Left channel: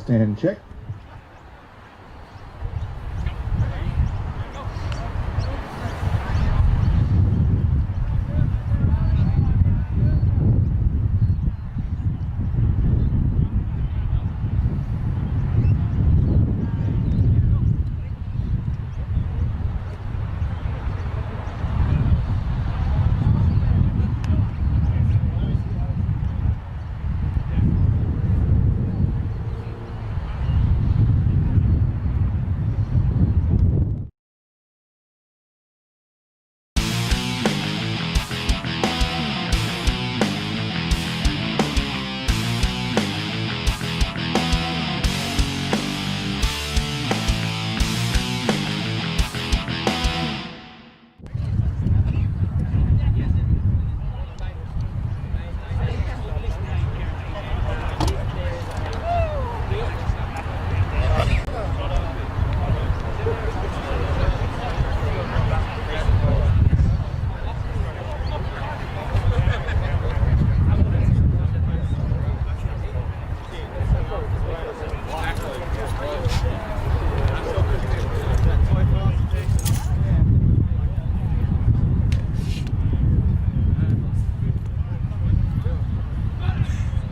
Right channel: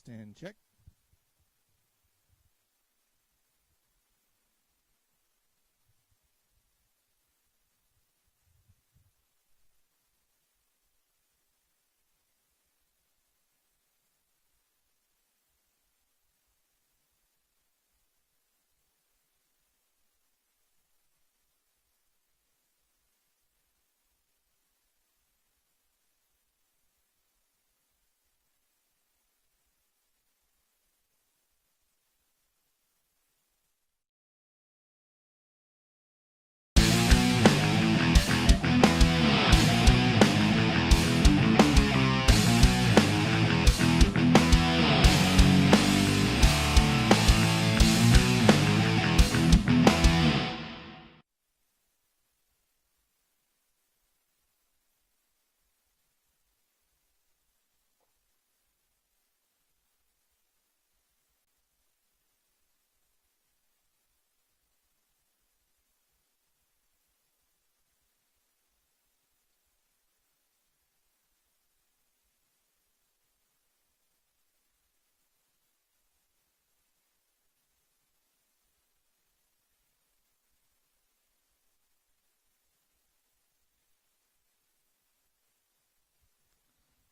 Test and check.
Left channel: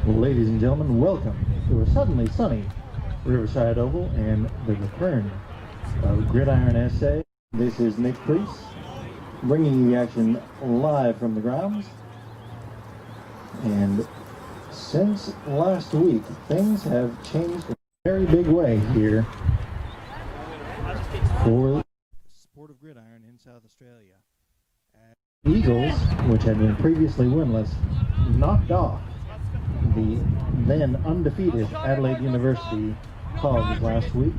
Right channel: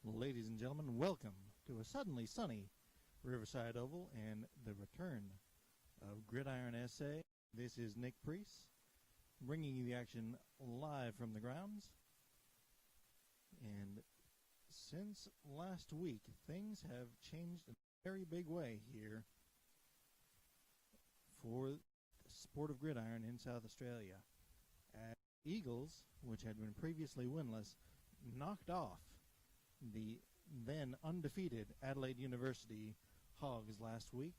Ladies and gentlemen, welcome to a suddenly sunny Riverside Oval and the return of Gridiron SA. This is Nick Priest bringing you the action live from the grounds. And since last week, things have changed in a very big way here for the sport of gridiron in South Australia. As the Eagles, which had been previously winless, knocked off the then undefeated Adelaide University Hogs last week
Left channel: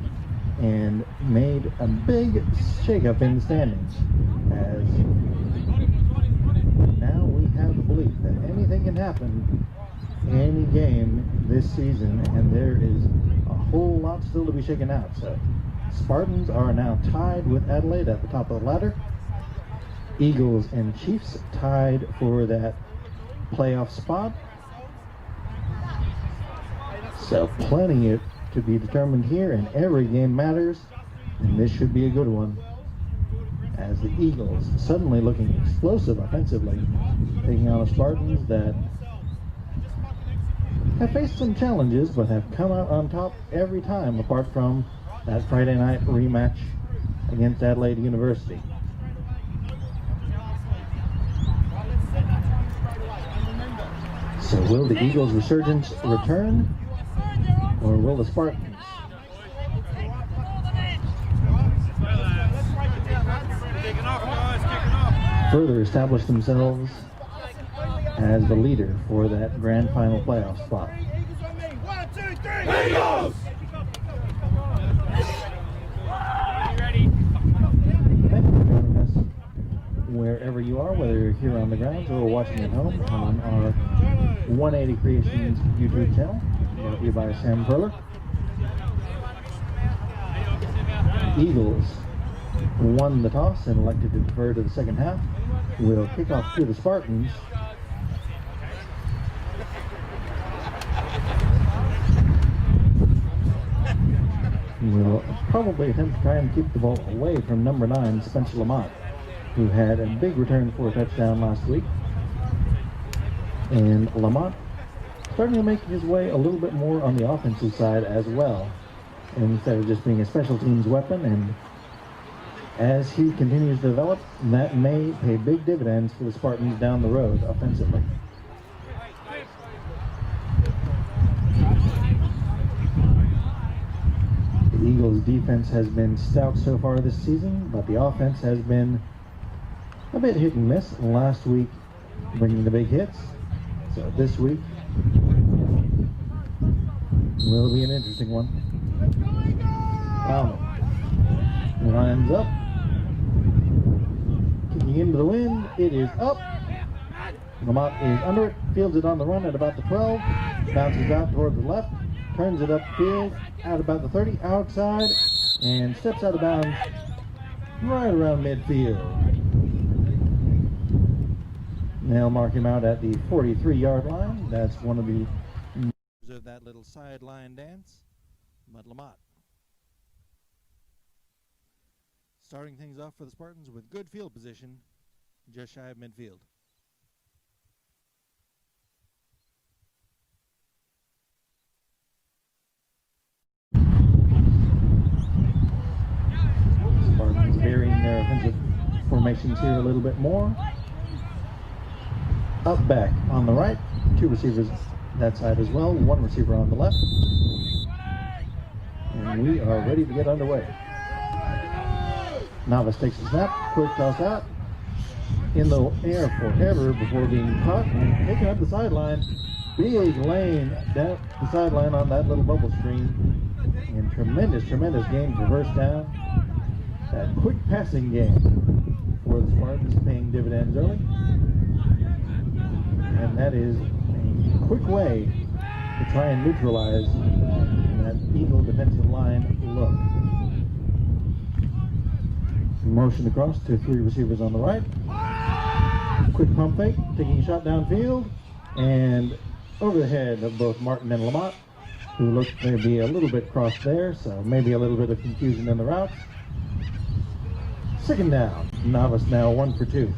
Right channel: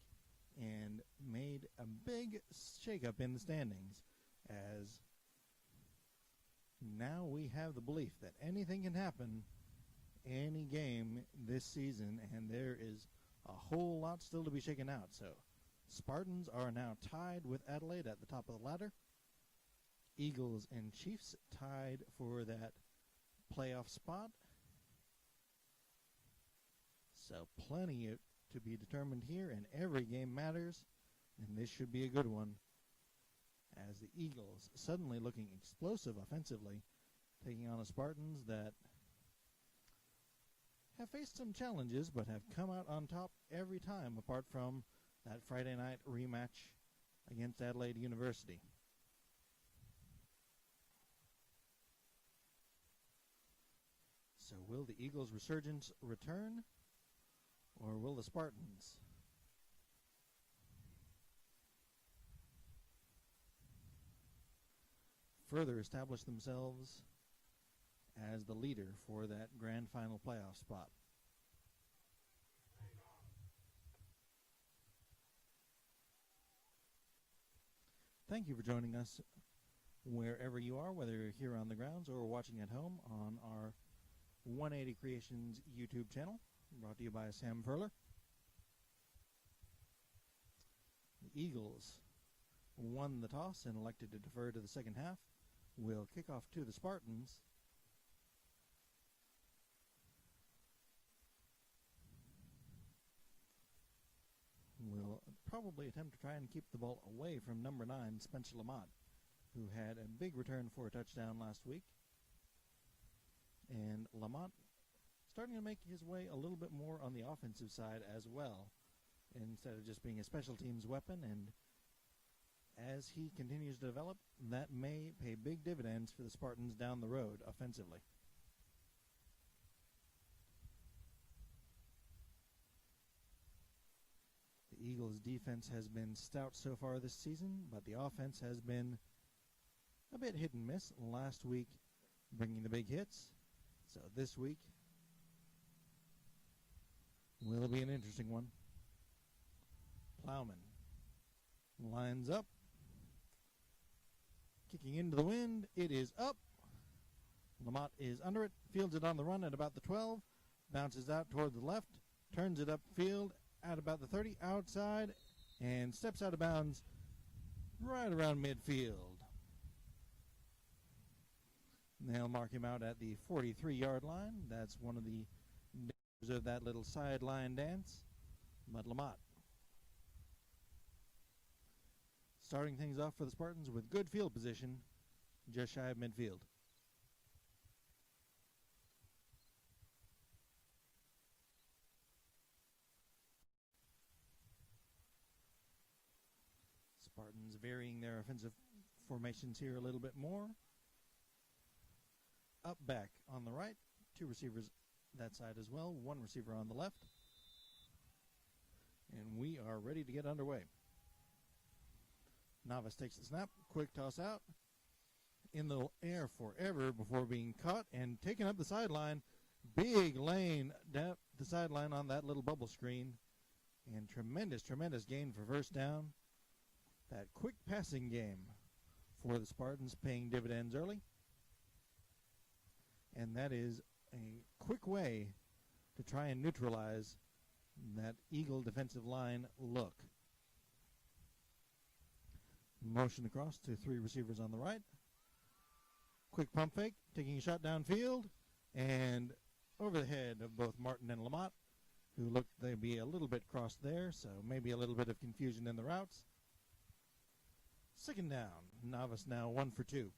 and made a big shakeup in the standings, as now we have the belief that anything can happen any game this season, and there is a whole lot still to be shaken out. So Spartans are now tied with Adelaide at the top of the ladder. Eagles and Chiefs tied for that playoff spot. So plenty to be determined here, and every game matters, and this should be a good one, as the Eagles suddenly looking explosive offensively, taking on the Spartans that have faced some challenges but have come out on top every time, apart from that Friday night rematch against Adelaide University. So will the Eagles' resurgence return, or will the Spartans further establish themselves as the leader for that grand final playoff spot? Eagles! Thank you for joining us wherever you are, whether you're here on the grounds or watching at home on our 180 Creations YouTube channel, brought to you by Sam Perler. Eagles won the toss and elected to defer to the second half. Will kick off to the Spartans. Will probably attempt to try and keep the ball away from number 9, Spencer Lamont, who had a big return for a touchdown last week. And Lamont starting to make his way a little bit more on the offensive side as well, instead of just being a special teams weapon. And as he continues to develop, that may pay big dividends for the Spartans down the road offensively. The Eagles' defense has been stout so far this season, but the offense has been a bit hit and miss. Last week bringing the big hits. So this week will be an interesting one. Lines up. Kicking into the wind. It is up. Lamont is under it. Fields it on the run at about the 12. Bounces out toward the left. Turns it upfield at about the 30. Outside. And steps out of bounds right around midfield. They'll mark him out at the 43-yard line. That's one of the of that little sideline dance. but Lamont. Starting things off for the Spartans with good field position, just shy of midfield. Spartans varying their offensive formations here a little bit more. Up back on the right, 2 receivers that side as well, 1 receiver on the left. And we are ready to get underway. Navas takes a snap, quick toss out, in the air forever before being caught and taken up the sideline. Big lane down the sideline on that little bubble screen. And tremendous gain for first down. That quick passing game for the Spartans paying dividends early. And that is a quick way to try and neutralize that Eagle defensive line look. Motion across to 3 receivers on the right. Quick pump fake, taking a shot downfield, and over the head of both Martin and Lamont, who looked to be a little bit crossed there, so maybe a little bit of confusion in the routes. 2nd down. Navas now 1 for 2.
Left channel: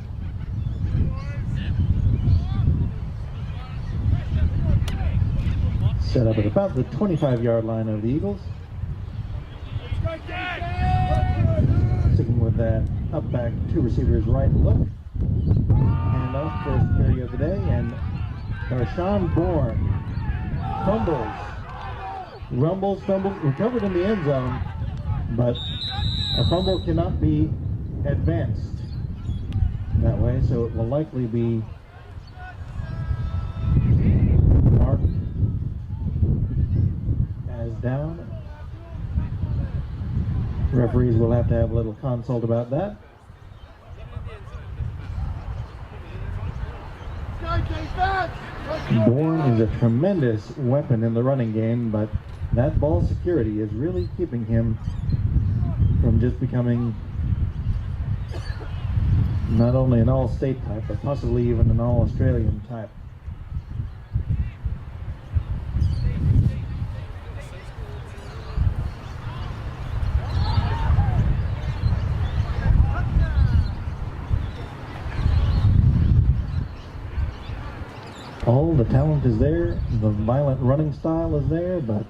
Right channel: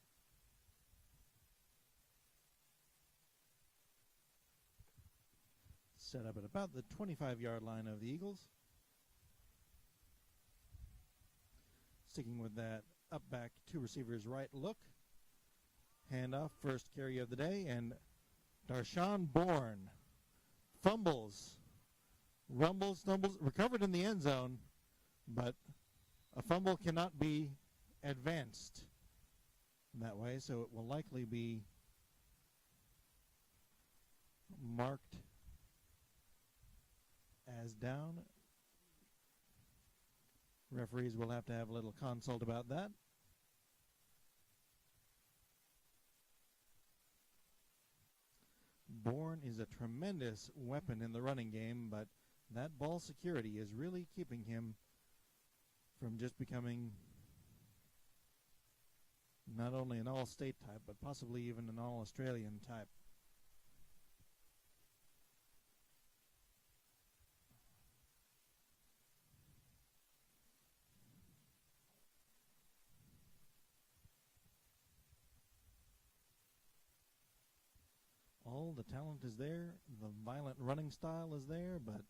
Set up at about the 25-yard line of the Eagles. Sticking with that up back 2 receivers right look. Hand off, first carry of the day, and Darshawn Bourne fumbles, recovered in the end zone, but a fumble cannot be advanced that way, so it will likely be marked as down. Referees will have to have a little consult about that. Bourne is a tremendous weapon in the running game, but that ball security is really keeping him from just becoming not only an all-state type, but possibly even an all-Australian type. All the talent is there, the violent running style is there, but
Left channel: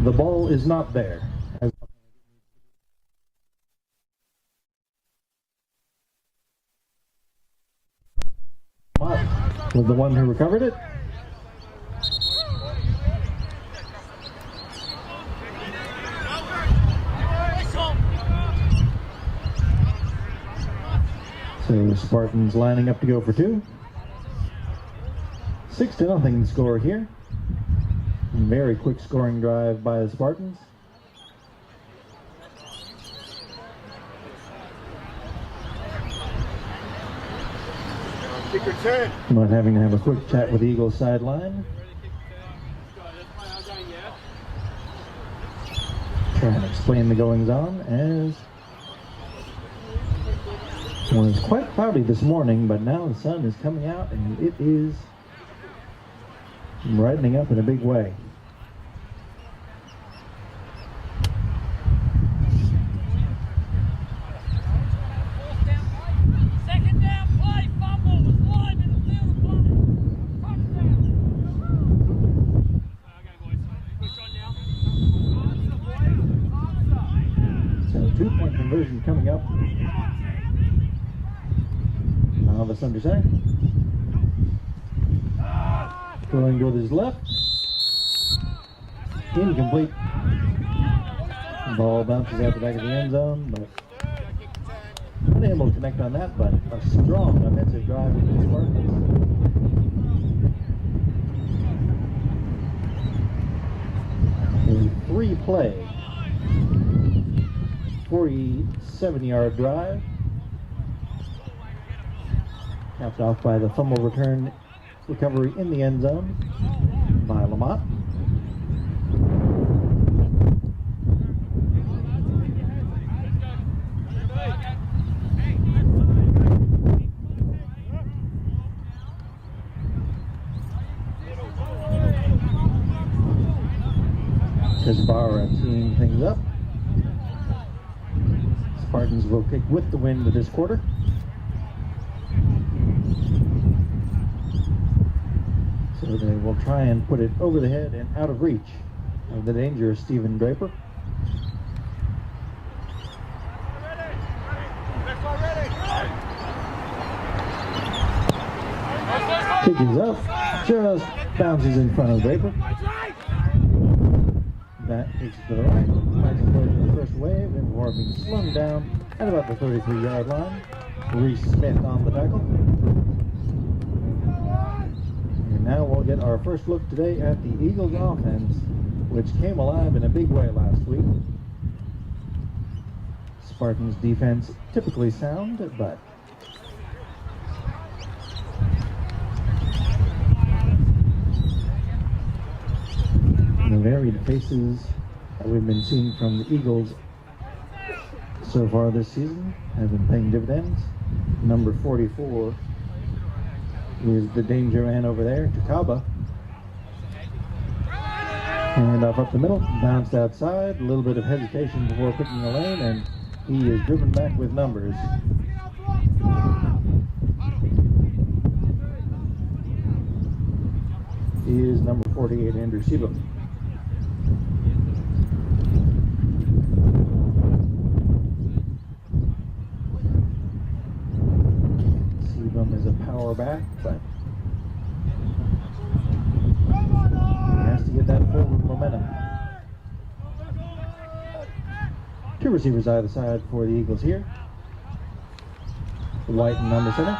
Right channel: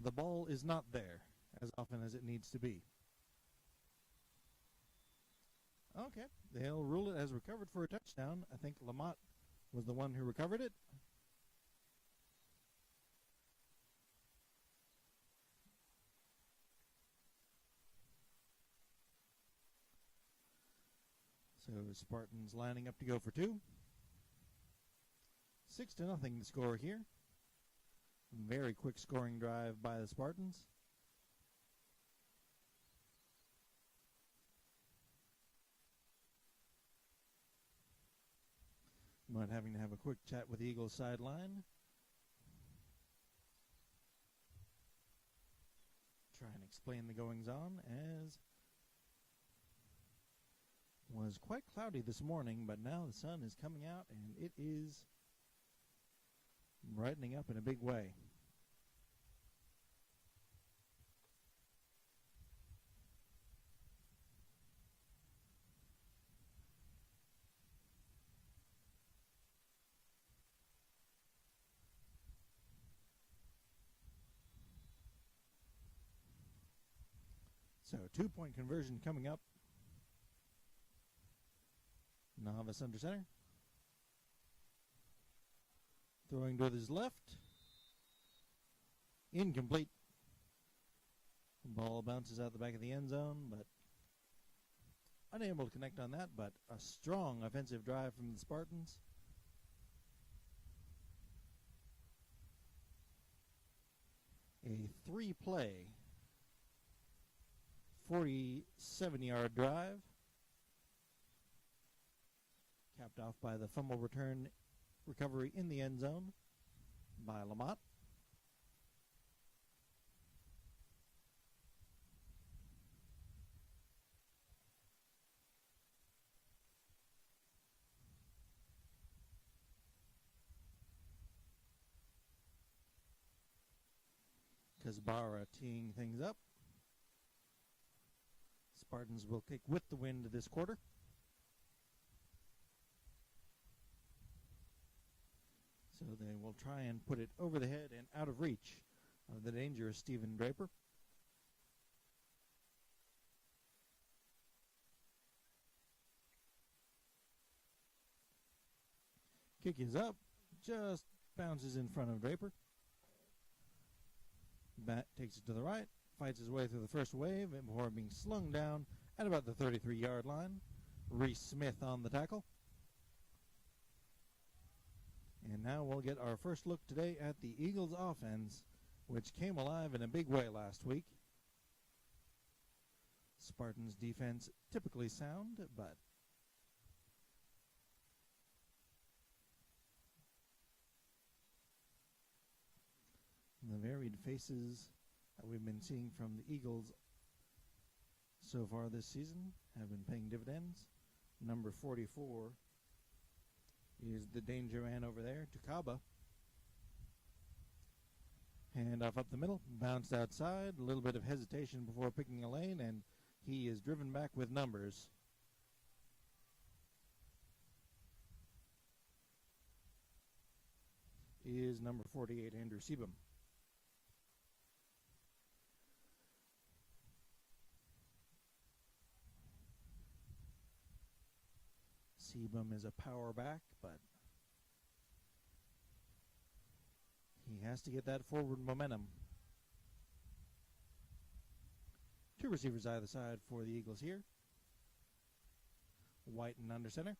the ball is not there as often as it needs to be. Okay, they'll rule it as recovered for a touchdown. I think Lamont was the one who recovered it. So Spartans lining up to go for 2. 6-0 score here. Very quick scoring drive by the Spartans. Not having to have a quick chat with the Eagles sideline. Trying to explain the goings on as it was quite cloudy this morning, but now the sun is coming out and it is brightening up in a big way. Second down play, fumble was live in the field of play. Touchdown. So 2-point conversion coming up. Navas under center. Throwing to his left. Incomplete. Ball bounces out the back of the end zone, but unable to connect on that, but a strong offensive drive from the Spartans. A 3-play, 47-yard drive. Capped off by the fumble return recovery in the end zone by Lamont. Kazbara teeing things up. Spartans will kick with the wind this quarter. So they will try and put it over the head and out of reach of the dangerous Stephen Draper. Kick is up, just bounces in front of Draper. That takes it to the right, finds his way to the first wave before being slung down at about the 33-yard line. Reese Smith on the tackle. And now we'll get our first look today at the Eagles offense, which came alive in a big way last week. Spartans defense typically sound, but the varied faces that we've been seeing from the Eagles so far this season have been paying dividends. Number 44 is the danger man over there, Jakaba. Hand off up the middle, bounced outside, a little bit of hesitation before picking a lane, and he is driven back with numbers. Is number 48, Andrew Sebum. Is a power back, but he has to get that forward momentum. Two receivers either side for the Eagles here. White and under center.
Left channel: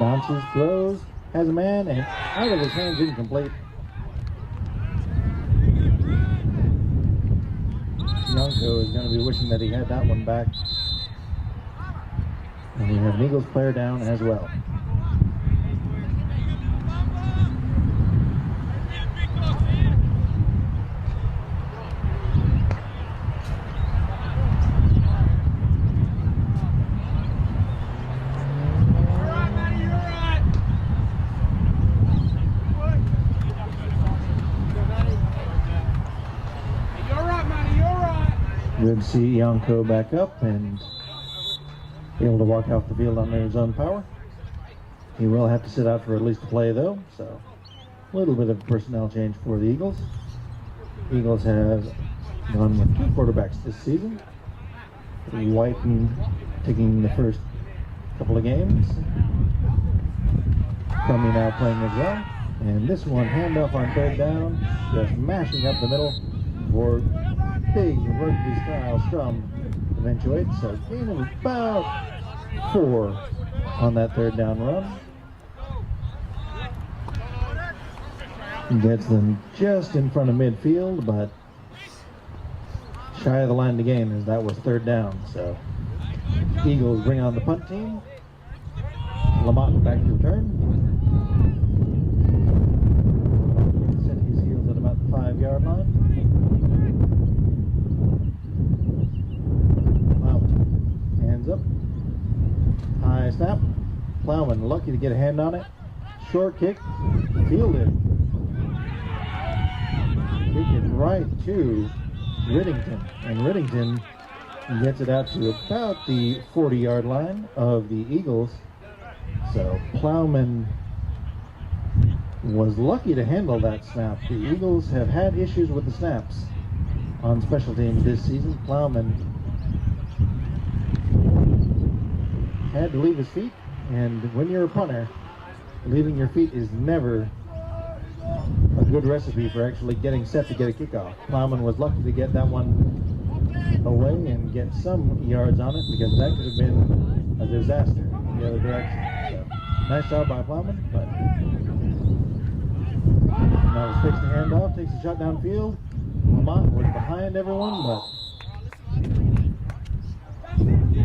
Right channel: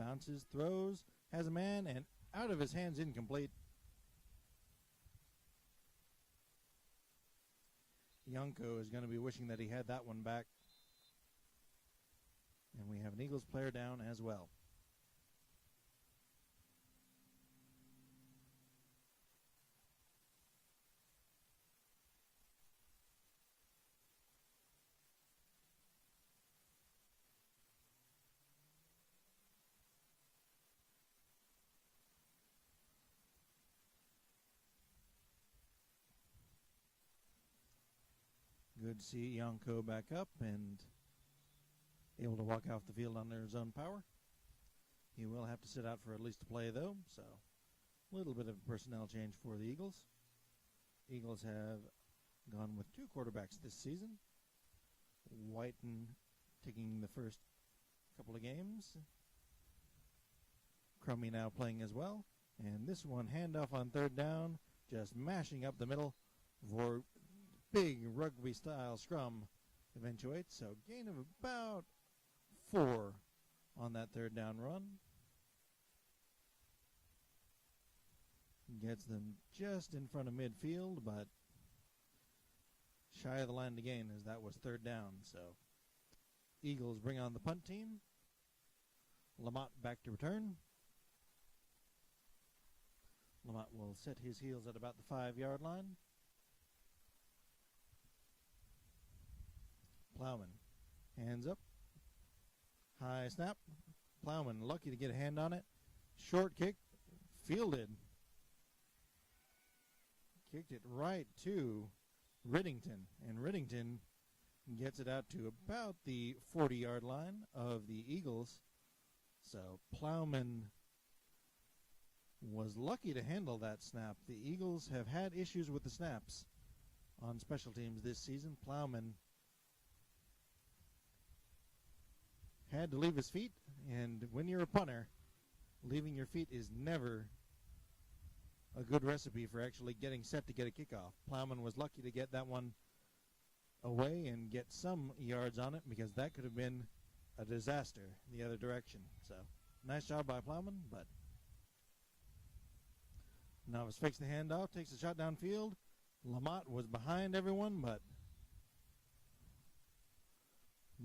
Bounces, throws, has a man, and out of his hands, incomplete. Yonko is going to be wishing that he had that one back. And we have an Eagles player down as well. Good to see Yonko back up and able to walk off the field under his own power. He will have to sit out for at least a play though, so a little bit of personnel change for the Eagles. Eagles have gone with two quarterbacks this season. Whiten taking the first couple of games. Crummy now playing as well. And this one, handoff on third down, just mashing up the middle for big rugby-style scrum eventuates. So gain of about 4 on that third down run. Gets them just in front of midfield, but shy of the line to gain as that was third down. So Eagles bring on the punt team. Lamont back to return. Set his heels at about the 5-yard line. Hands up. High snap. Plowman lucky to get a hand on it. Short kick. Fielded. Kick it right to Riddington. And Riddington gets it out to about the 40-yard line of the Eagles. So Plowman was lucky to handle that snap. The Eagles have had issues with the snaps on special teams this season. Plowman had to leave his feet, and when you're a punter, leaving your feet is never a good recipe for actually getting set to get a kickoff. Plowman was lucky to get that one away and get some yards on it, because that could have been a disaster in the other direction. So, nice job by Plowman, but now he's fixed the handoff, takes a shot downfield. Lamont was behind everyone, but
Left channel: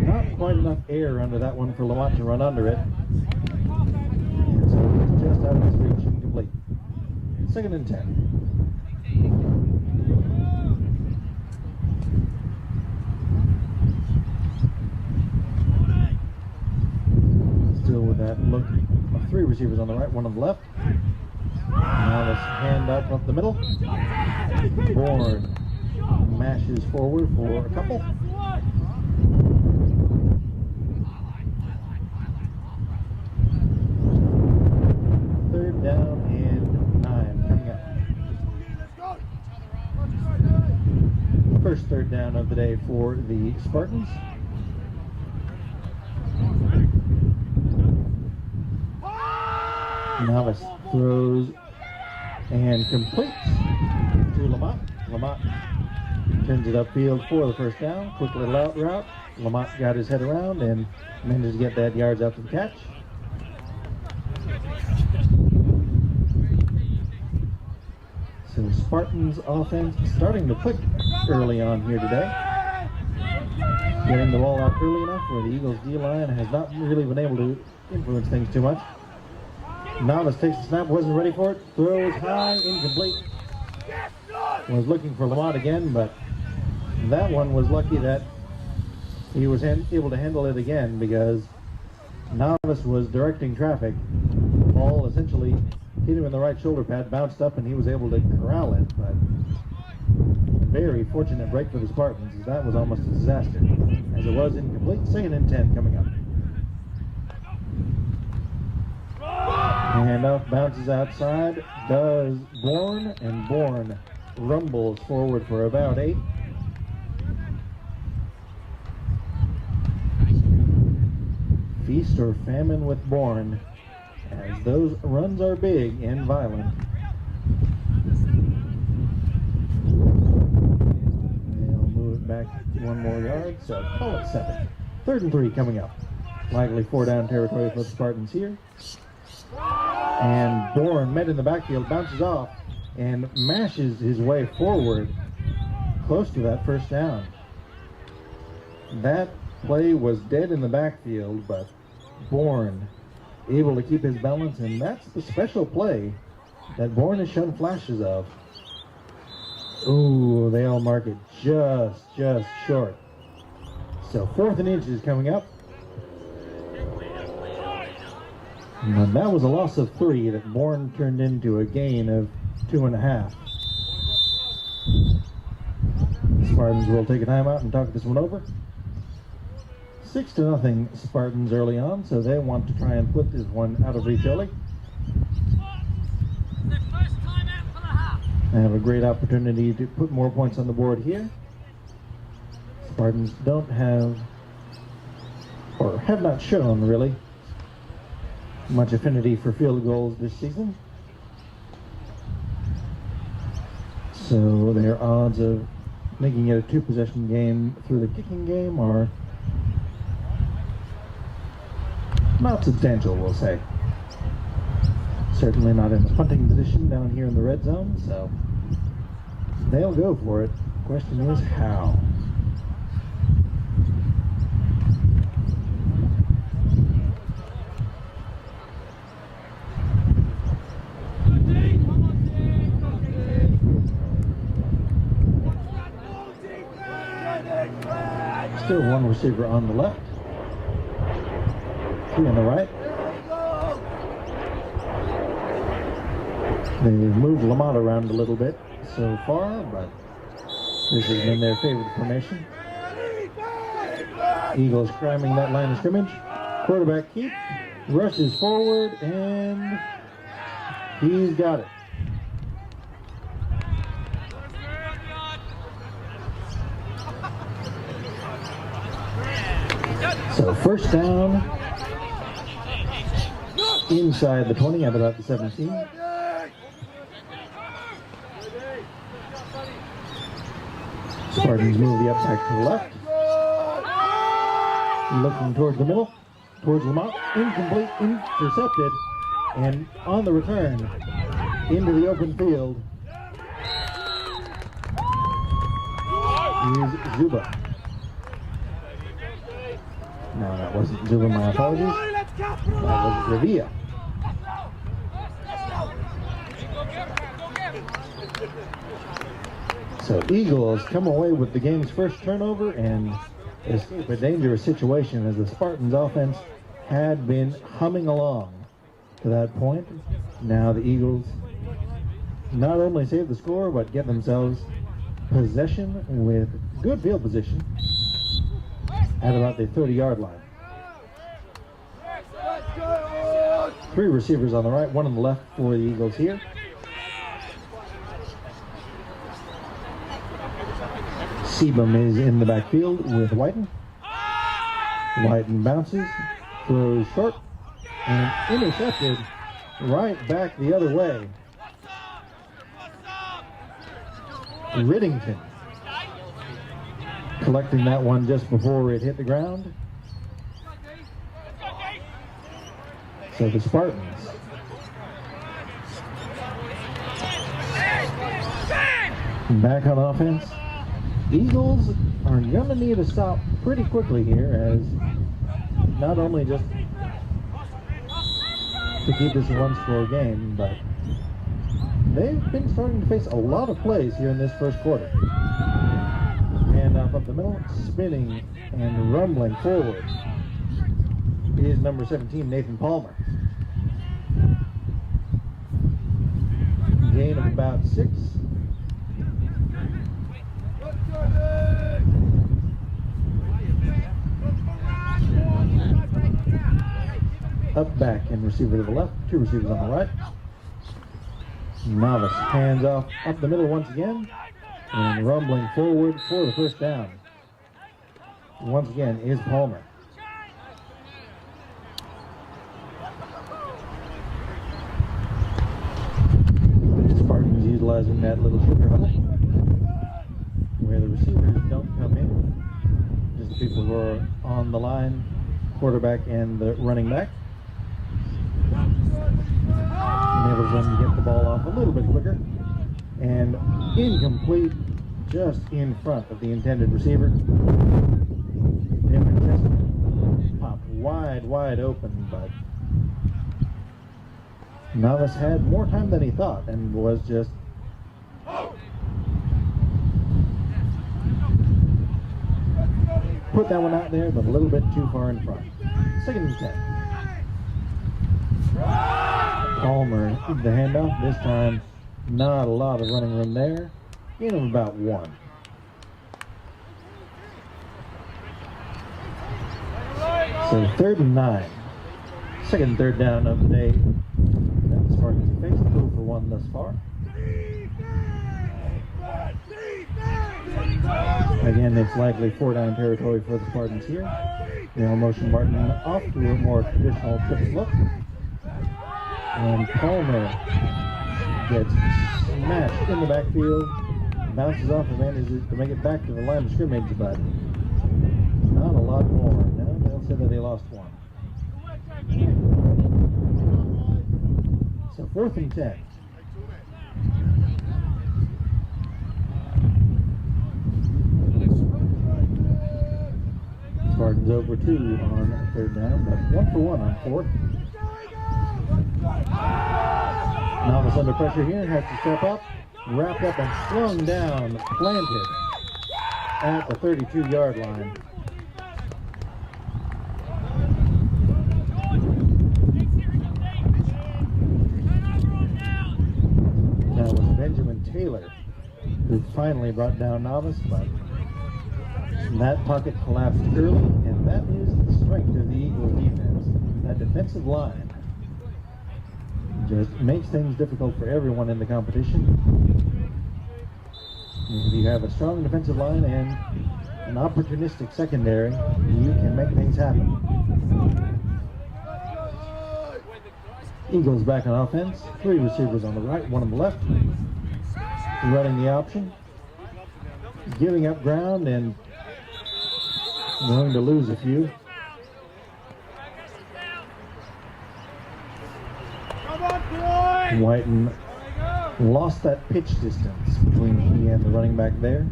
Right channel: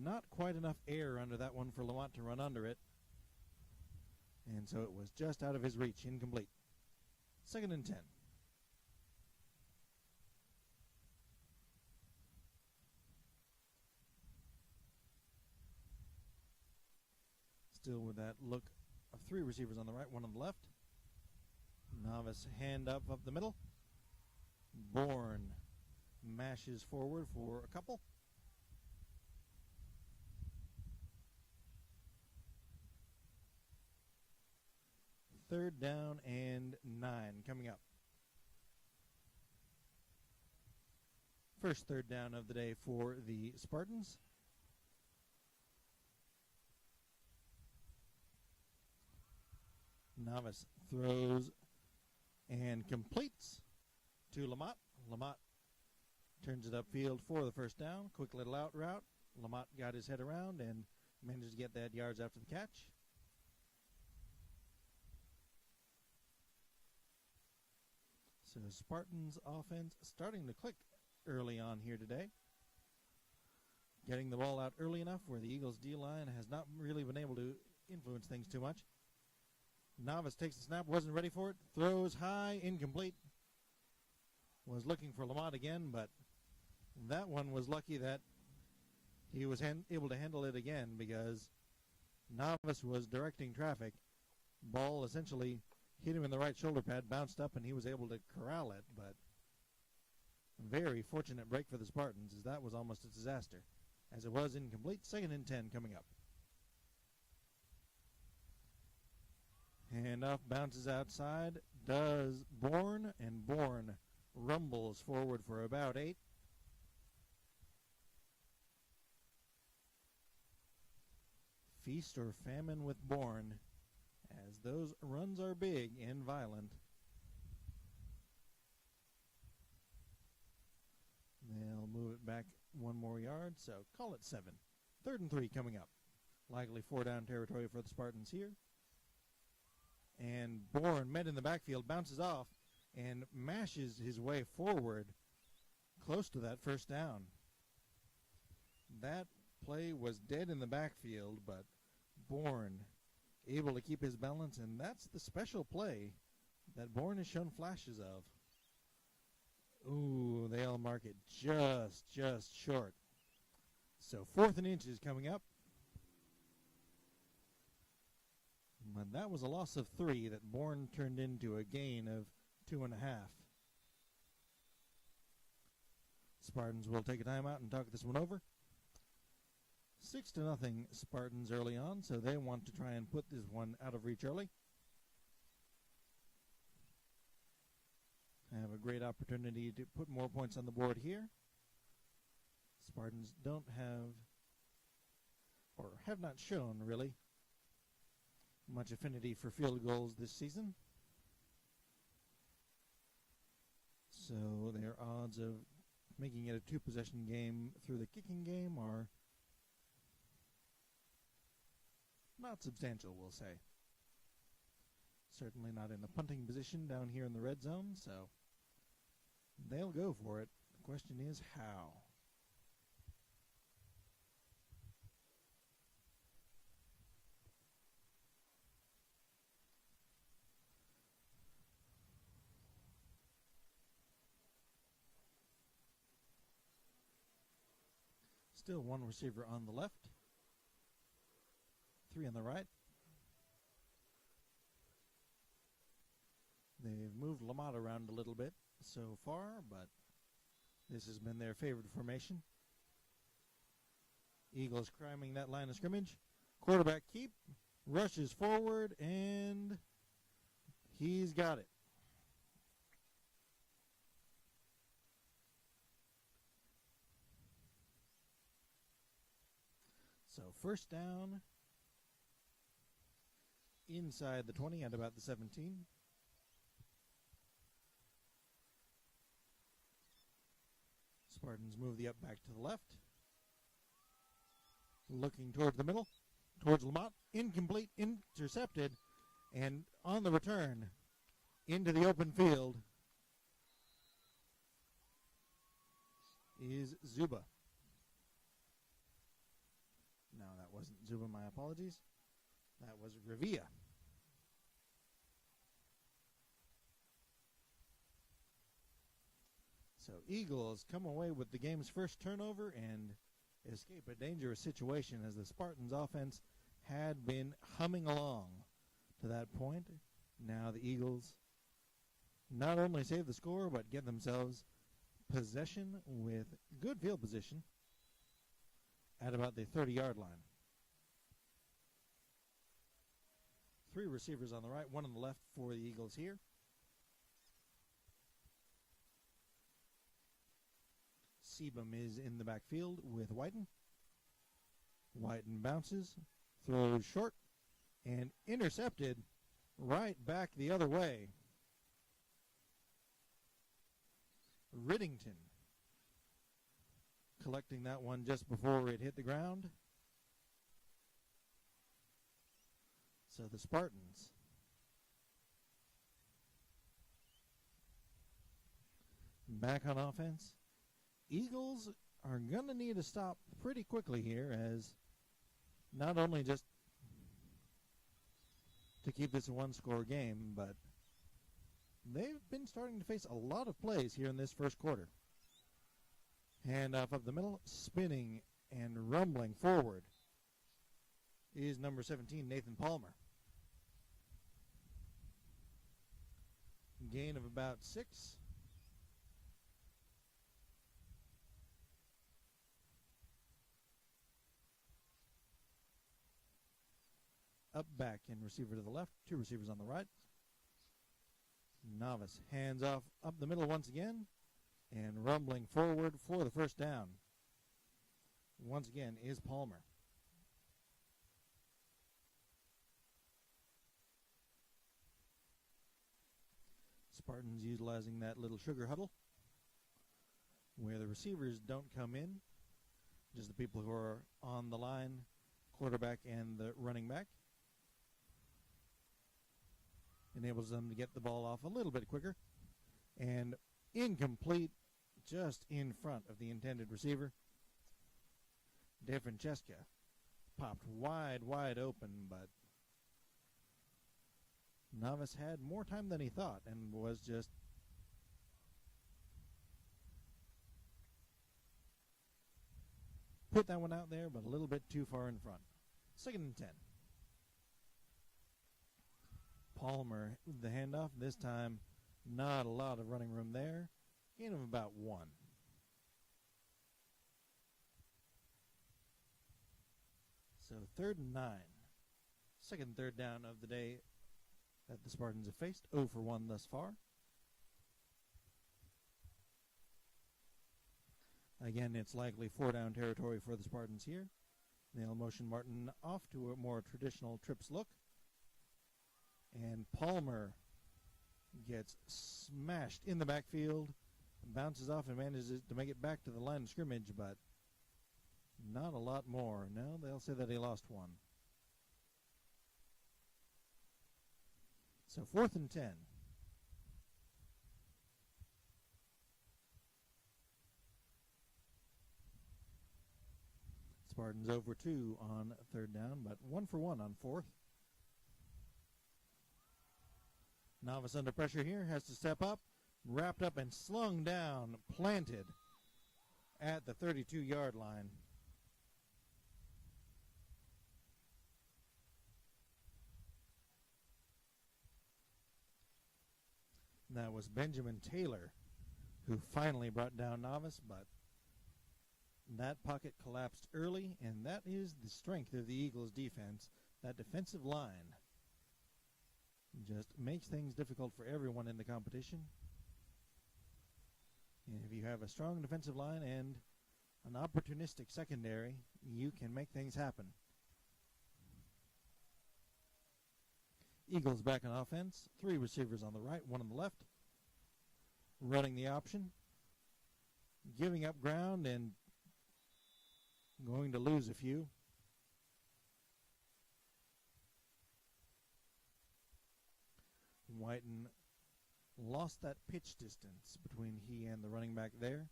not quite enough air under that one for Lamont to run under it. And so it was just out of his reach, incomplete. 2nd and 10. Still with that look of 3 receivers on the right, 1 on the left. Now this hand up the middle. Bourne mashes forward for a couple. Third down and 9 coming up. First third down of the day for the Spartans. Novice throws and completes to Lamont. Lamont turns it upfield for the first down. Quick little out route. Lamont got his head around and managed to get that yards after the catch. So Spartans offense starting to click early on here today. Getting the ball out early enough where the Eagles D-line has not really been able to influence things too much. Novice takes the snap, wasn't ready for it, throws high, incomplete. Was looking for Lamont again, but that one was lucky that he was able to handle it again because Novice was directing traffic. The ball essentially hit him in the right shoulder pad, bounced up, and he was able to corral it, but very fortunate break for the Spartans, as that was almost a disaster. As it was incomplete, 2nd and 10 coming up. Handoff bounces outside, does Bourne, and Bourne rumbles forward for about 8. Feast or famine with Bourne, as those runs are big and violent. They'll move it back 1 more yard, so call it 7. 3rd and 3 coming up. Likely 4 down territory for the Spartans here. And Bourne met in the backfield, bounces off, and mashes his way forward close to that first down. That play was dead in the backfield, but Bourne able to keep his balance, and that's the special play that Bourne has shown flashes of. Ooh, they all mark it just short. So 4th and inches coming up. And that was a loss of 3 that Bourne turned into a gain of 2.5. The Spartans will take a timeout and talk this one over. 6-0 Spartans early on, so they want to try and put this one out of reach early. They have a great opportunity to put more points on the board here. Spartans don't have, or have not shown really, much affinity for field goals this season. So their odds of making it a 2-possession game through the kicking game are not substantial, we'll say. Certainly not in the punting position down here in the red zone, so they'll go for it. Question is how. Still 1 receiver on the left, 2 on the right. They've moved Lamont around a little bit so far, but this has been their favorite formation. Eagles cramming that line of scrimmage. Quarterback keep, rushes forward, and he's got it. So 1st down inside the 20 at about the 17. Spartans move the up back to the left. Looking towards the middle, towards Lamont. Incomplete, intercepted, and on the return into the open field is Zuba. No, that wasn't Zuba, my apologies. That was Revilla. So Eagles come away with the game's first turnover and escape a dangerous situation as the Spartans offense had been humming along to that point. Now the Eagles not only save the score, but get themselves possession with good field position at about the 30-yard line. 3 receivers on the right, 1 on the left for the Eagles here. Seabum is in the backfield with Whiten. Whiten bounces, throws short, and intercepted right back the other way. Riddington collecting that one just before it hit the ground. So the Spartans back on offense. Eagles are going to need to stop pretty quickly here, as not only just to keep this a one-score game, but they've been starting to face a lot of plays here in this first quarter. And up the middle, spinning and rumbling forward is number 17, Nathan Palmer. Gain of about 6. Up back and receiver to the left, 2 receivers on the right. Novice hands off up the middle once again and rumbling forward for the first down. Once again is Palmer. Spartans utilizing that little sugar huddle where the receivers don't come in, just the people who are on the line, quarterback and the running back. Enables them to get the ball off a little bit quicker, and incomplete just in front of the intended receiver. Different just popped wide open, but Novice had more time than he thought and was just put that one out there, but a little bit too far in front. 2nd and 10. Palmer, the handoff. This time, not a lot of running room there. Gain of about 1. So 3rd and 9. 2nd and 3rd down of the day. The Spartans face 2 for 1 thus far. Again, it's likely 4-down territory for the Spartans here. Now motion Martin off to a more traditional trips look. And Palmer gets smashed in the backfield, bounces off and manages to make it back to the line of scrimmage, but not a lot more. Now they'll say that he lost 1. So 4th and 10. Spartans over 2 on 3rd down, but 1 for 1 on 4th. Novice under pressure here, has to step up, wrapped up and slung down, planted at the 32-yard line. That was Benjamin Taylor who finally brought down Novice, but that pocket collapsed early, and that is the strength of the Eagles defense. That defensive line just makes things difficult for everyone in the competition. If you have a strong defensive line and an opportunistic secondary, you can make things happen. Eagles back on offense. 3 receivers on the right, 1 on the left. Running the option. Giving up ground and going to lose a few. Whiten lost that pitch distance between he and the running back there,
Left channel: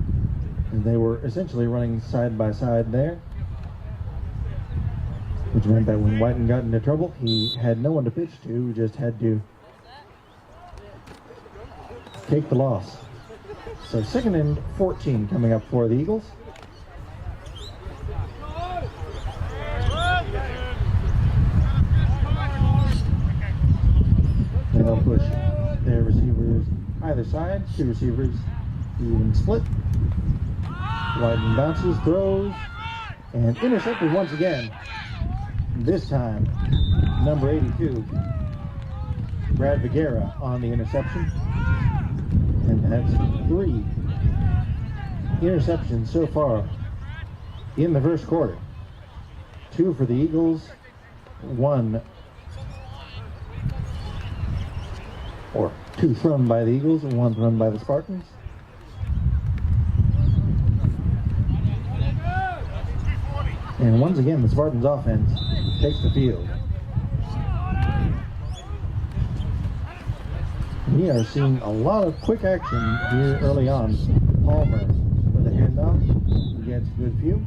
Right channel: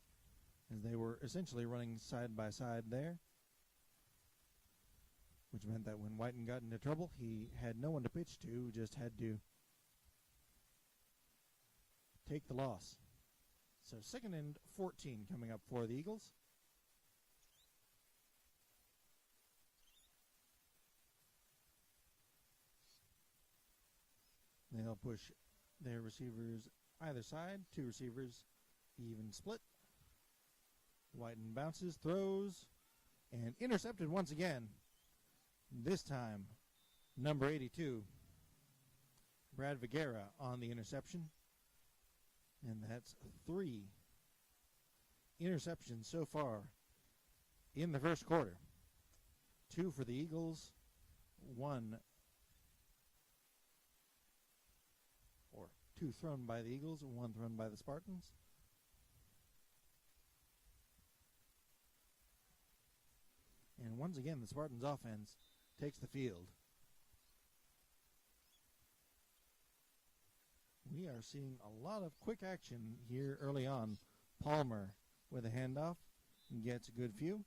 and they were essentially running side by side there, which meant that when Whiten got into trouble, he had no one to pitch to, just had to take the loss. So 2nd and 14 coming up for the Eagles. And they'll push their receivers either side, 2 receivers Even split. Whiten bounces, throws, and intercepted once again. This time, number 82, Brad Vigera on the interception. And that's 3 interceptions so far in the first quarter. 2 for the Eagles, 1, or 2 thrown by the Eagles and 1 thrown by the Spartans. And once again, the Spartans offense takes the field. We are seeing a lot of quick action here early on. Palmer with a handoff, gets a good view.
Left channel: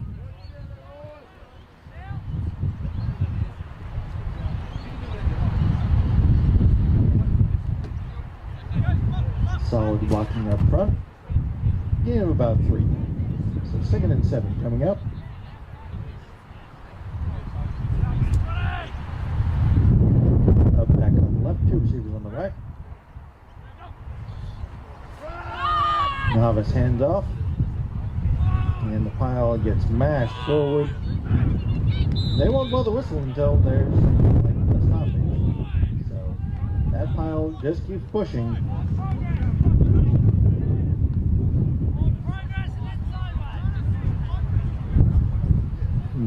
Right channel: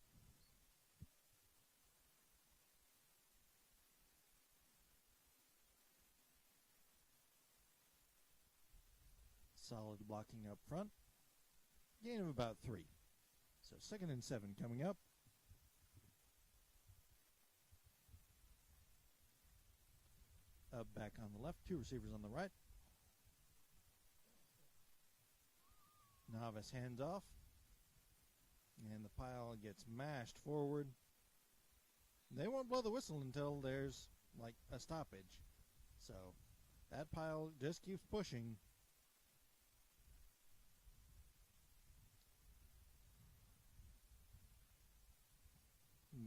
Solid blocking up front. Gain of about 3. So 2nd and 7 coming up. Up back on the left, 2 receivers on the right. Novice hands off. And the pile gets mashed forward. They won't blow the whistle until there's like a stoppage. So that pile just keeps pushing.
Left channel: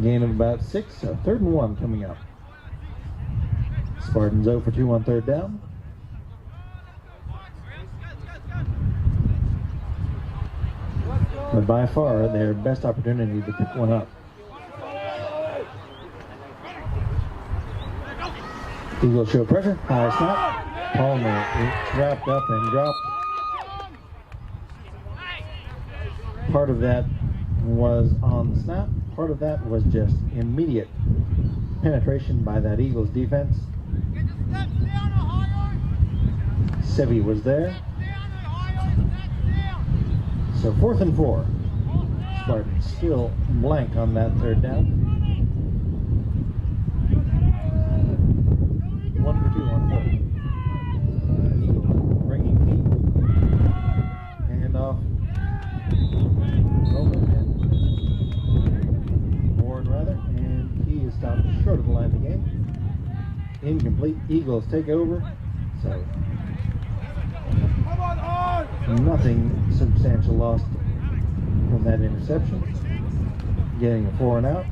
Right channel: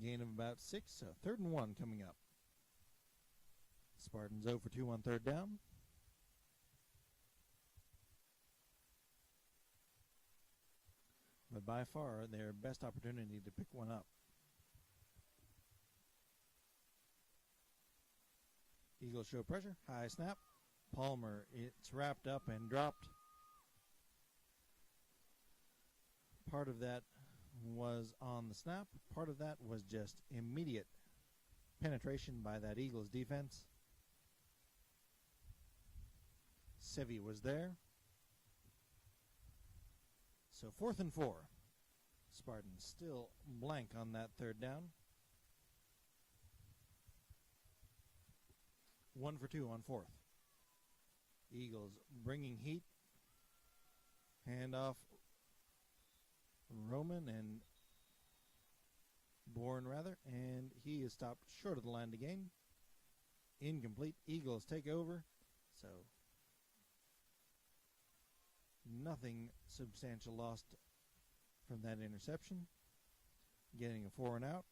Gain of about 6, so 3rd and 1 coming up. Spartans 0 for 2 on 3rd down. But by far their best opportunity to pick one up. Eagles show pressure, high snap. Palmer is wrapped up and dropped. Part of that was on the snap. Part of that was just immediate penetration by that Eagles defense. Sevi was there. So 4th and 4. Spartans still blank on that 3rd down. 1 for 2 on 4th. Eagles bringing heat. Hand off. Roman and Warren rather, and he is stopped short of the line of the game. Incomplete. Eagles take over. So nothing substantial lost from that interception. Getting a 4 and out.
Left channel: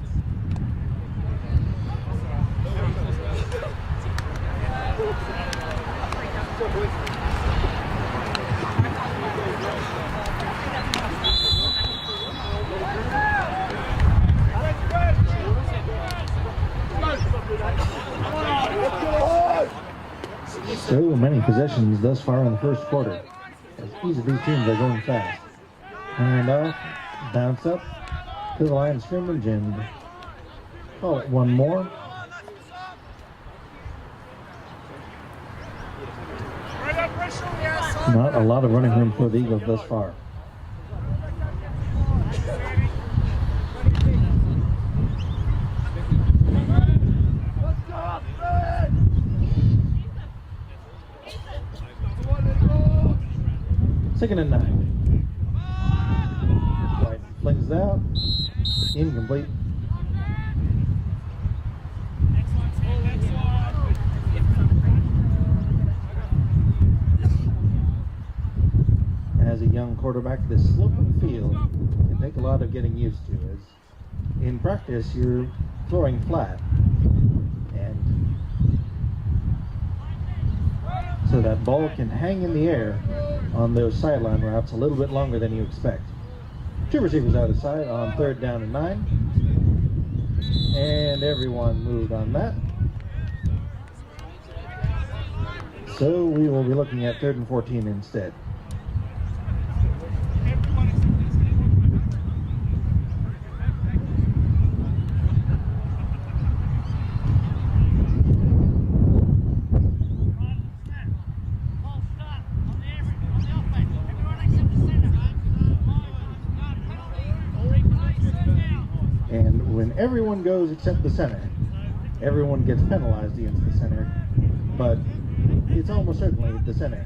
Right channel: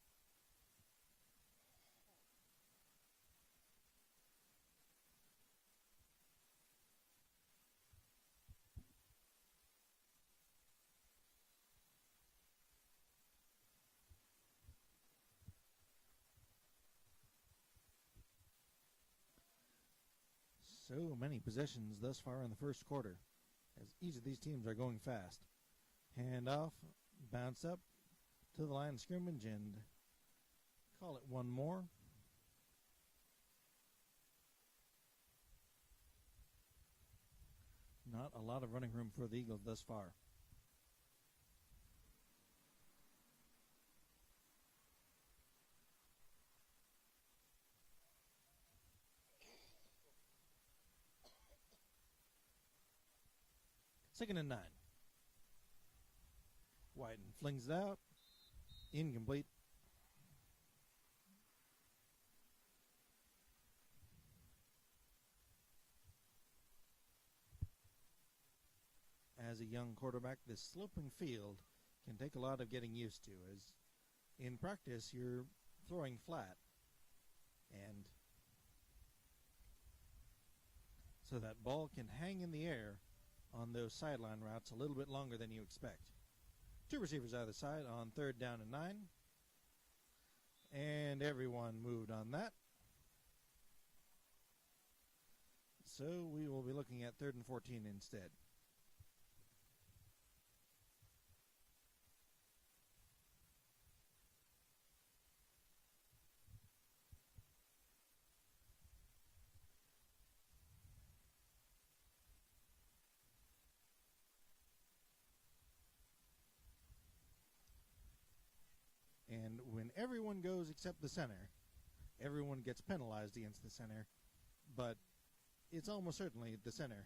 So many possessions thus far in the first quarter. As each of these teams are going fast. Hand off, bounce up to the line of scrimmage and call it one more. Not a lot of running room for the Eagles thus far. Second and 9. White flings it out. Incomplete. As a young quarterback, this slope of the field can take a lot of getting used to. As in practice, you're throwing flat. And so that ball can hang in the air on those sideline routes a little bit longer than you expect. 2 receivers out of sight on 3rd down and 9. And everyone moved on that. So we will be looking at 3rd and 14 instead. Everyone goes except the center. Everyone gets penalized against the center, but it's almost certainly the center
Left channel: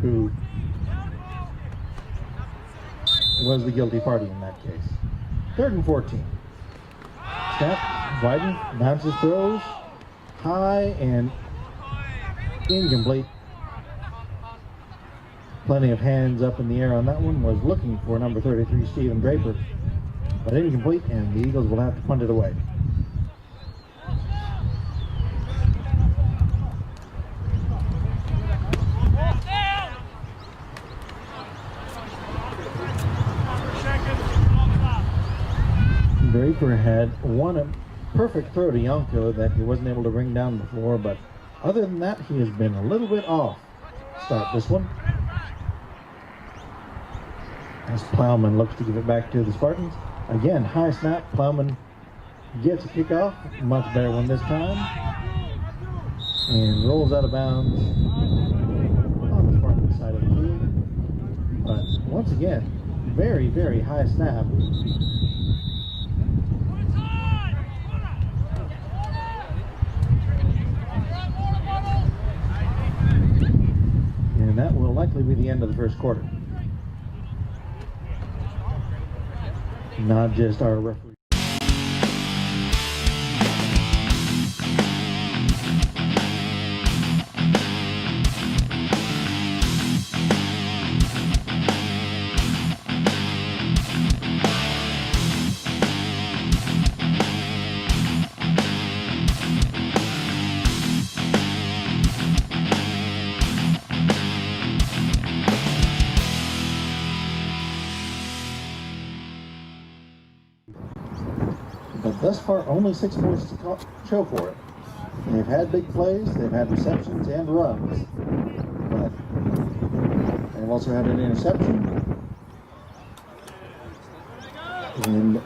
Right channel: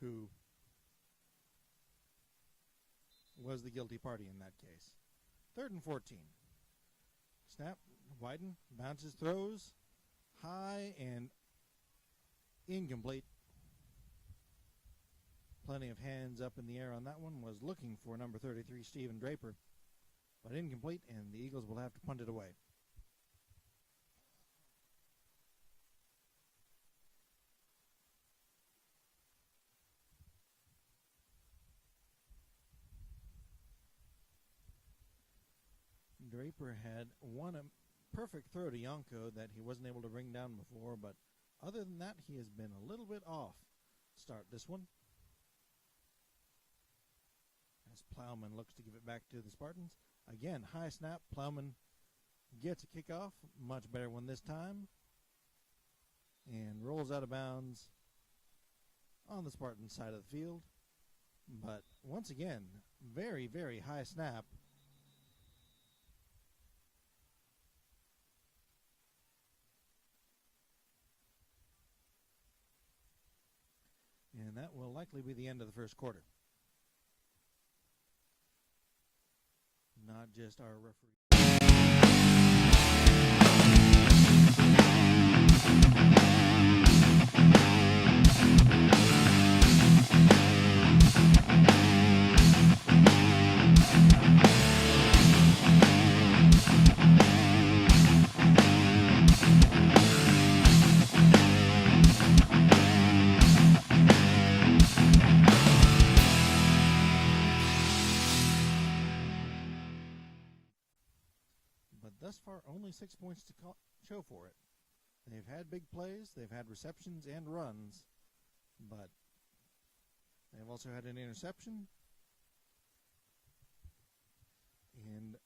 who was the guilty party in that case. 3rd and 14. Snap, widen, bounces, throws, high and incomplete. Plenty of hands up in the air on that one. Was looking for number 33, Stephen Draper, but incomplete, and the Eagles will have to punt it away. Draper had a perfect throw to Yonko that he wasn't able to bring down before, but other than that, he has been a little bit off. Start this one. As Plowman looks to give it back to the Spartans. Again, high snap. Plowman gets a kickoff. Much better one this time. And rolls out of bounds on the Spartans side of the field. But once again, very, very high snap. And that will likely be the end of the first quarter. Not just our referee. But thus far, only 6 points to show for it. They've had big plays, they've had receptions and runs, but they've also had an interception and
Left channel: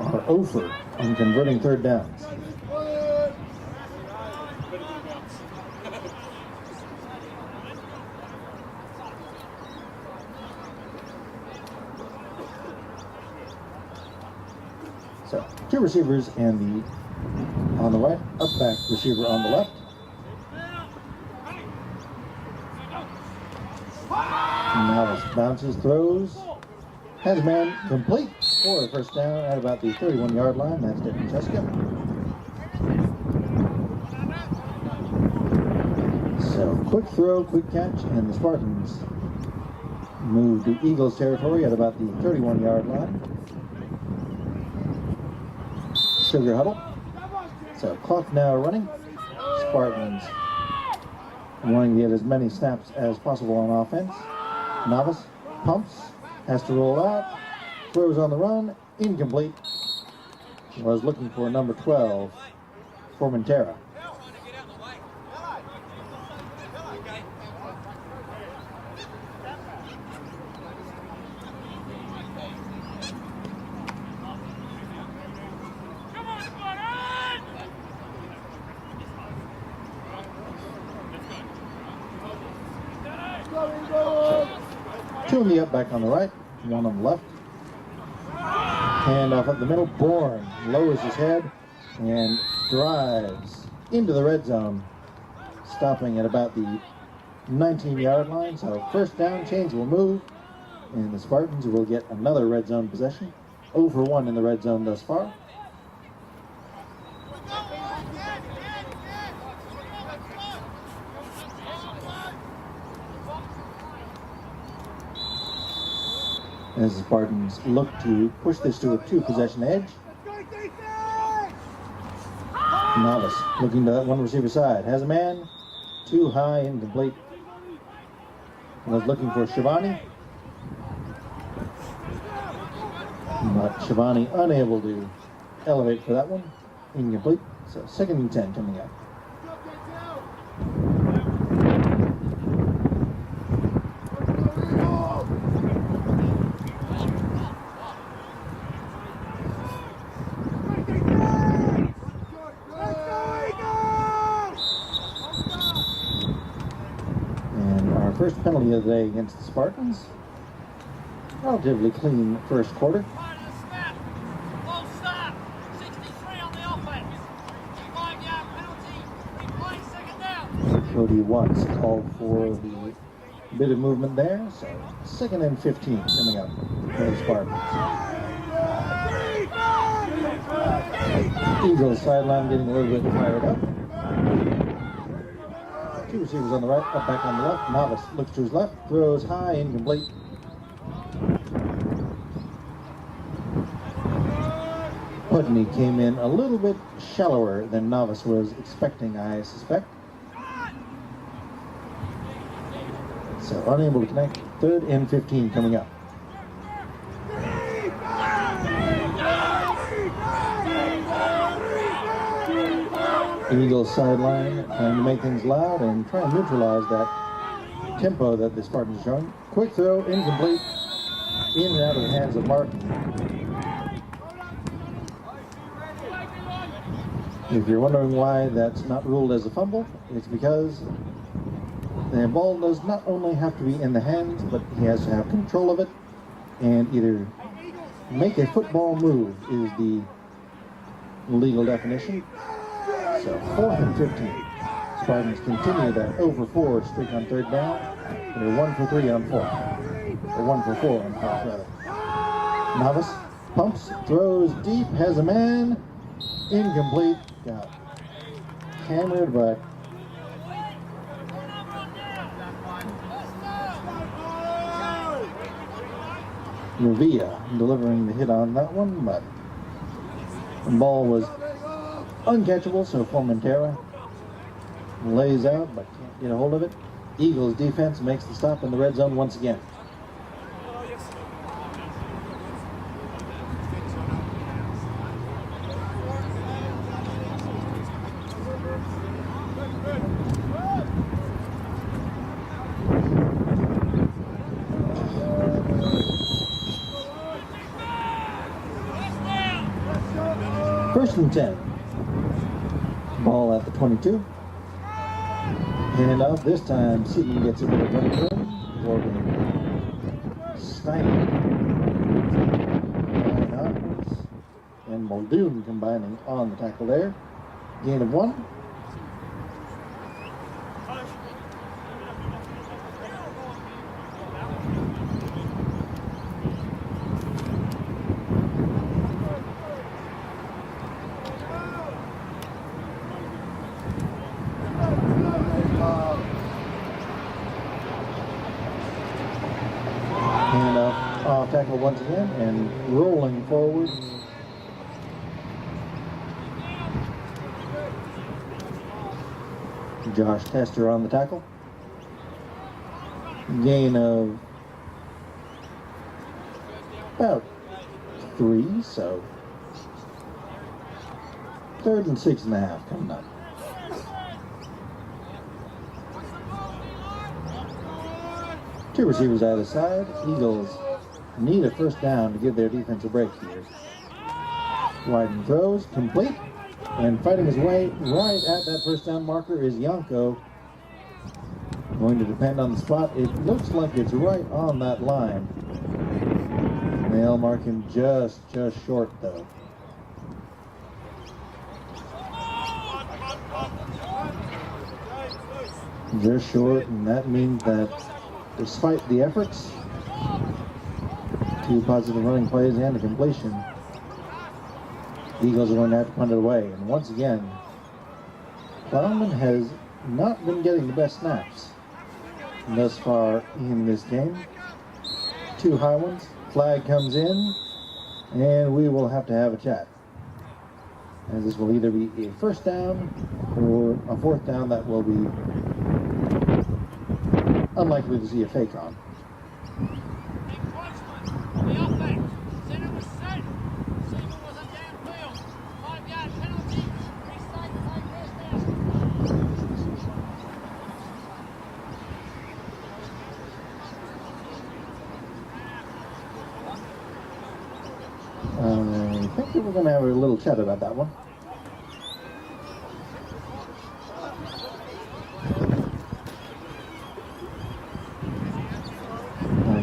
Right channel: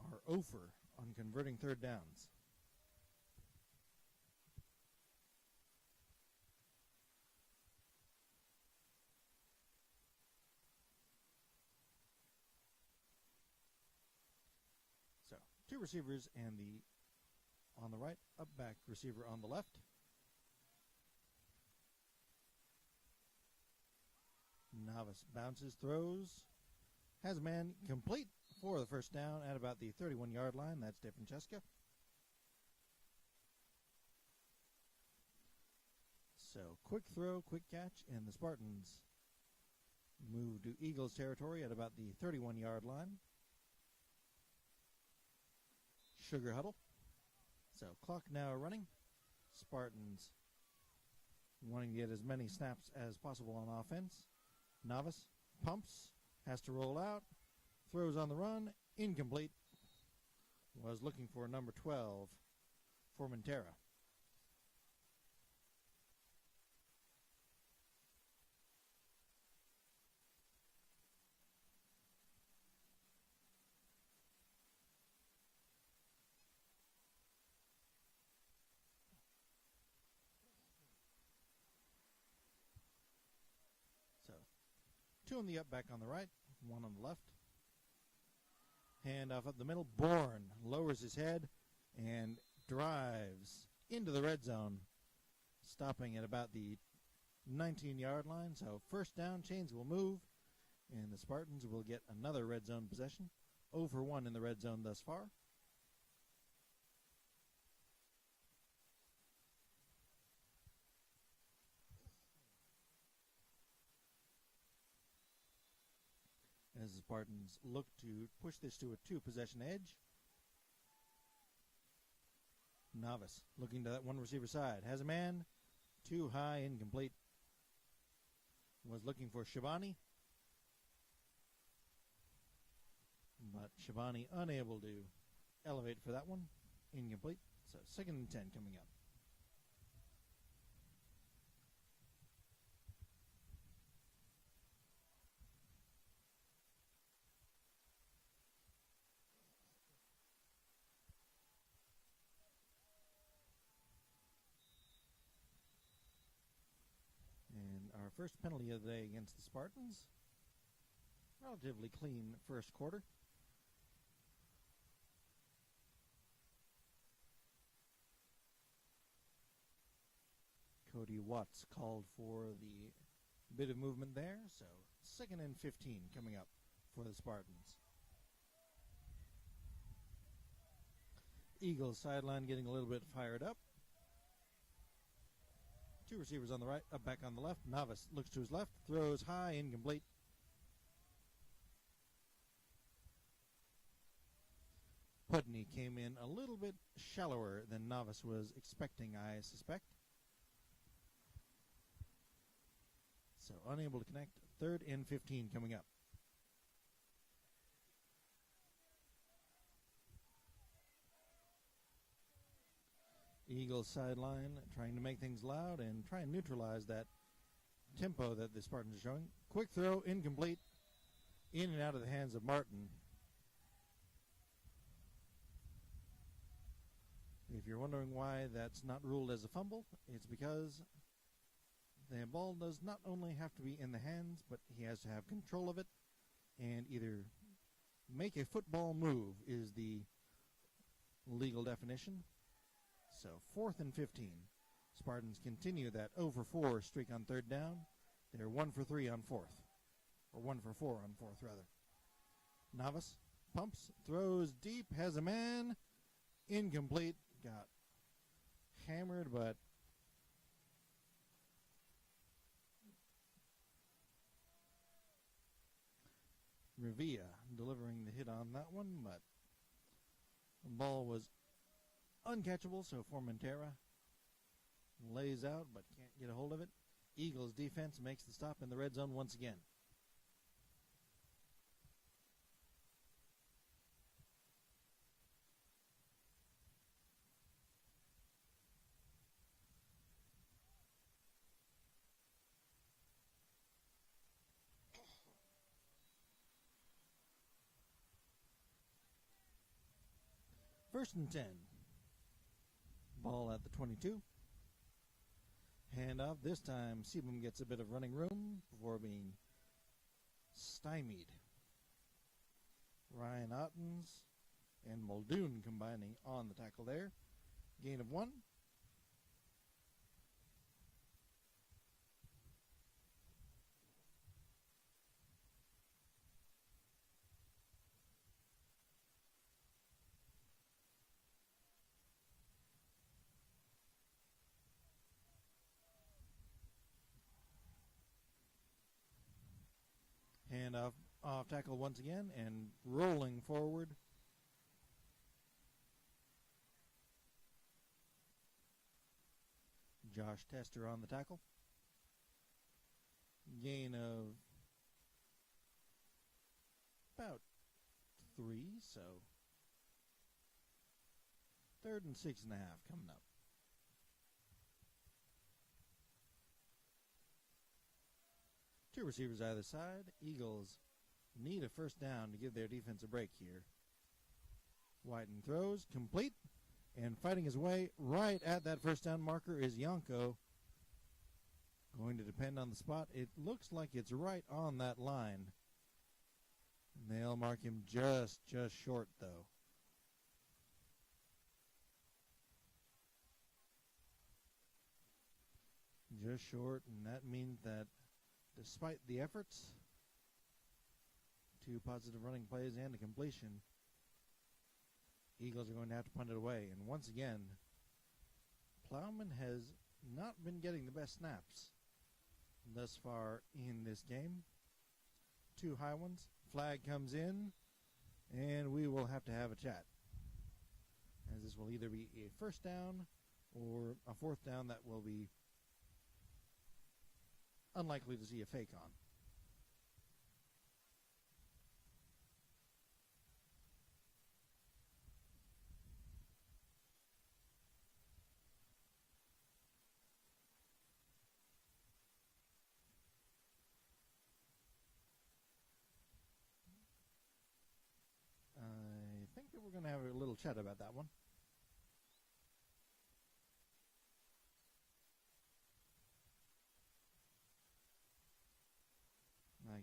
are over on converting 3rd downs. So, 2 receivers and on the right, up back receiver on the left. Now bounces, throws, has a man complete for the first down at about the 31-yard line. That's Denton Cheska. So, quick throw, quick catch, and the Spartans move to Eagles territory at about the 31-yard line. Sugar huddle. So clock now running. Spartans wanting to get as many snaps as possible on offense. Novice pumps, has to roll out, throws on the run, incomplete. Was looking for number 12, Formentera. Two in the up back on the right, one on the left. Hand off up the middle. Bourne lowers his head and drives into the red zone, stopping at about the 19-yard line. So first down, chains will move, and the Spartans will get another red zone possession. 0 for 1 in the red zone thus far. As the Spartans look to push this to a 2-possession edge. Novice looking to that 1 receiver side. Has a man. Too high, incomplete. Was looking for Shivani. But Shivani unable to elevate for that one. Incomplete. So 2nd and 10 coming up. First penalty of the day against the Spartans. Relatively clean first quarter. Cody Watts called for the bit of movement there, so 2nd and 15 coming up for the Spartans. Eagles sideline getting a little bit fired up. 2 receivers on the right, up back on the left. Novice looks to his left, throws high, incomplete. Putney came in a little bit shallower than Novice was expecting, I suspect. So unable to connect. 3rd and 15 coming up. Eagles sideline trying to make things loud and try and neutralize that tempo that the Spartans are showing. Quick throw, incomplete, in and out of the hands of Martin. If you're wondering why that's not ruled as a fumble, it's because the ball does not only have to be in the hands, but he has to have control of it and either make a football move is the legal definition. So 4th and 15. Spartans continue that over 4 streak on 3rd down. They're 1 for 3 on 4th. Or 1 for 4 on 4th, rather. Novice pumps, throws deep, has a man. Incomplete. Got hammered, but Revilla delivering the hit on that one, but the ball was uncatchable, so Formentera lays out but can't get a hold of it. Eagles defense makes the stop in the red zone once again. First and 10. Ball at the 22. Hand off. This time, Seaton gets a bit of running room. Corbin Steiner and Muldoon combining on the tackle there. Gain of 1. Tackle once again and rolling forward. Josh Tester on the tackle. Gain of about 3, so 3rd and 6.5 coming up. Two receivers either side. Eagles need a first down to give their defense a break here. Wyden throws, complete, and fighting his way right at that first down marker is Yanko. Going to depend on the spot. It looks like it's right on that line. They'll mark him just short though. Just short, and that means that despite the efforts, 2 positive running plays and a completion, the Eagles are going to have to punt it away. And once again, Plowman has not been getting the best snaps thus far in this game. 2 high ones. Flag comes in, and we will have to have a chat, as this will either be a first down or a 4th down that will be unlikely to see a fake on. I think we're going to have a little chat about that one.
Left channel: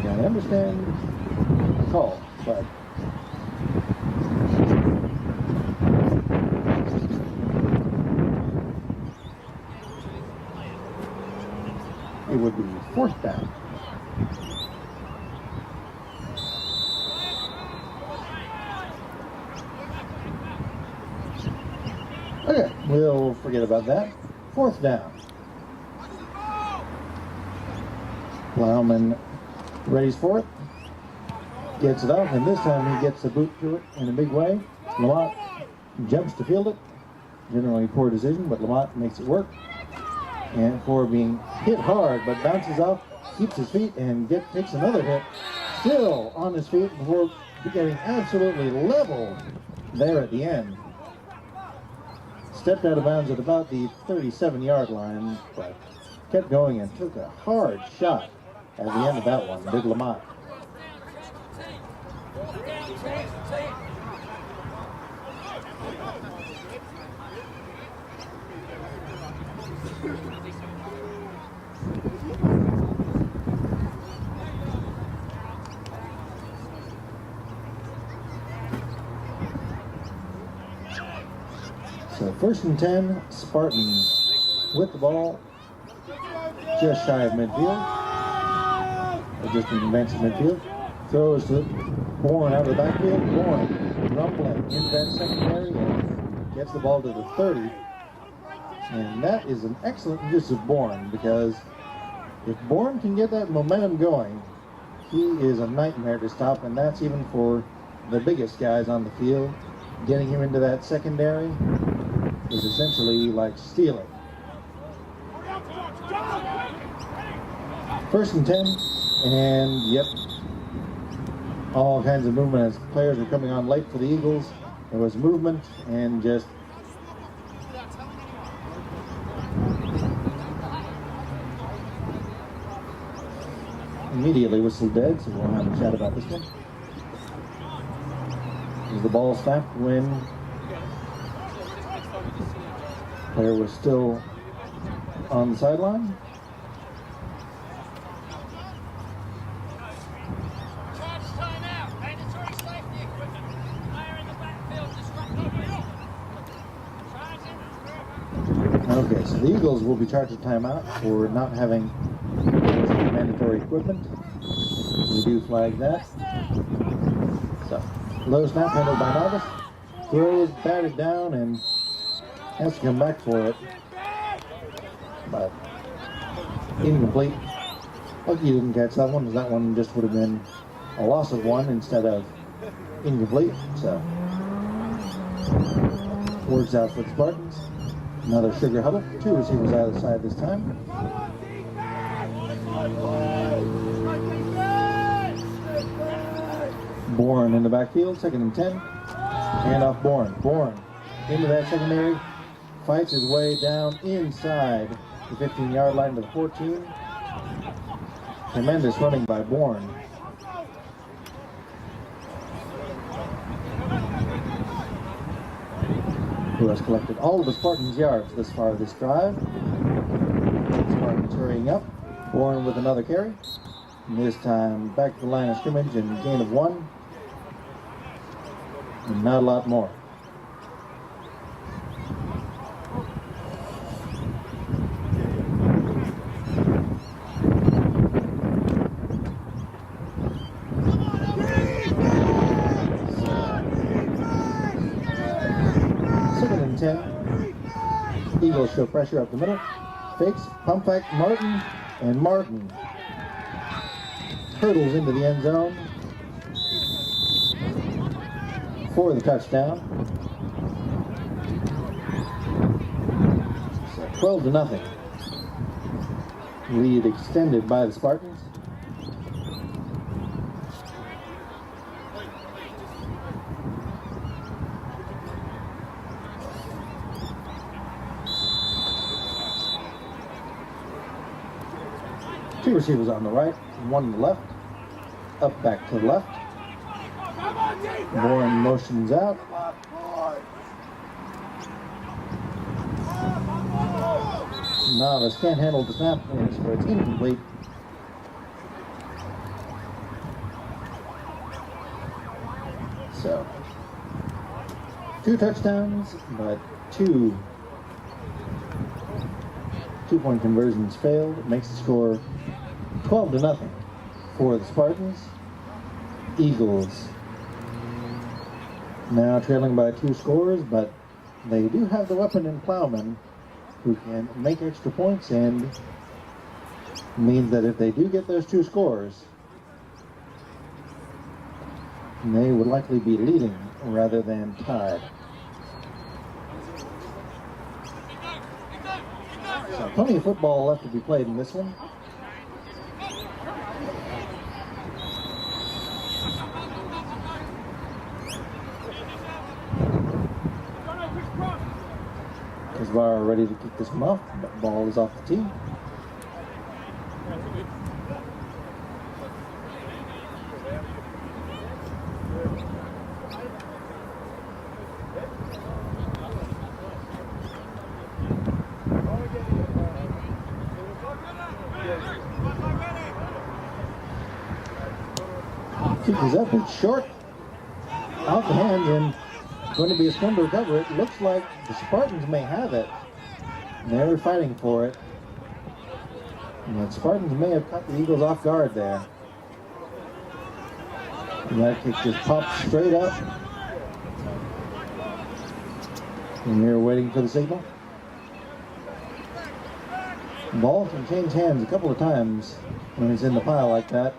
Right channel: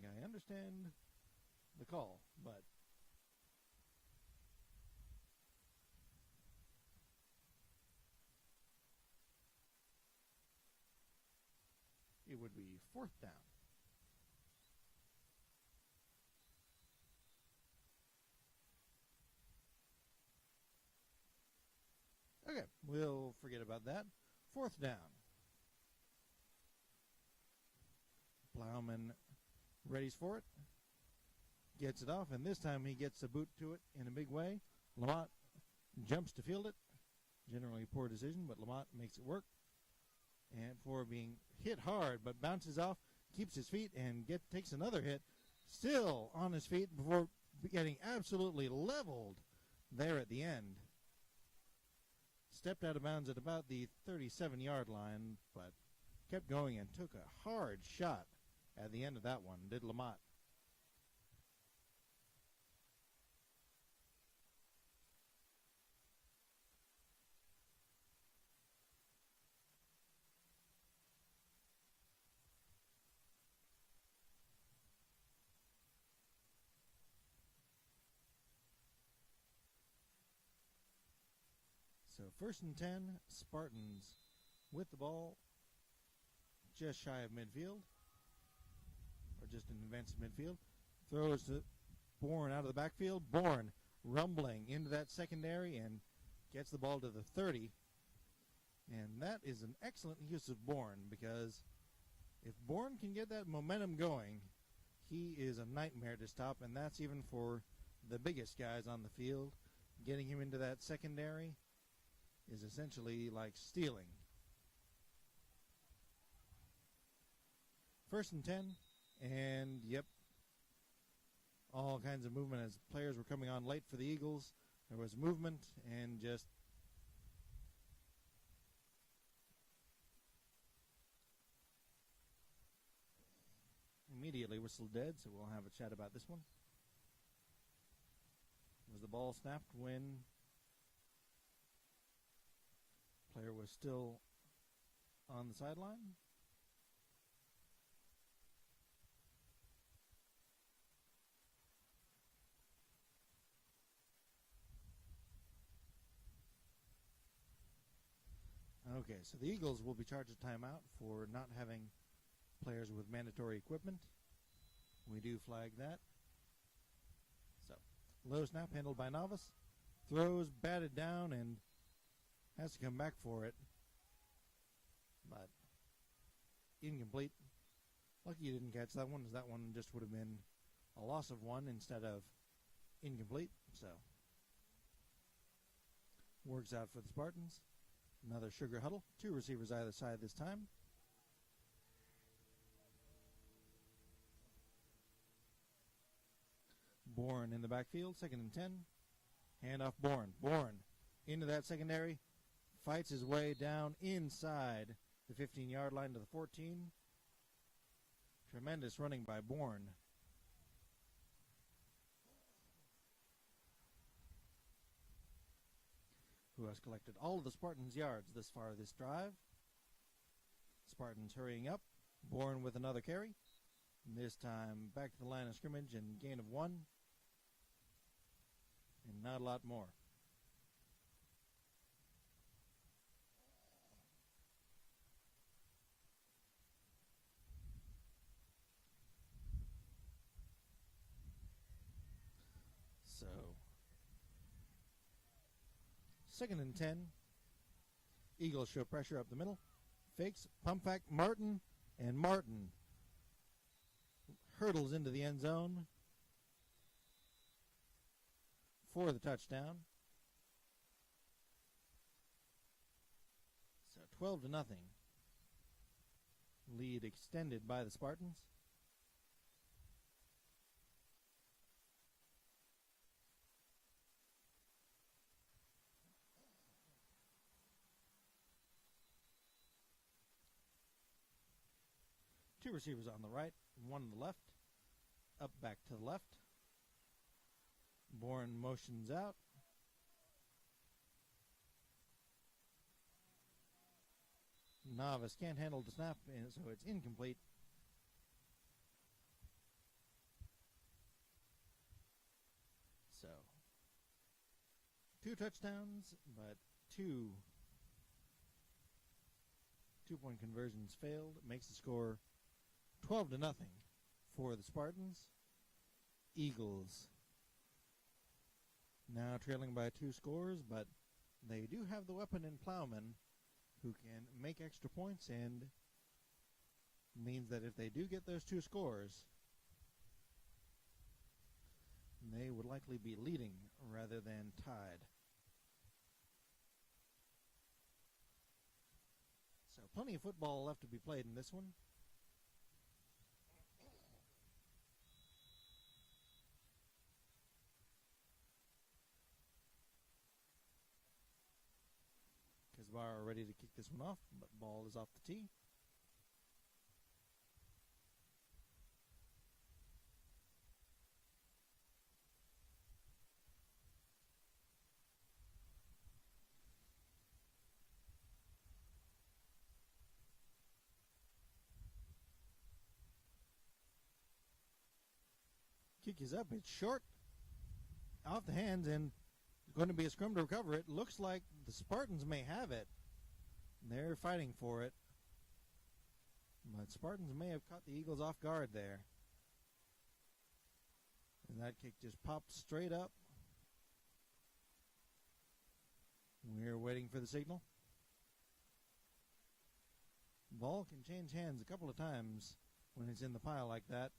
I understand the call, but it would be 4th down. Okay, we'll forget about that. 4th down. Plowman readies for it. Gets it off, and this time he gets the boot to it in a big way. Lamont jumps to field it. Generally poor decision, but Lamont makes it work. And for being hit hard, but bounces off, keeps his feet, and takes another hit. Still on his feet before getting absolutely leveled there at the end. Stepped out of bounds at about the 37-yard line, but kept going and took a hard shot at the end of that one, did Lamont. So 1st and 10, Spartans with the ball, just shy of midfield, or just in advance of midfield. Throws to Bourne out of the backfield. Bourne rumbling into that secondary and gets the ball to the 30. And that is an excellent use of Bourne, because if Bourne can get that momentum going, he is a nightmare to stop, and that's even for the biggest guys on the field. Getting him into that secondary is essentially like stealing. 1st and 10, and yep, all kinds of movement as players were coming on late for the Eagles. There was movement and just immediately whistled dead, so we'll have a chat about this one. As the ball snapped when the player was still on the sideline. Okay, so the Eagles will be charged a timeout for not having mandatory equipment. We do flag that. So, low snap handled by Novice. Throws, batted down, and has to come back for it. But incomplete. Lucky he didn't catch that one, because that one just would have been a loss of 1 instead of incomplete. So, works out for the Spartans. Another sugar huddle. 2 receivers either side this time. Bourne in the backfield, 2nd and 10. Hand off Bourne. Bourne into that secondary. Fights his way down inside the 15-yard line to the 14. Tremendous running by Bourne. Who has collected all of the Spartans' yards this far this drive. Spartans hurrying up. Bourne with another carry. And this time back to the line of scrimmage and gain of 1. And not a lot more. Eagles show pressure up the middle. Fakes, pump back, Martin, and Martin hurdles into the end zone for the touchdown. So 12-0. Lead extended by the Spartans. Two receivers on the right, 1 on the left. Up back to the left. Bourne motions out. Novice can't handle the snap, so it's incomplete. So, 2 touchdowns, but 2 2-point conversions failed. It makes the score 12-0 for the Spartans. Eagles now trailing by 2 scores, but they do have the weapon in Plowman who can make extra points, and means that if they do get those 2 scores, they would likely be leading rather than tied. So plenty of football left to be played in this one. Bar ready to kick this one off. The ball is off the tee. Kick is up, it's short, out the hand, and going to be a spin to recover it. Looks like the Spartans may have it. They were fighting for it. And the Spartans may have caught the Eagles off guard there. And that kick just pops straight up. And you're waiting for the signal. The ball can change hands a couple of times when it's in the pile like that.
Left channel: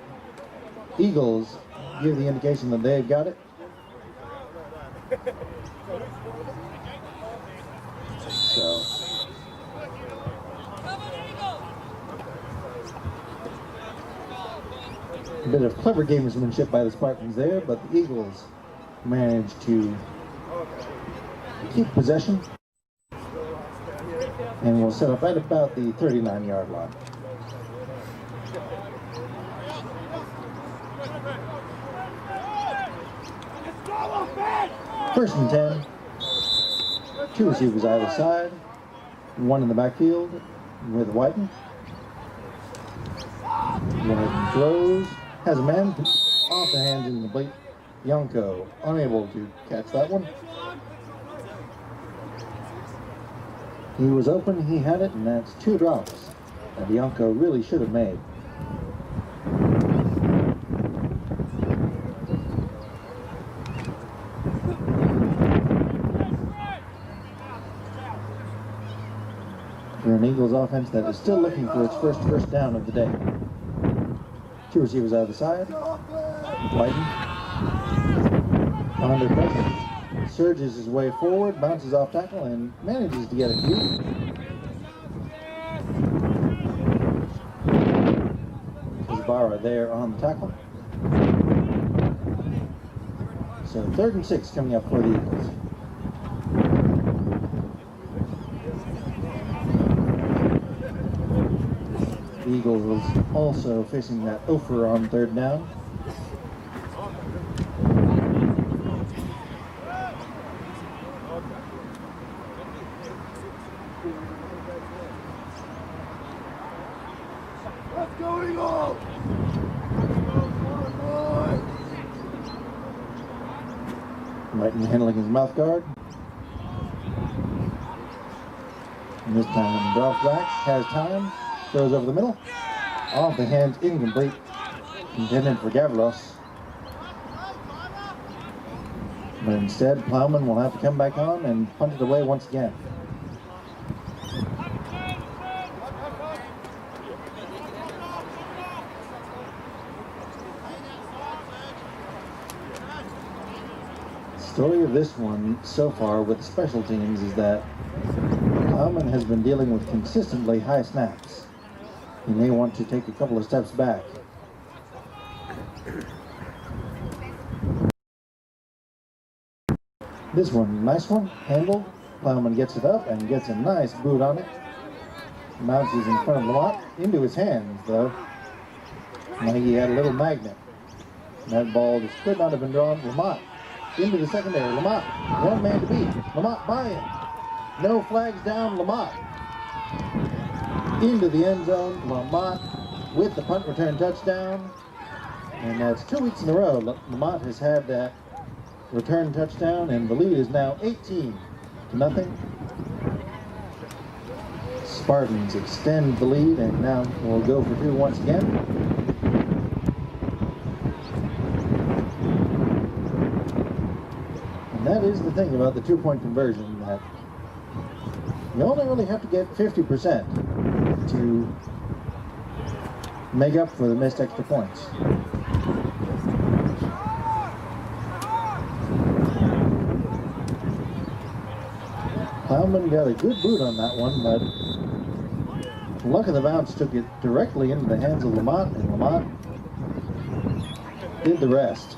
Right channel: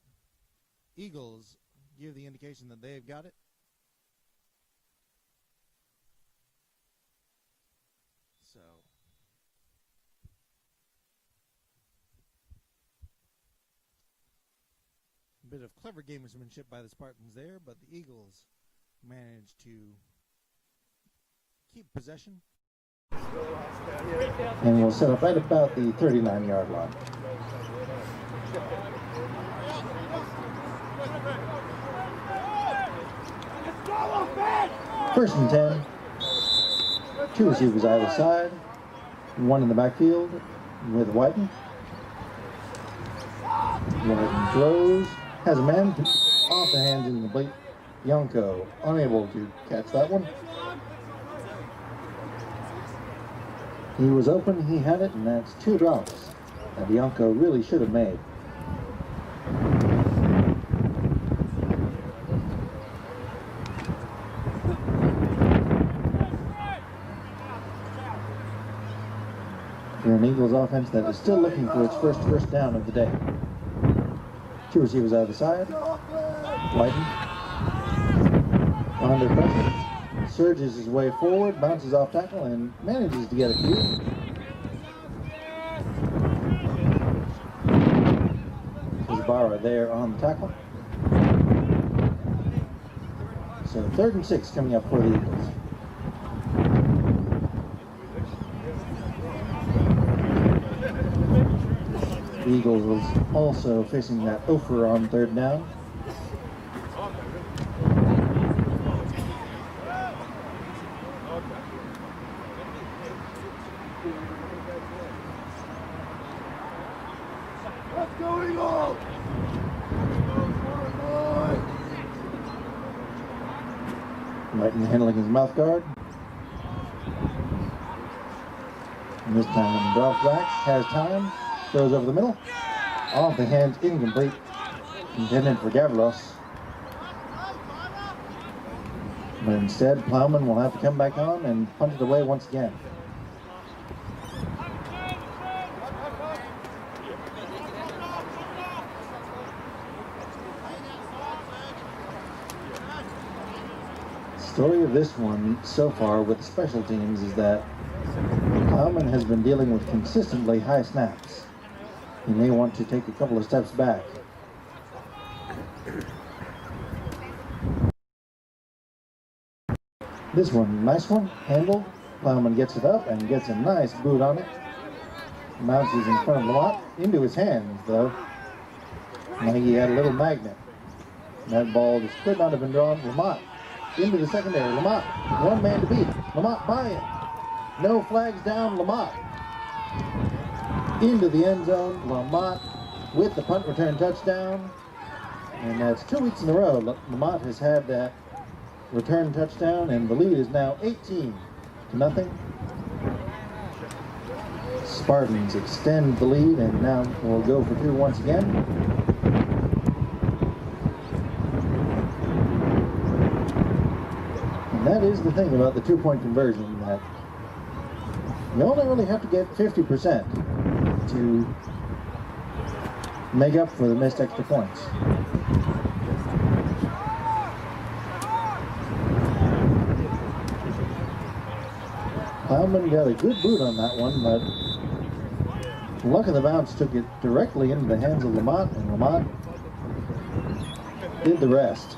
Eagles give the indication that they've got it. So a bit of clever gamesmanship by the Spartans there, but the Eagles managed to keep possession and will set up right about the 39-yard line. First and 10. 2 receivers either side. 1 in the backfield with Whiten. Whiten throws. Has a man off the hands incomplete. Yonko unable to catch that one. He was open, he had it, and that's 2 drops that Yonko really should have made. For an Eagles offense that is still looking for its first down of the day. 2 receivers out of the side. Whiten under pressure. Surges his way forward, bounces off tackle, and manages to get a few. Barra there on the tackle. So 3rd and 6 coming up for the Eagles. The Eagles also facing that offer on 3rd down. Let's go, Eagles! Whiten handling his mouth guard. And this time drops back, has time, throws over the middle. Off the hands, incomplete. Intended for Gavros. But instead, Plowman will have to come back on and punt it away once again. Story of this one so far with special teams is that Plowman has been dealing with consistently high snaps. He may want to take a couple of steps back. This one, nice one, handled. Plowman gets it up and gets a nice boot on it. Bounces in front of Lamont, into his hands though. Like he had a little magnet. That ball just could not have been drawn. Lamont into the secondary. Lamont, one man to beat. Lamont by him. No flags down. Lamont into the end zone. Lamont with the punt return touchdown. And that's 2 weeks in a row. Lamont has had that return touchdown, and the lead is now 18-0. Spartans extend the lead, and now we'll go for 2 once again. And that is the thing about the 2-point conversion, that You only really have to get 50% to make up for the missed extra points. Plowman got a good boot on that one, but luck of the bounce took it directly into the hands of Lamont, and Lamont did the rest.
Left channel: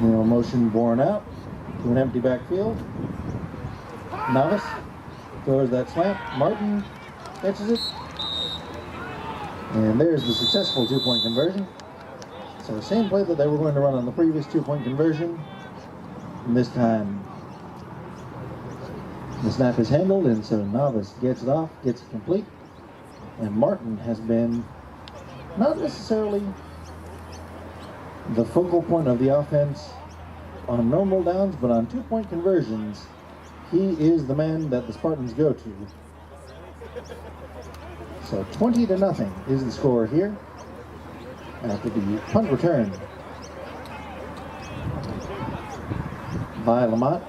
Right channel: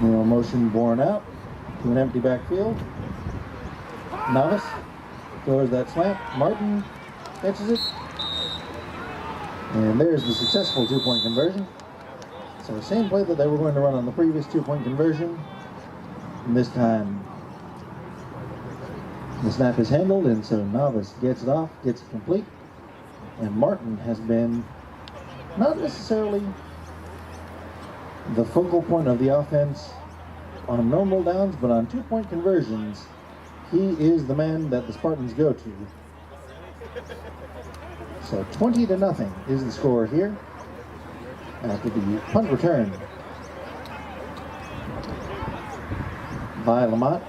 Motion borne out to an empty backfield. Novice throws that slant. Martin catches it. And there's the successful two-point conversion. So the same play that they were going to run on the previous two-point conversion. And this time the snap is handled, and so Novice gets it off, gets it complete. And Martin has been not necessarily the focal point of the offense on normal downs, but on two-point conversions, he is the man that the Spartans go to. So 20-0 is the score here after the punt return by Lamont.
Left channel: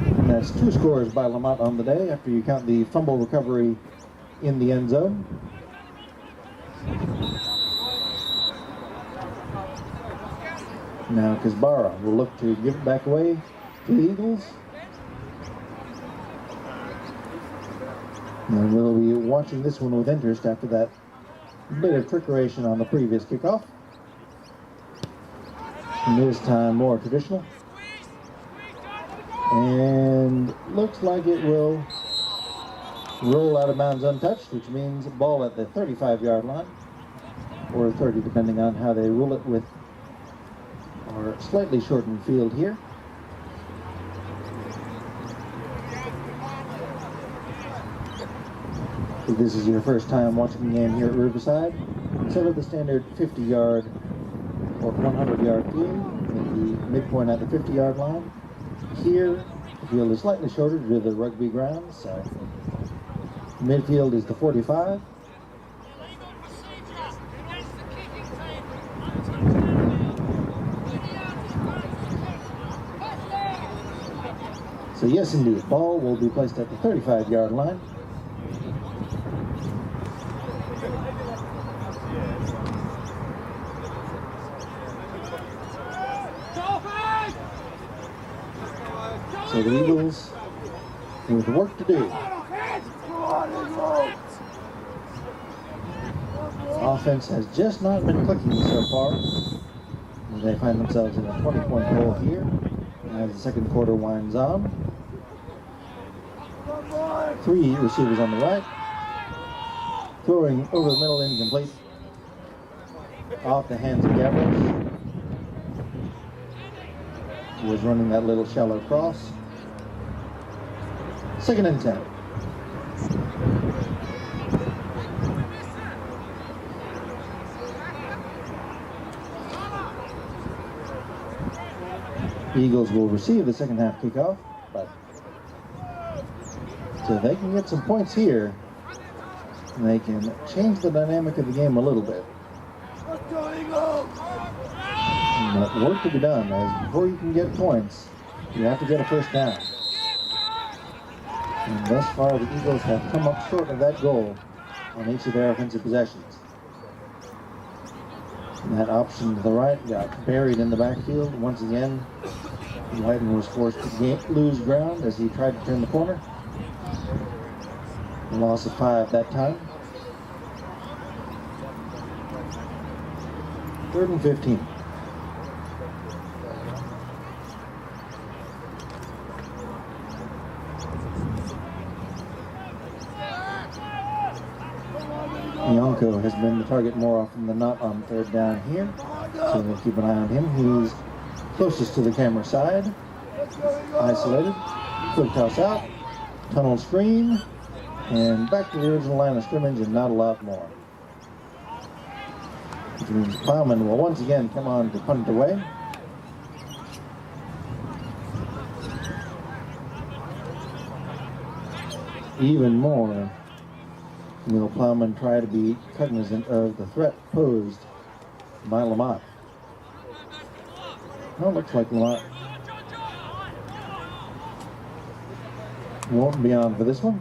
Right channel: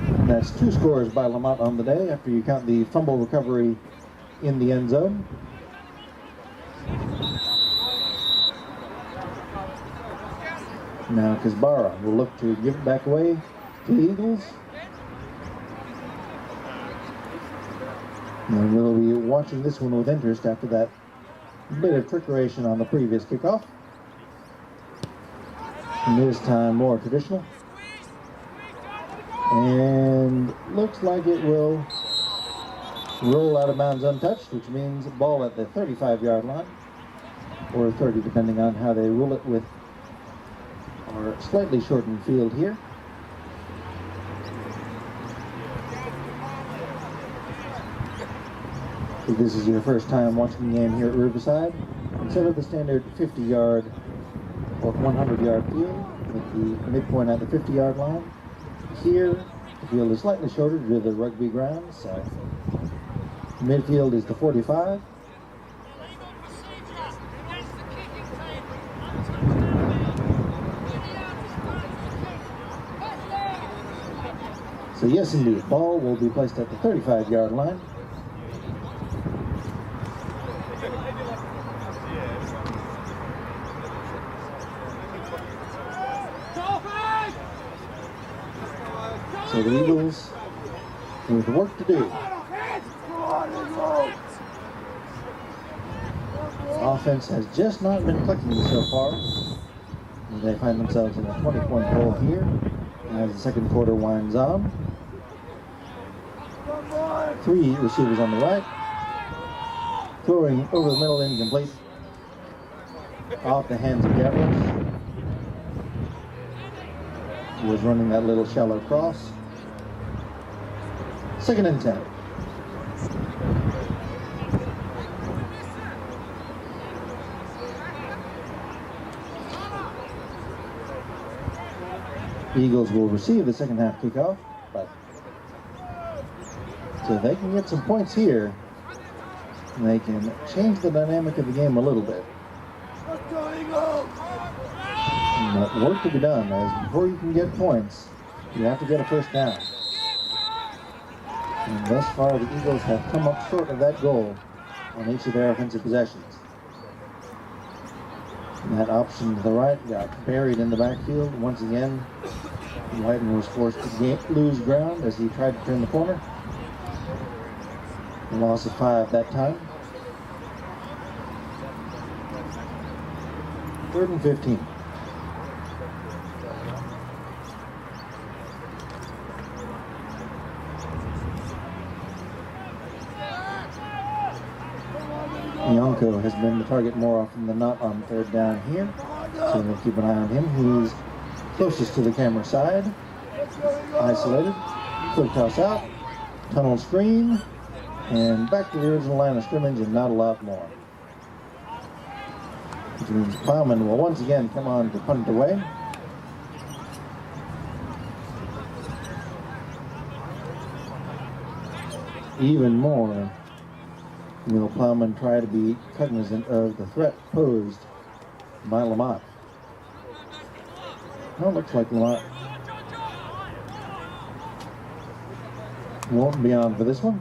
And that's 2 scores by Lamont on the day after you count the fumble recovery in the end zone. Now Kazbara will look to give it back away to the Eagles. And we'll be watching this one with interest after that bit of trickeration on the previous kickoff. And this time more traditional. And looks like it will roll out of bounds untouched, which means ball at the 35-yard line, or 30 depending on how they rule it with our slightly shortened field here. If this is your first time watching the game here at Riverside, instead of the standard 50-yard or 100-yard field with the midpoint at the 50-yard line, here the field is slightly shorter due to the rugby grounds, so midfield is the 45. So yes, indeed, ball will be placed at the 35-yard line. So the Eagles with work to do. Offense has just not been clicking so far. They find themselves in a 20-point hole here as the second quarter winds on. 3 receivers on the right. Throwing over the middle, incomplete. Off the hands of Gavros. He was running that little shallow cross. 2nd and 10. The Eagles will receive the second half kickoff, but so they can get some points here, and they can change the dynamic of the game a little bit. But work to be done, as before you can get points, you have to get a first down. And thus far, the Eagles have come up short of that goal on each of their offensive possessions. And that option to the right got buried in the backfield. Once again, Whiten was forced to lose ground as he tried to turn the corner. A loss of 5 that time. 3rd and 15. Yonko has been the target more often than not on 3rd down here, so we'll keep an eye on him. He's closest to the camera side. Isolated. Quick toss out. Tunnel screen. And back to the original line of scrimmage and not a lot more. Which means Plowman will once again come on to punt it away. Even more will Plowman try to be cognizant of the threat posed by Lamont. Well, it looks like Lamont won't be on for this one.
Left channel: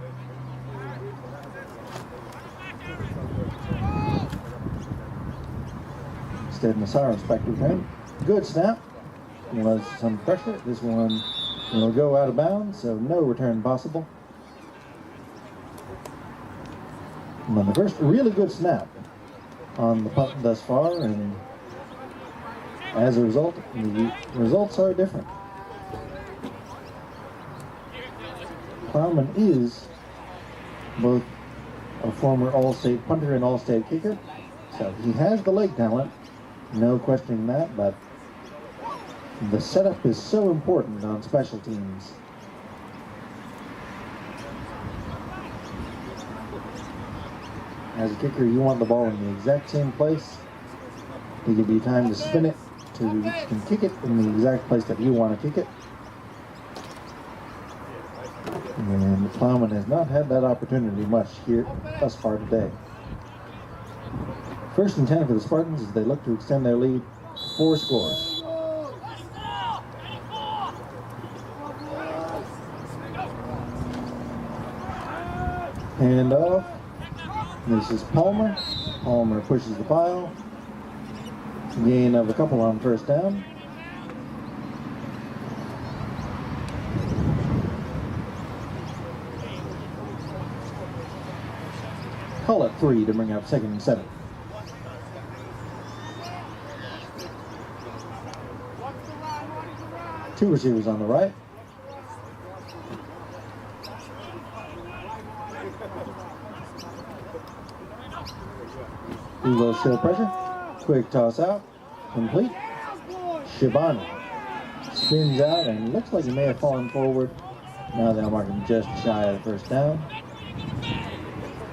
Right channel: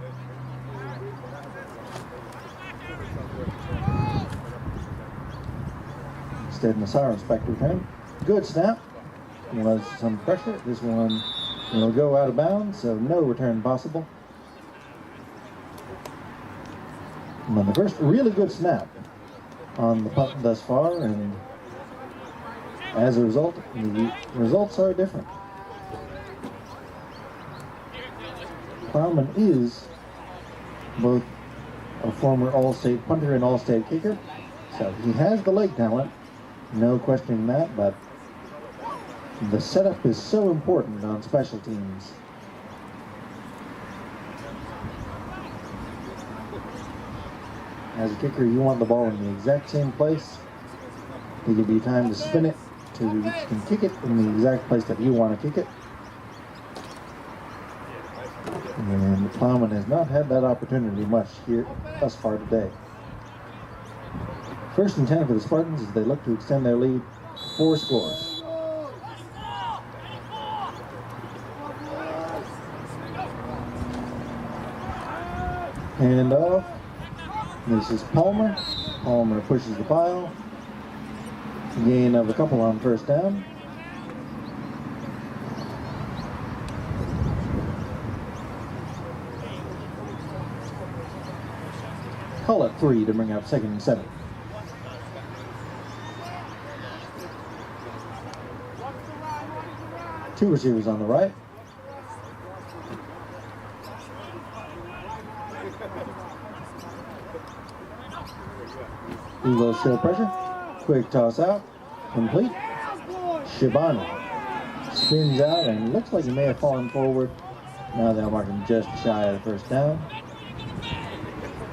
Instead, Nassau's back to return. Good snap. Was some pressure. This one will go out of bounds, so no return possible. And then the first really good snap on the punt thus far, and as a result, the results are different. Plowman is both a former All-State punter and All-State kicker, so he has the leg talent, no questioning that, but the setup is so important on special teams. As a kicker, you want the ball in the exact same place to give you time to spin it, to can kick it in the exact place that you want to kick it. And Plowman has not had that opportunity much here thus far today. 1st and 10 for the Spartans as they look to extend their lead to 4 scores. Hand off. This is Palmer. Palmer pushes the pile. Gain of a couple on 1st down. Call it 3 to bring up 2nd and 7. Two receivers on the right. Eagles show pressure. Quick toss out. Complete. Shibani spins out and looks like he may have fallen forward. Now they'll mark him just shy of the 1st down.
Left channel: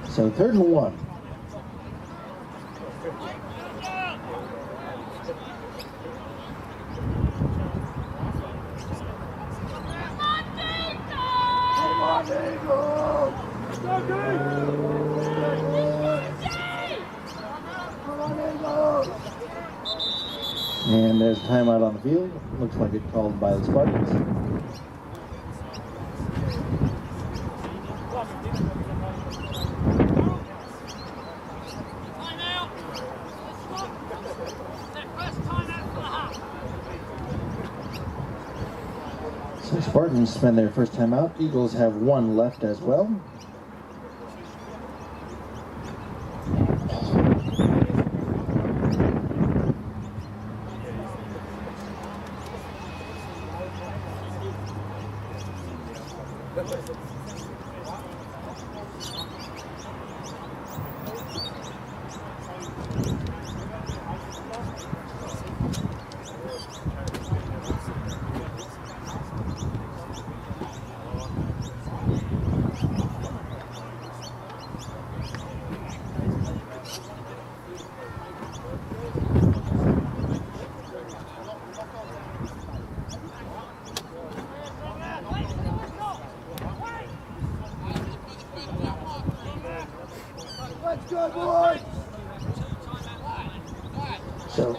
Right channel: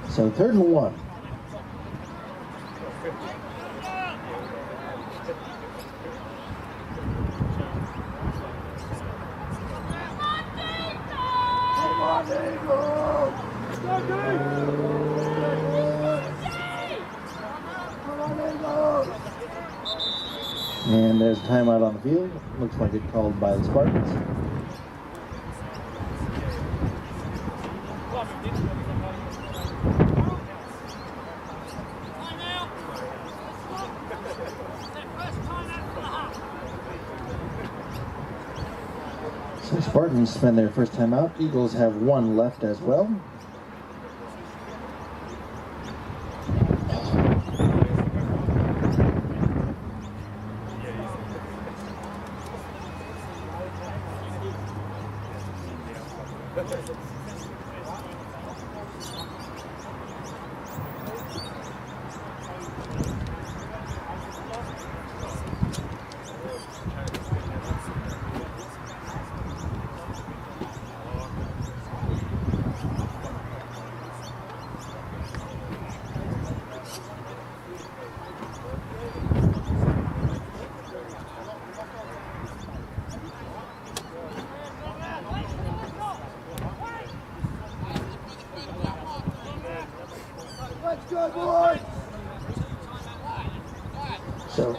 So 3rd and 1. And there's a timeout on the field. Looks like it's called by the Spartans. So Spartans spend their first timeout. Eagles have 1 left as well. So,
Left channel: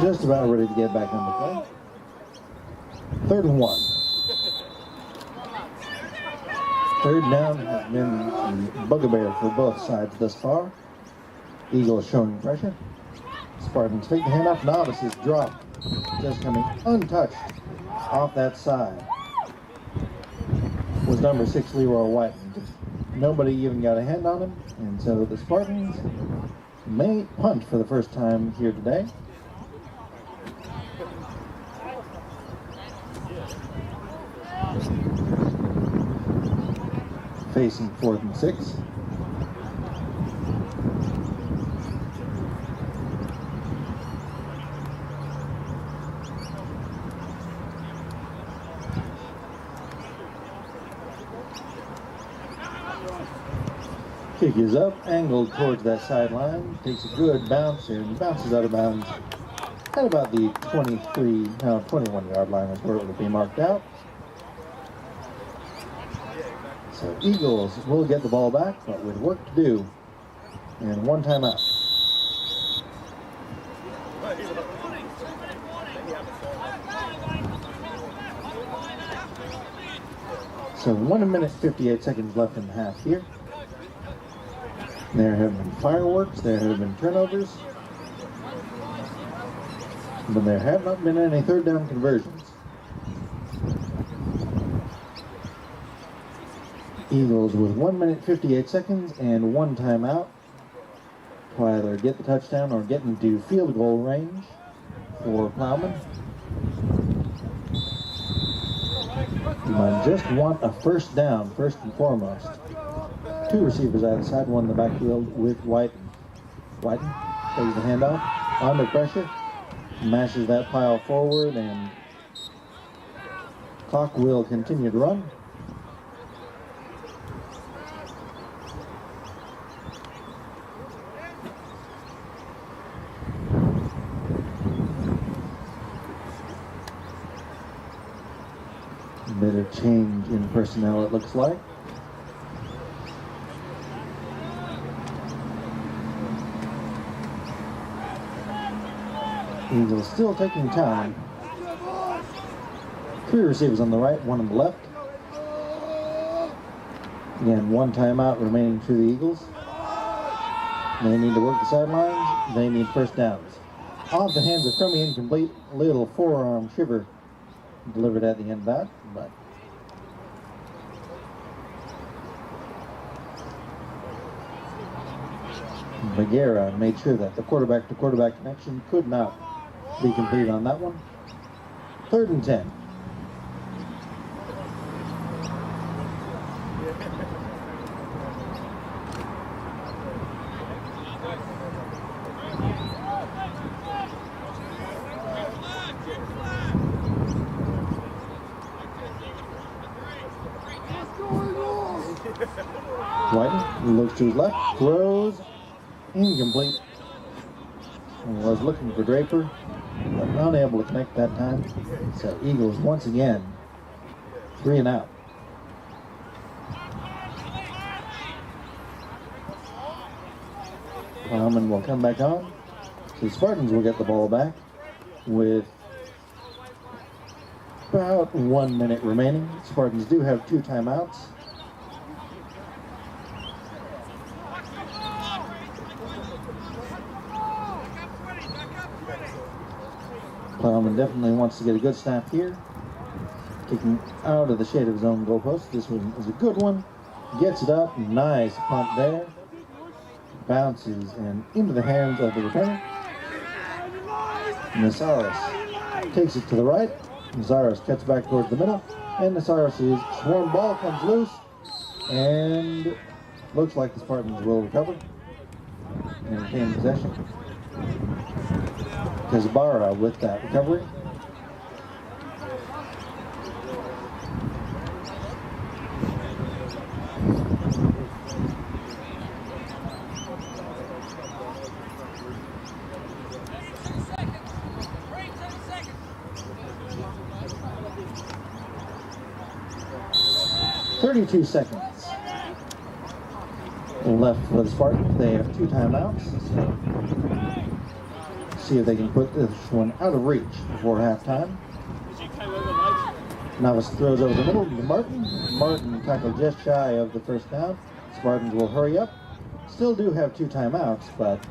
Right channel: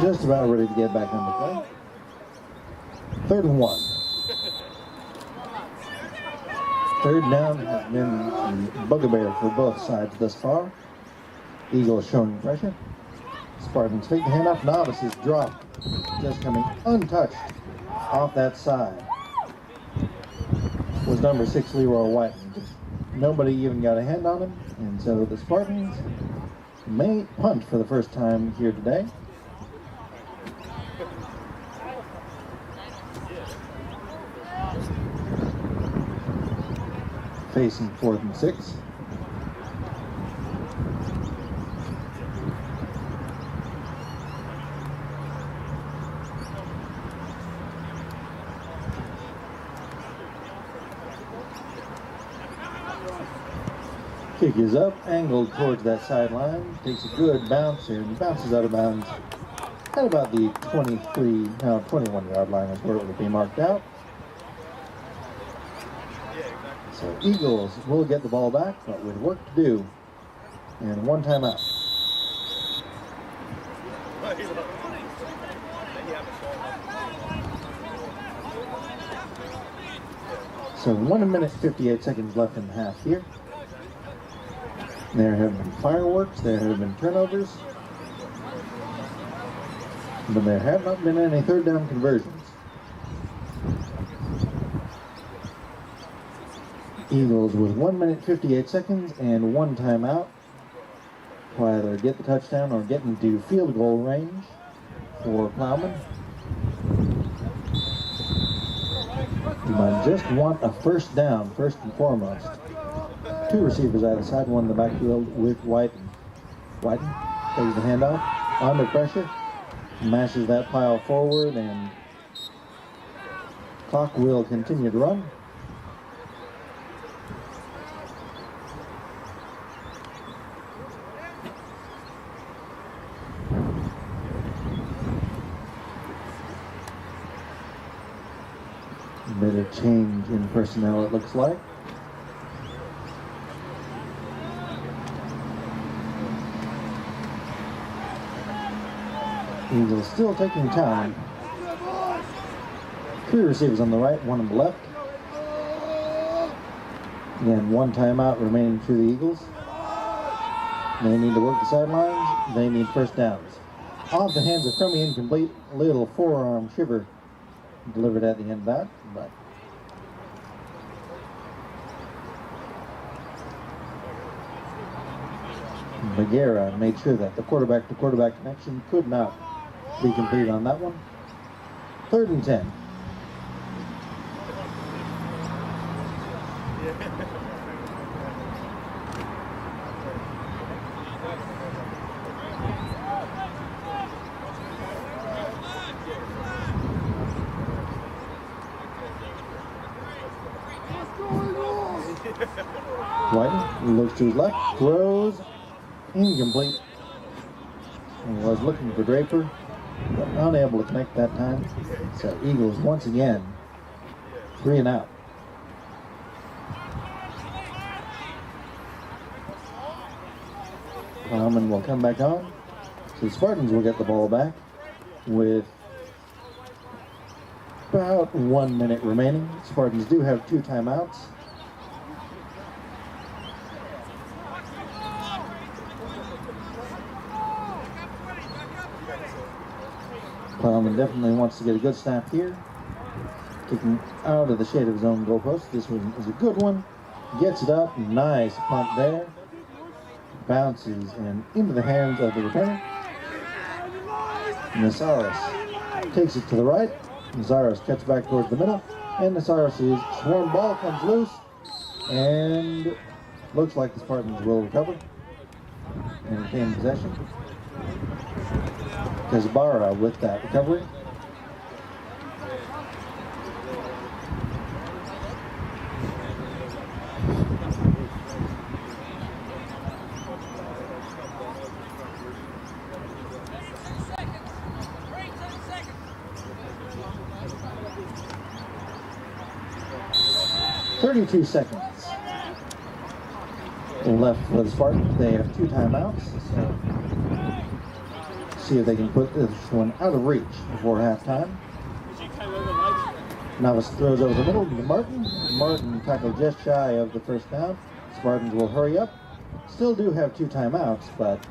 just about ready to get back into play. 3rd and 1. 3rd down has been the bugaboo for both sides thus far. Eagles showing pressure. Spartans take the handoff. Novices drop. Just coming untouched off that side was number 6 Leroy White. Nobody even got a hand on him, and so the Spartans may punt for the first time here today. Facing 4th and 6. Kick is up, angled towards that sideline, takes a good bounce and bounces out of bounds at about the 21 yard line is where it will be marked out. So Eagles will get the ball back, but with work to do and 1 timeout. So 1 minute 58 seconds left in the half here. There have been fireworks, there have been turnovers, but there have not been any third down conversions. Eagles with 1 minute 58 seconds and 1 timeout to either get the touchdown or get into field goal range for Plowman. You might just want a first down, first and foremost. 2 receivers either side, one in the backfield with Whiten. Whiten takes the handoff, under pressure, mashes that pile forward, and clock will continue to run. A bit of change in personnel, it looks like. Eagles still taking time. 3 receivers on the right, 1 on the left. Again, 1 timeout remaining for the Eagles. They need to work the sidelines. They need first downs. Off the hands of Crummy, incomplete. Little forearm shiver delivered at the end of that, but Bagheera made sure that the quarterback-to-quarterback connection could not be completed on that one. 3rd and 10. Whiten looks to his left, throws, incomplete. And was looking for Draper, but unable to connect that time. So Eagles once again 3 and out. Plowman will come back on. So the Spartans will get the ball back with about 1 minute remaining. Spartans do have 2 timeouts. Plowman definitely wants to get a good snap here. Kicking out of the shade of his own goalpost. This one is a good one. Gets it up. Nice punt there. Bounces and into the hands of the returner. Nasaris takes it to the right. Nasaris cuts back towards the middle. And Nasaris' swarm ball comes loose. And looks like the Spartans will recover and retain possession. Kazbara with that recovery. "32 seconds left for the Spartans. They have 2 timeouts. So see if they can put this one out of reach before halftime. Novice throws over the middle to Martin. Martin tackled just shy of the first down. Spartans will hurry up. Still do have 2 timeouts, but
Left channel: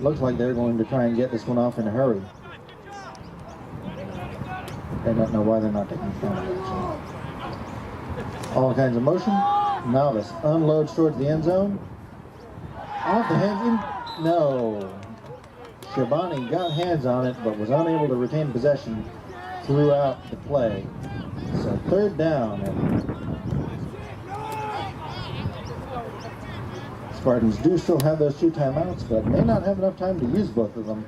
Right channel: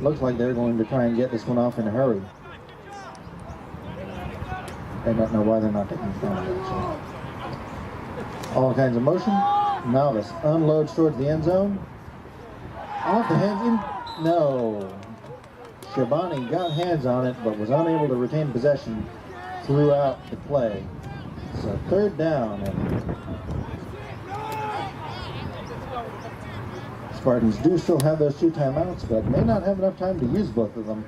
looks like they're going to try and get this one off in a hurry. I don't know why they're not taking the time, actually. All kinds of motion. Novice unloads towards the end zone. Off the hands in. No. Shabani got hands on it, but was unable to retain possession throughout the play. So 3rd down, and Spartans do still have those 2 timeouts, but may not have enough time to use both of them.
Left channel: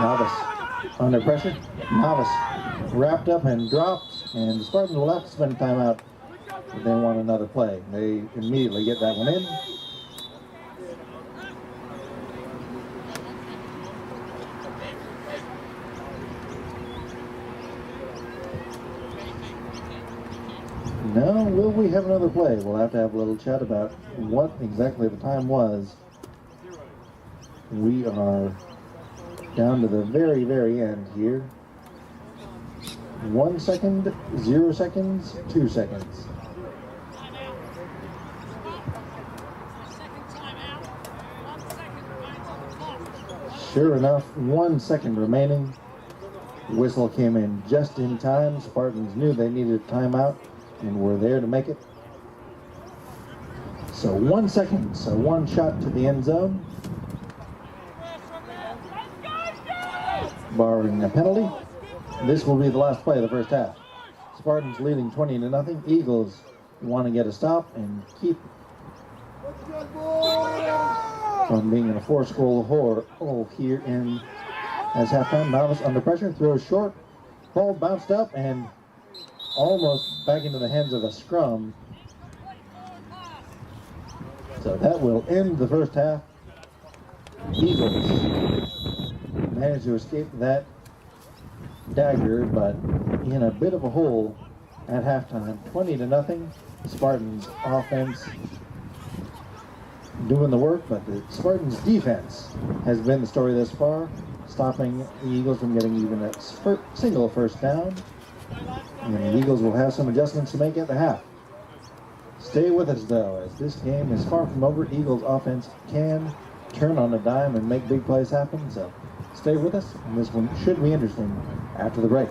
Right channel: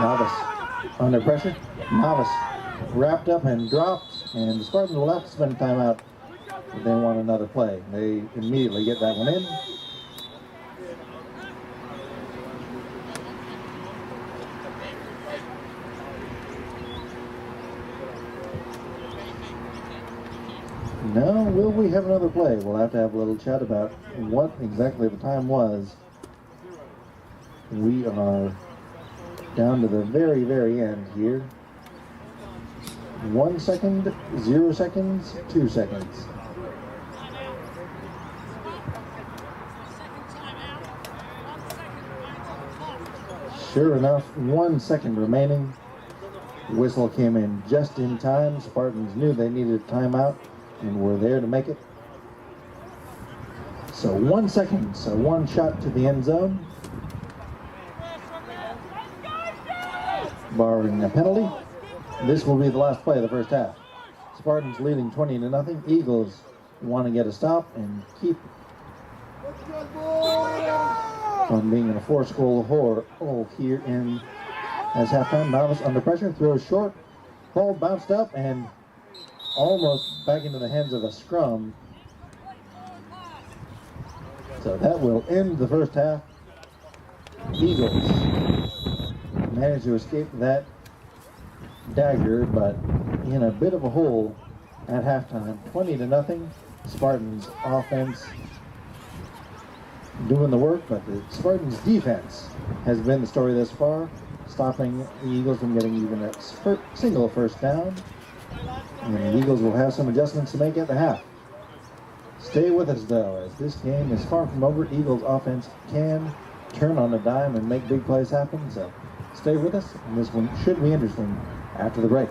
Novice under pressure. Novice wrapped up and dropped, and the Spartans will have to spend time out if they want another play. They immediately get that one in. Now, will we have another play? We'll have to have a little chat about what exactly the time was. We are down to the very, very end here. 1 second, 0 seconds, 2 seconds. Sure enough, 1 second remaining. Whistle came in just in time. Spartans knew they needed a timeout and were there to make it. So 1 second, so one shot to the end zone. Barring a penalty, this will be the last play of the first half. Spartans leading 20-0. Eagles want to get a stop and keep from being in a 4-score hole here in as halftime. Novice under pressure, throws short, ball bounced up and almost back into the hands of a scrum. So that will end the first half. Eagles managed to escape that dagger, but in a bit of a hole at halftime. 20-0. Spartans offense doing the work, but the Spartans defense has been the story thus far, stopping the Eagles from getting even a single first down. And the Eagles will have some adjustments to make at the half. Stay with us though, as this game is far from over. Eagles offense can turn on a dime and make big plays happen, so stay with us, and this one should be interesting after the break.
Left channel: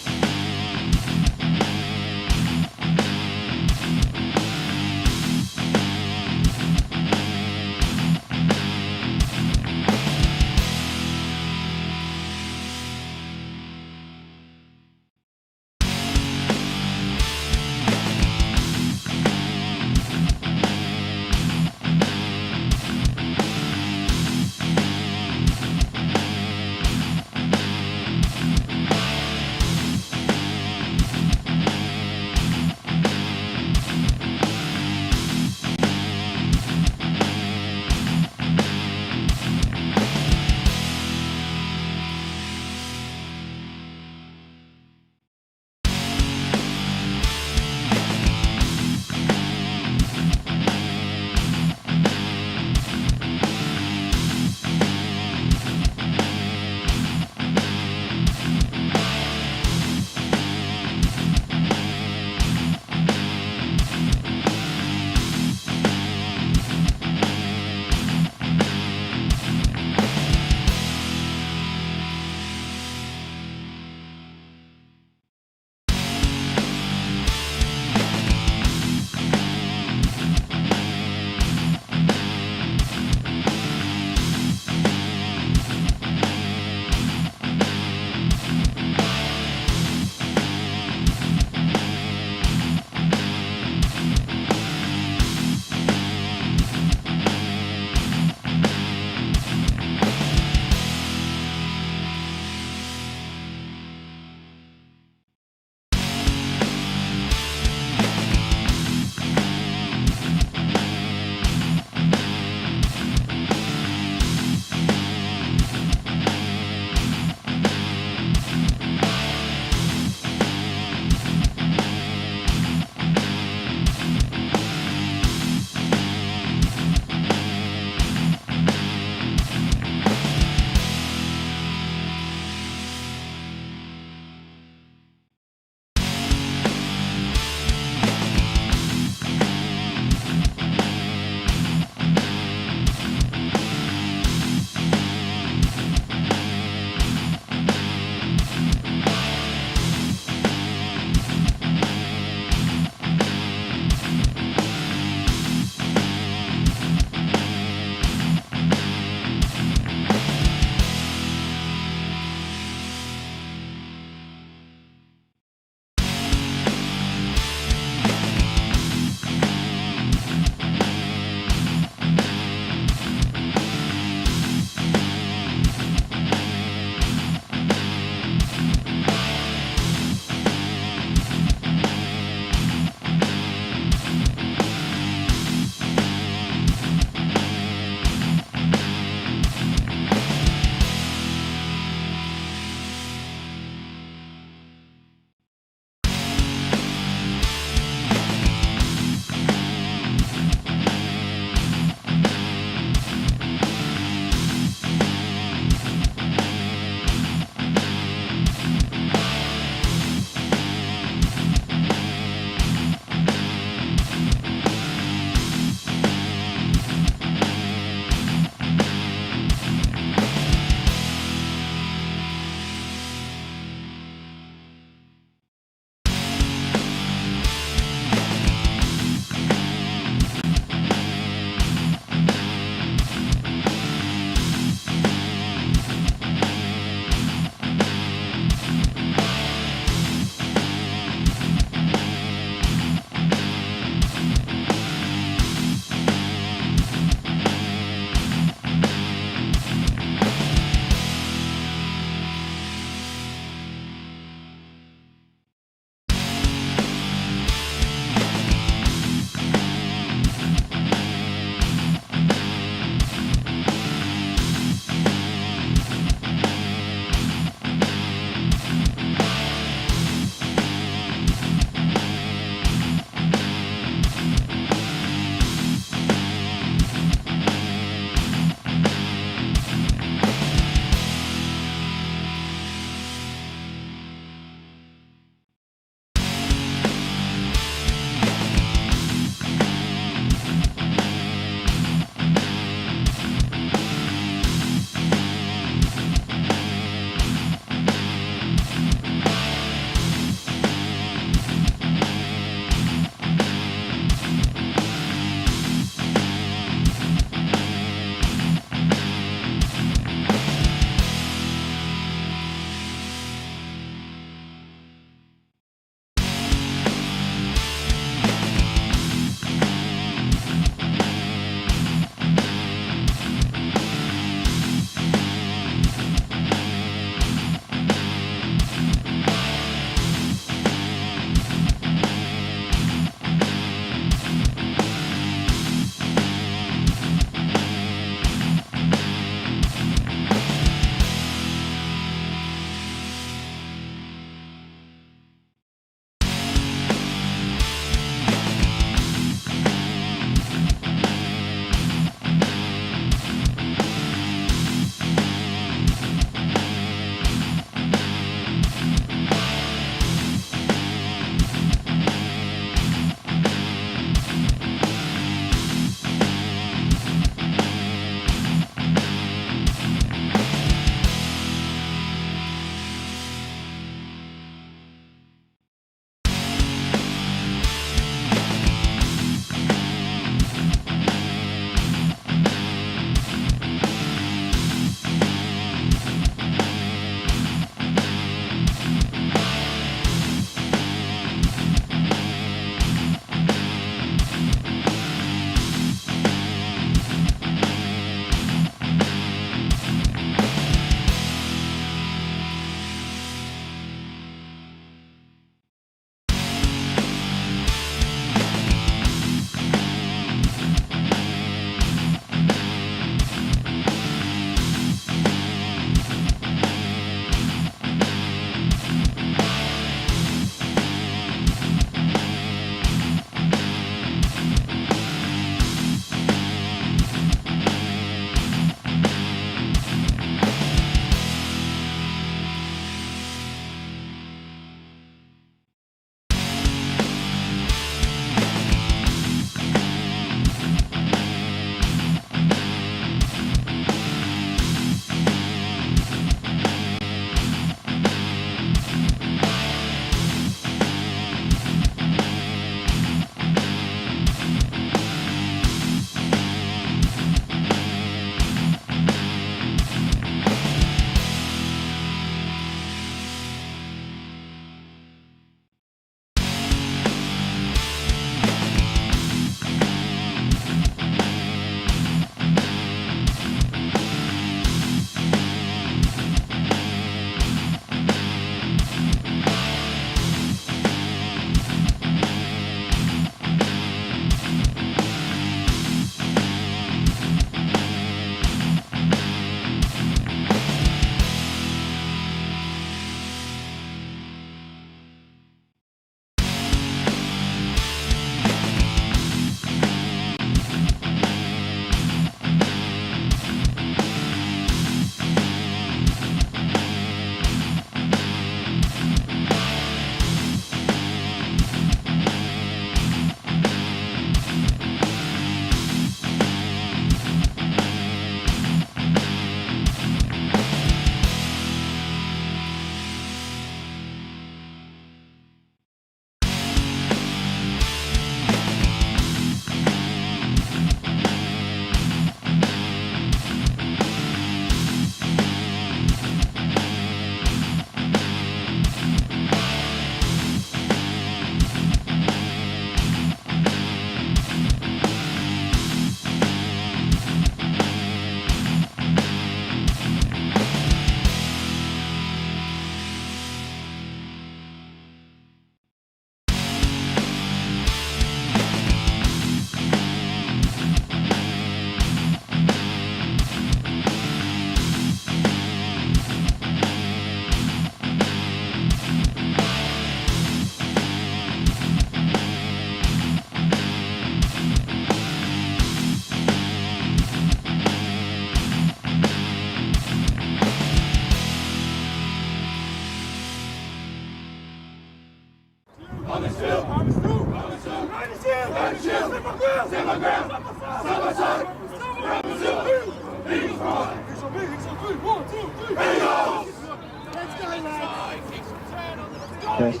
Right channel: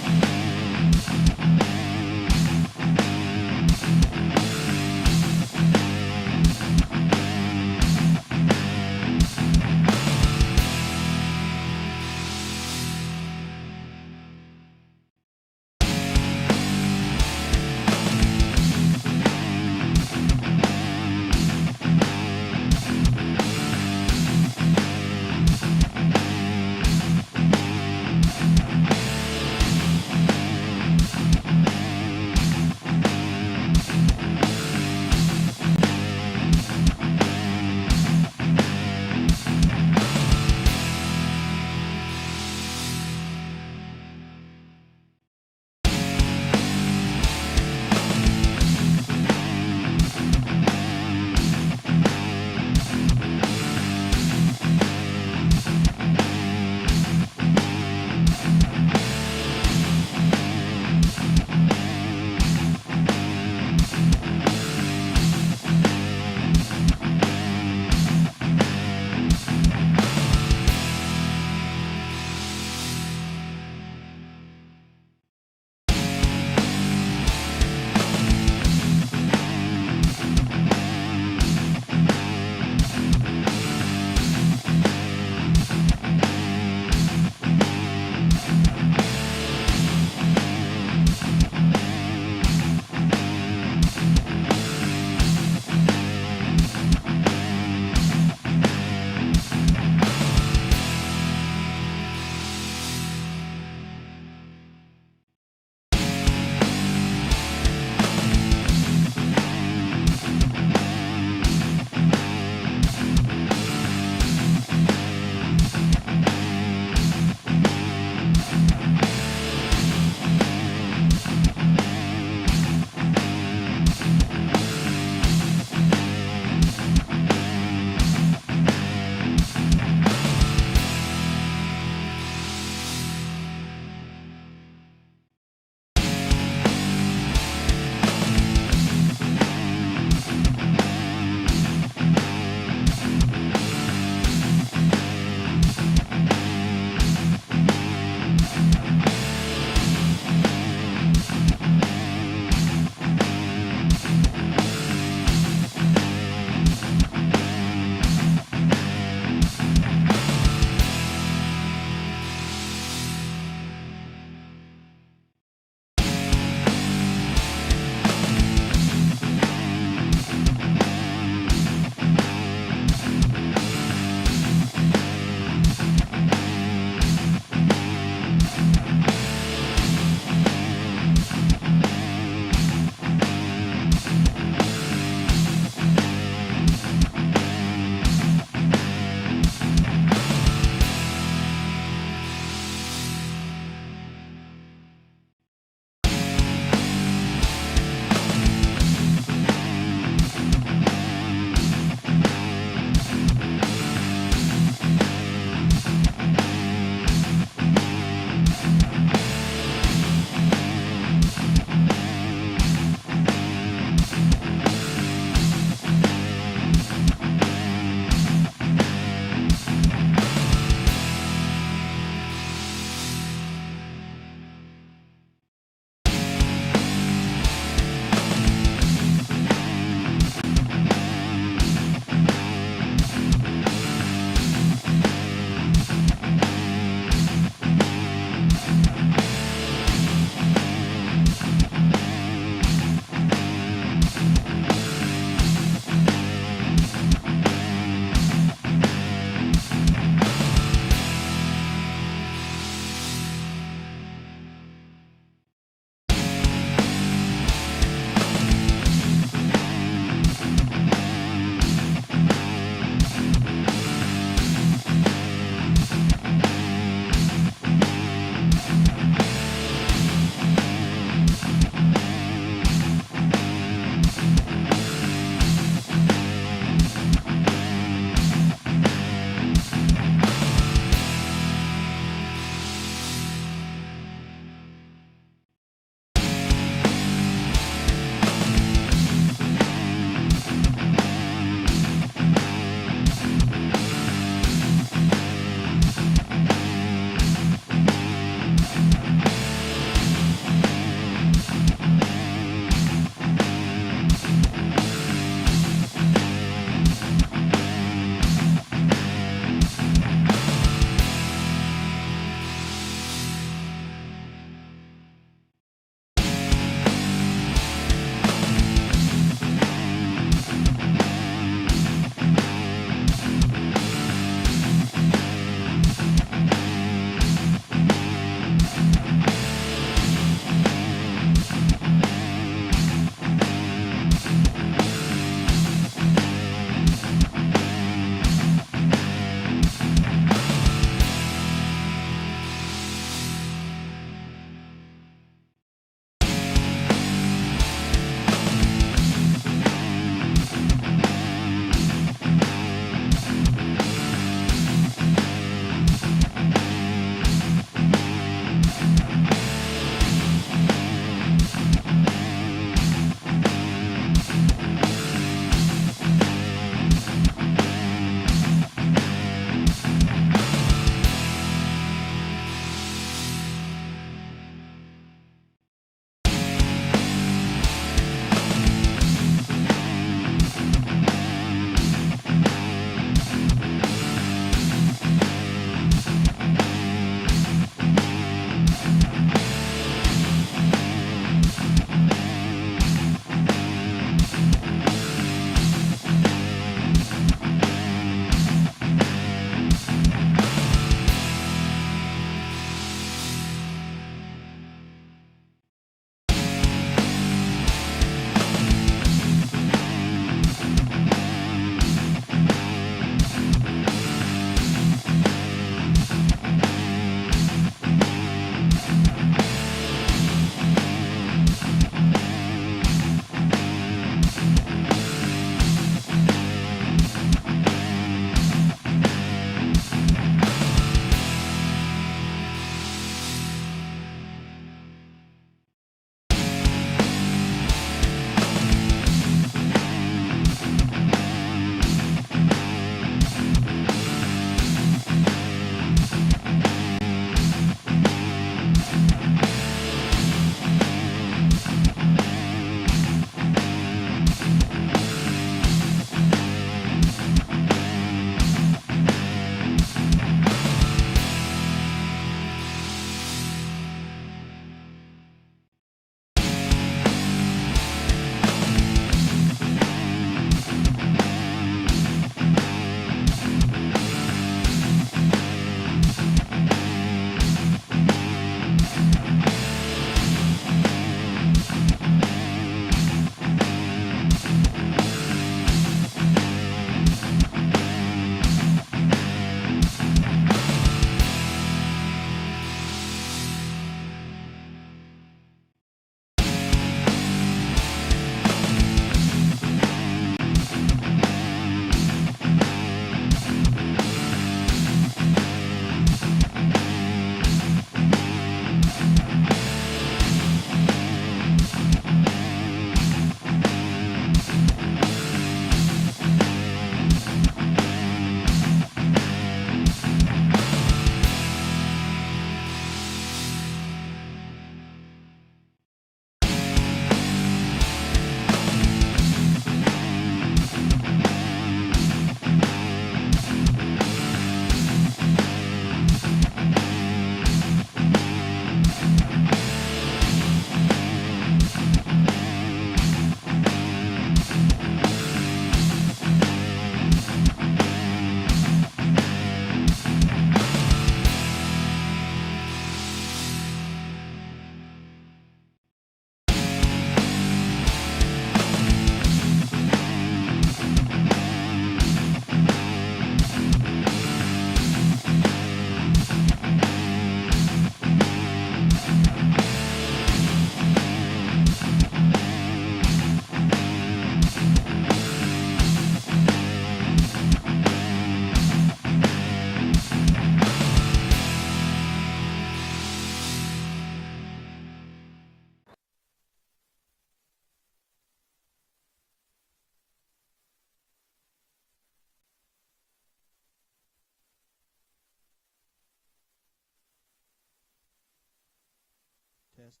Test.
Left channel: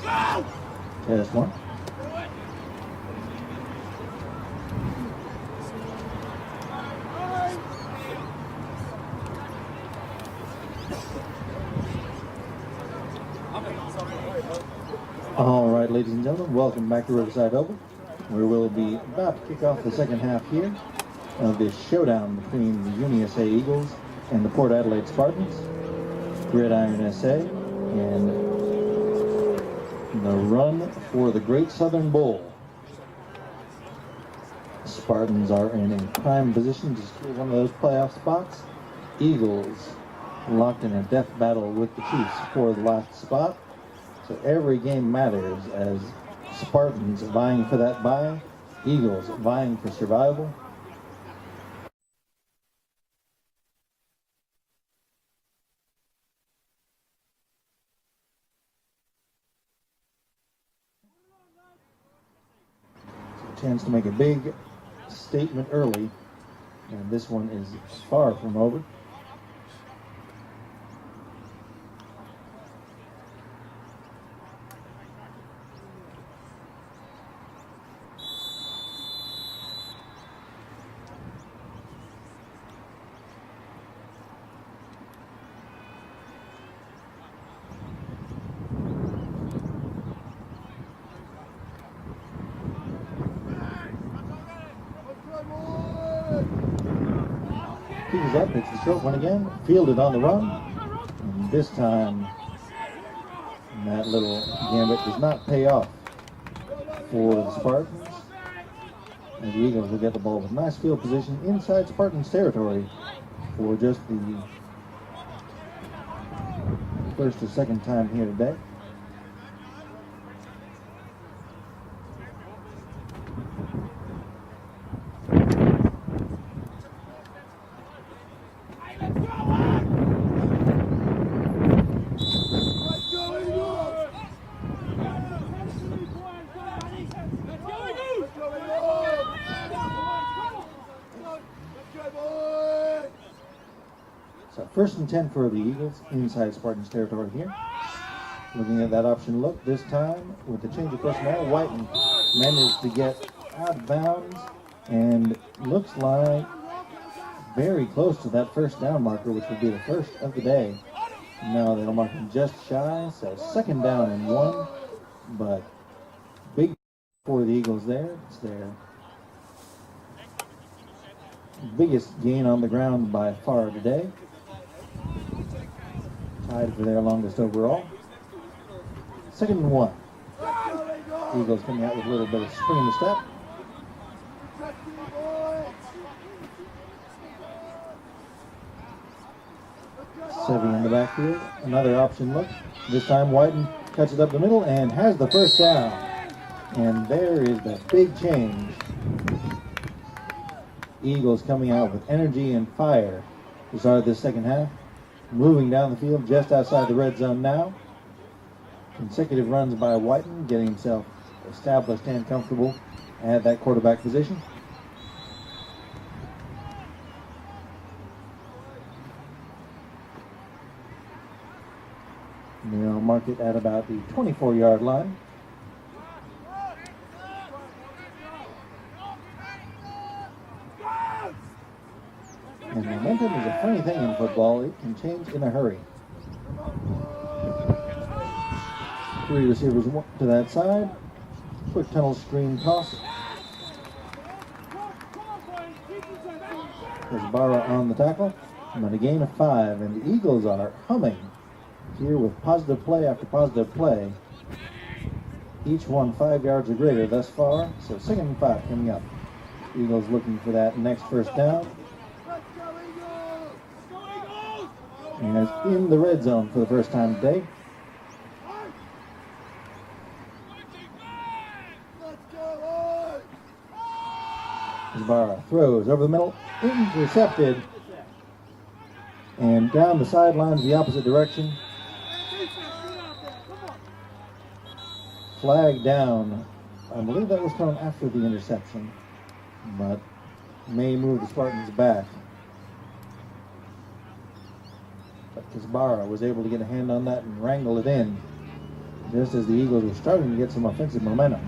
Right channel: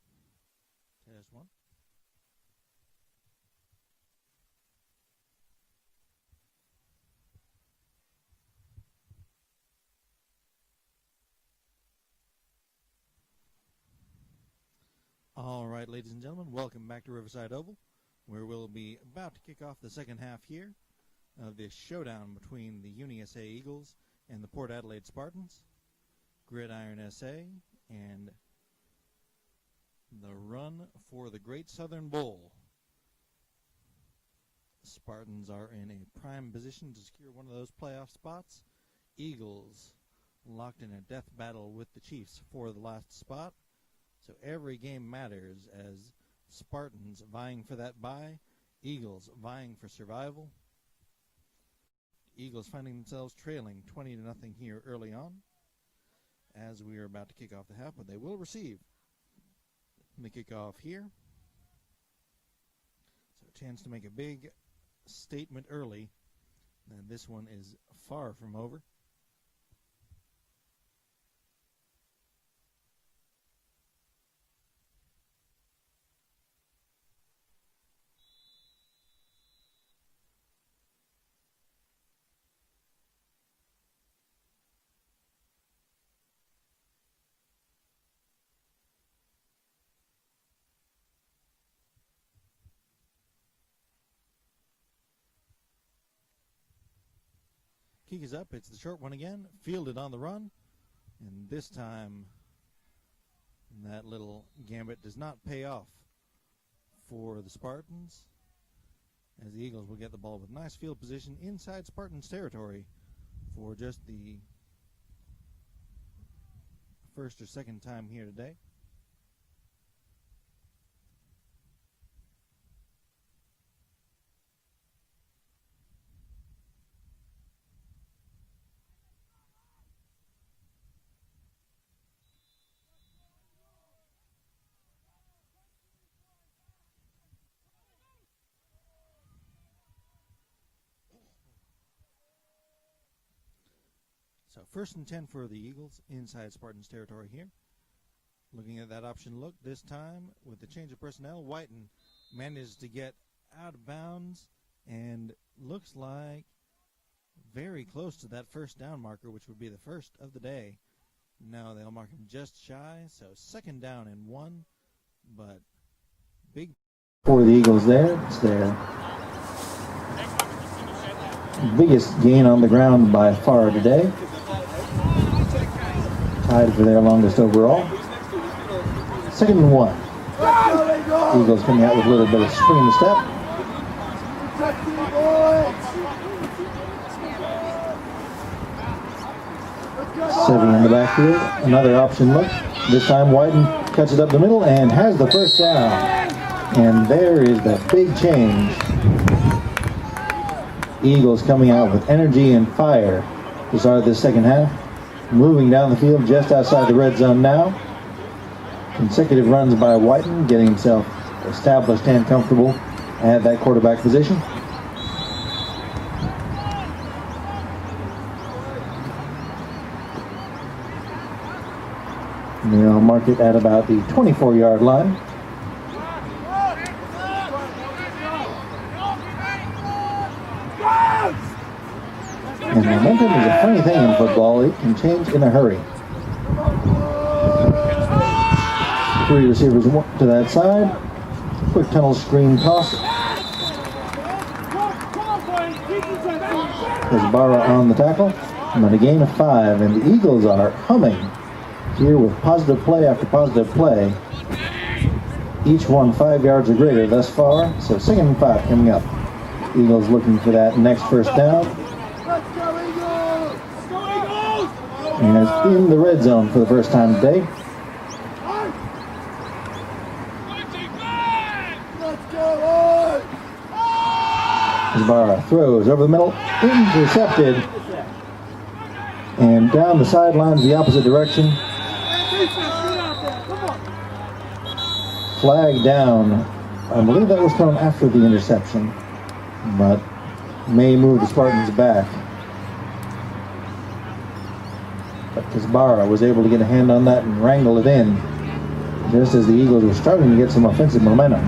Test one. All right, ladies and gentlemen, welcome back to Riverside Oval, where we'll be about to kick off the second half here of this showdown between the UniSA Eagles and the Port Adelaide Spartans, Gridiron SA, and the run for the Great Southern Bowl. Spartans are in a prime position to secure one of those playoff spots. Eagles locked in a death battle with the Chiefs for the last spot. So every game matters as Spartans vying for that bye, Eagles vying for survival. Eagles finding themselves trailing 20-0 here early on as we are about to kick off the half, but they will receive the kickoff here. So a chance to make a big statement early, and this one is far from over. Keys up, it's the short one again, fielded on the run, and this time that little gambit does not pay off for the Spartans, and the Eagles will get the ball with nice field position inside Spartans territory for just the first or second time here today. So first and 10 for the Eagles inside Spartans territory here. Looking at that option look, this time with the change of personnel, Whiten managed to get out of bounds and looks like very close to that first down marker, which would be the first of the day. No, they'll mark him just shy, so second down and 1, but big for the Eagles there. It's their biggest gain on the ground by far today. Tied for their longest overall. Second and 1. Eagles coming out with a little bit of spring in the step. Seven in the backfield. Another option look. This time Whiten cuts it up the middle and has the first down. And there is the big change. Eagles coming out with energy and fire to start this second half. Moving down the field just outside the red zone now. Consecutive runs by Whiten, getting himself established and comfortable at that quarterback position. And they'll mark it at about the 24-yard line. And momentum is a funny thing in football. It can change in a hurry. 3 receivers to that side. Quick tunnel screen toss. There's Barra on the tackle. But a gain of 5. And the Eagles are humming here with positive play after positive play. Each one 5 yards or greater thus far. So second and 5 coming up. Eagles looking for that next first down. And is in the red zone for the first time today. Barra throws over the middle, intercepted, and down the sidelines the opposite direction. Flag down. I believe that was thrown after the interception, but may move the Spartans back. But Kazbara was able to get a hand on that and wrangle it in. just as the Eagles were struggling to get some offensive momentum.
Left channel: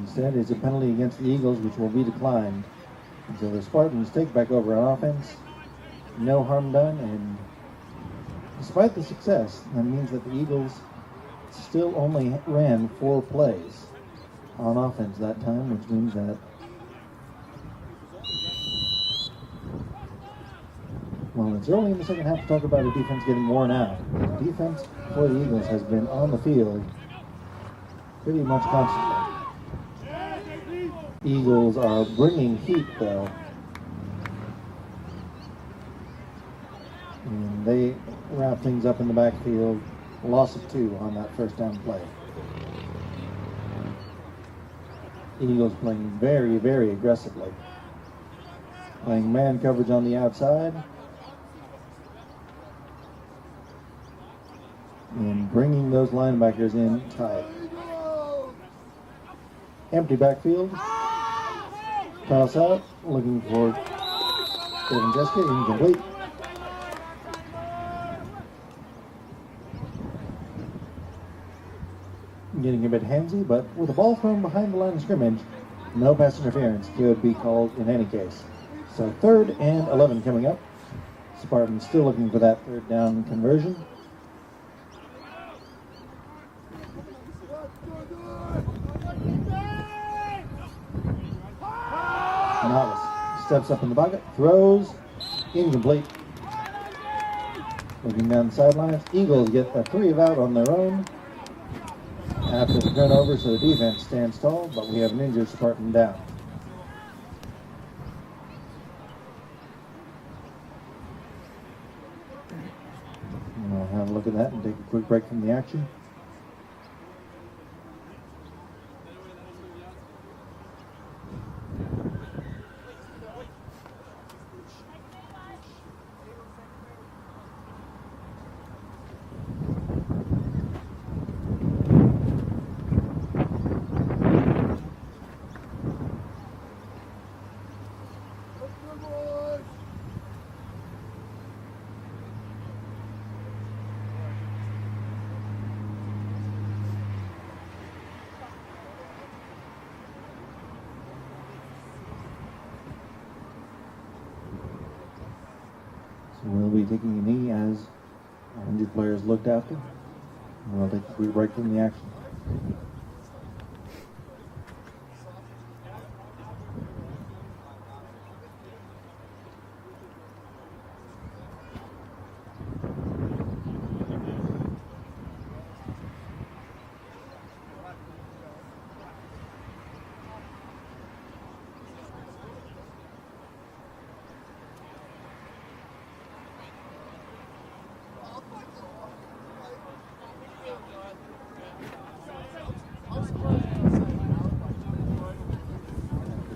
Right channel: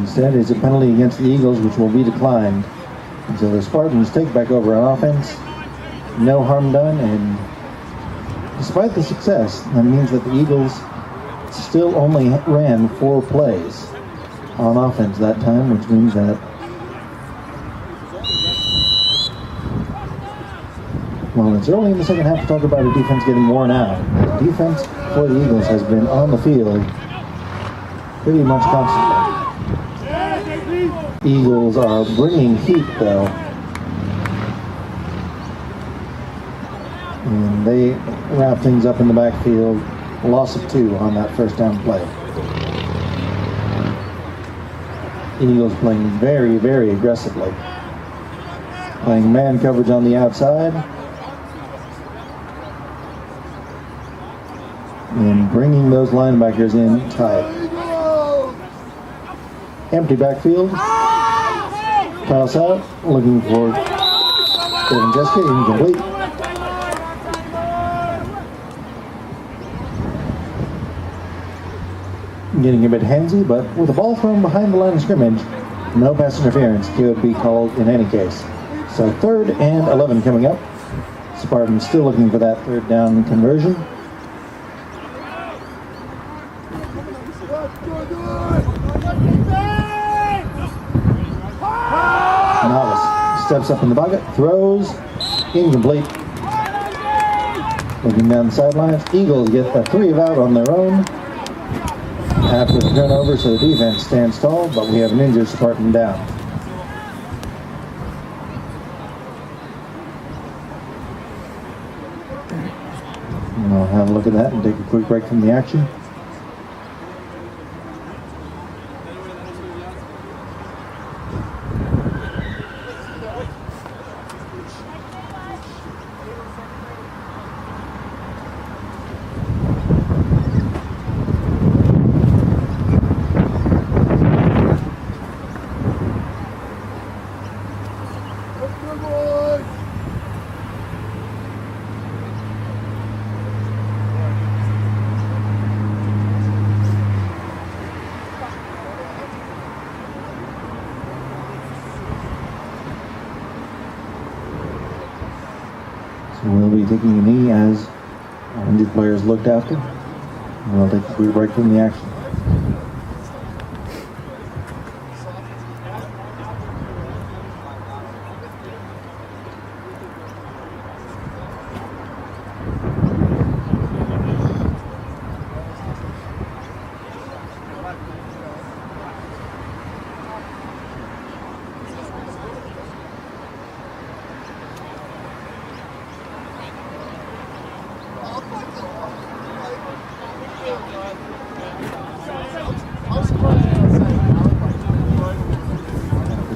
Instead, it's a penalty against the Eagles, which will be declined. And so the Spartans take back over on offense. No harm done, and despite the success, that means that the Eagles still only ran 4 plays on offense that time, which means that well, it's early in the second half to talk about a defense getting worn out. The defense for the Eagles has been on the field pretty much constantly. Eagles are bringing heat, though, and they wrap things up in the backfield. Loss of 2 on that first down play. Eagles playing very, very aggressively, playing man coverage on the outside and bringing those linebackers in tight. Empty backfield. Toss out, looking for Devin Jessica, incomplete. Getting a bit handsy, but with the ball thrown behind the line of scrimmage, no pass interference could be called in any case. So 3rd and 11 coming up. Spartans still looking for that 3rd down conversion. Novice steps up in the pocket, throws, incomplete. Looking down the sidelines, Eagles get a 3 of out on their own after the turnover, so the defense stands tall, but we have an injured Spartan down. And I'll have a look at that and take a quick break from the action. We'll be taking a knee as our injured players looked after. And we'll take a quick break from the action.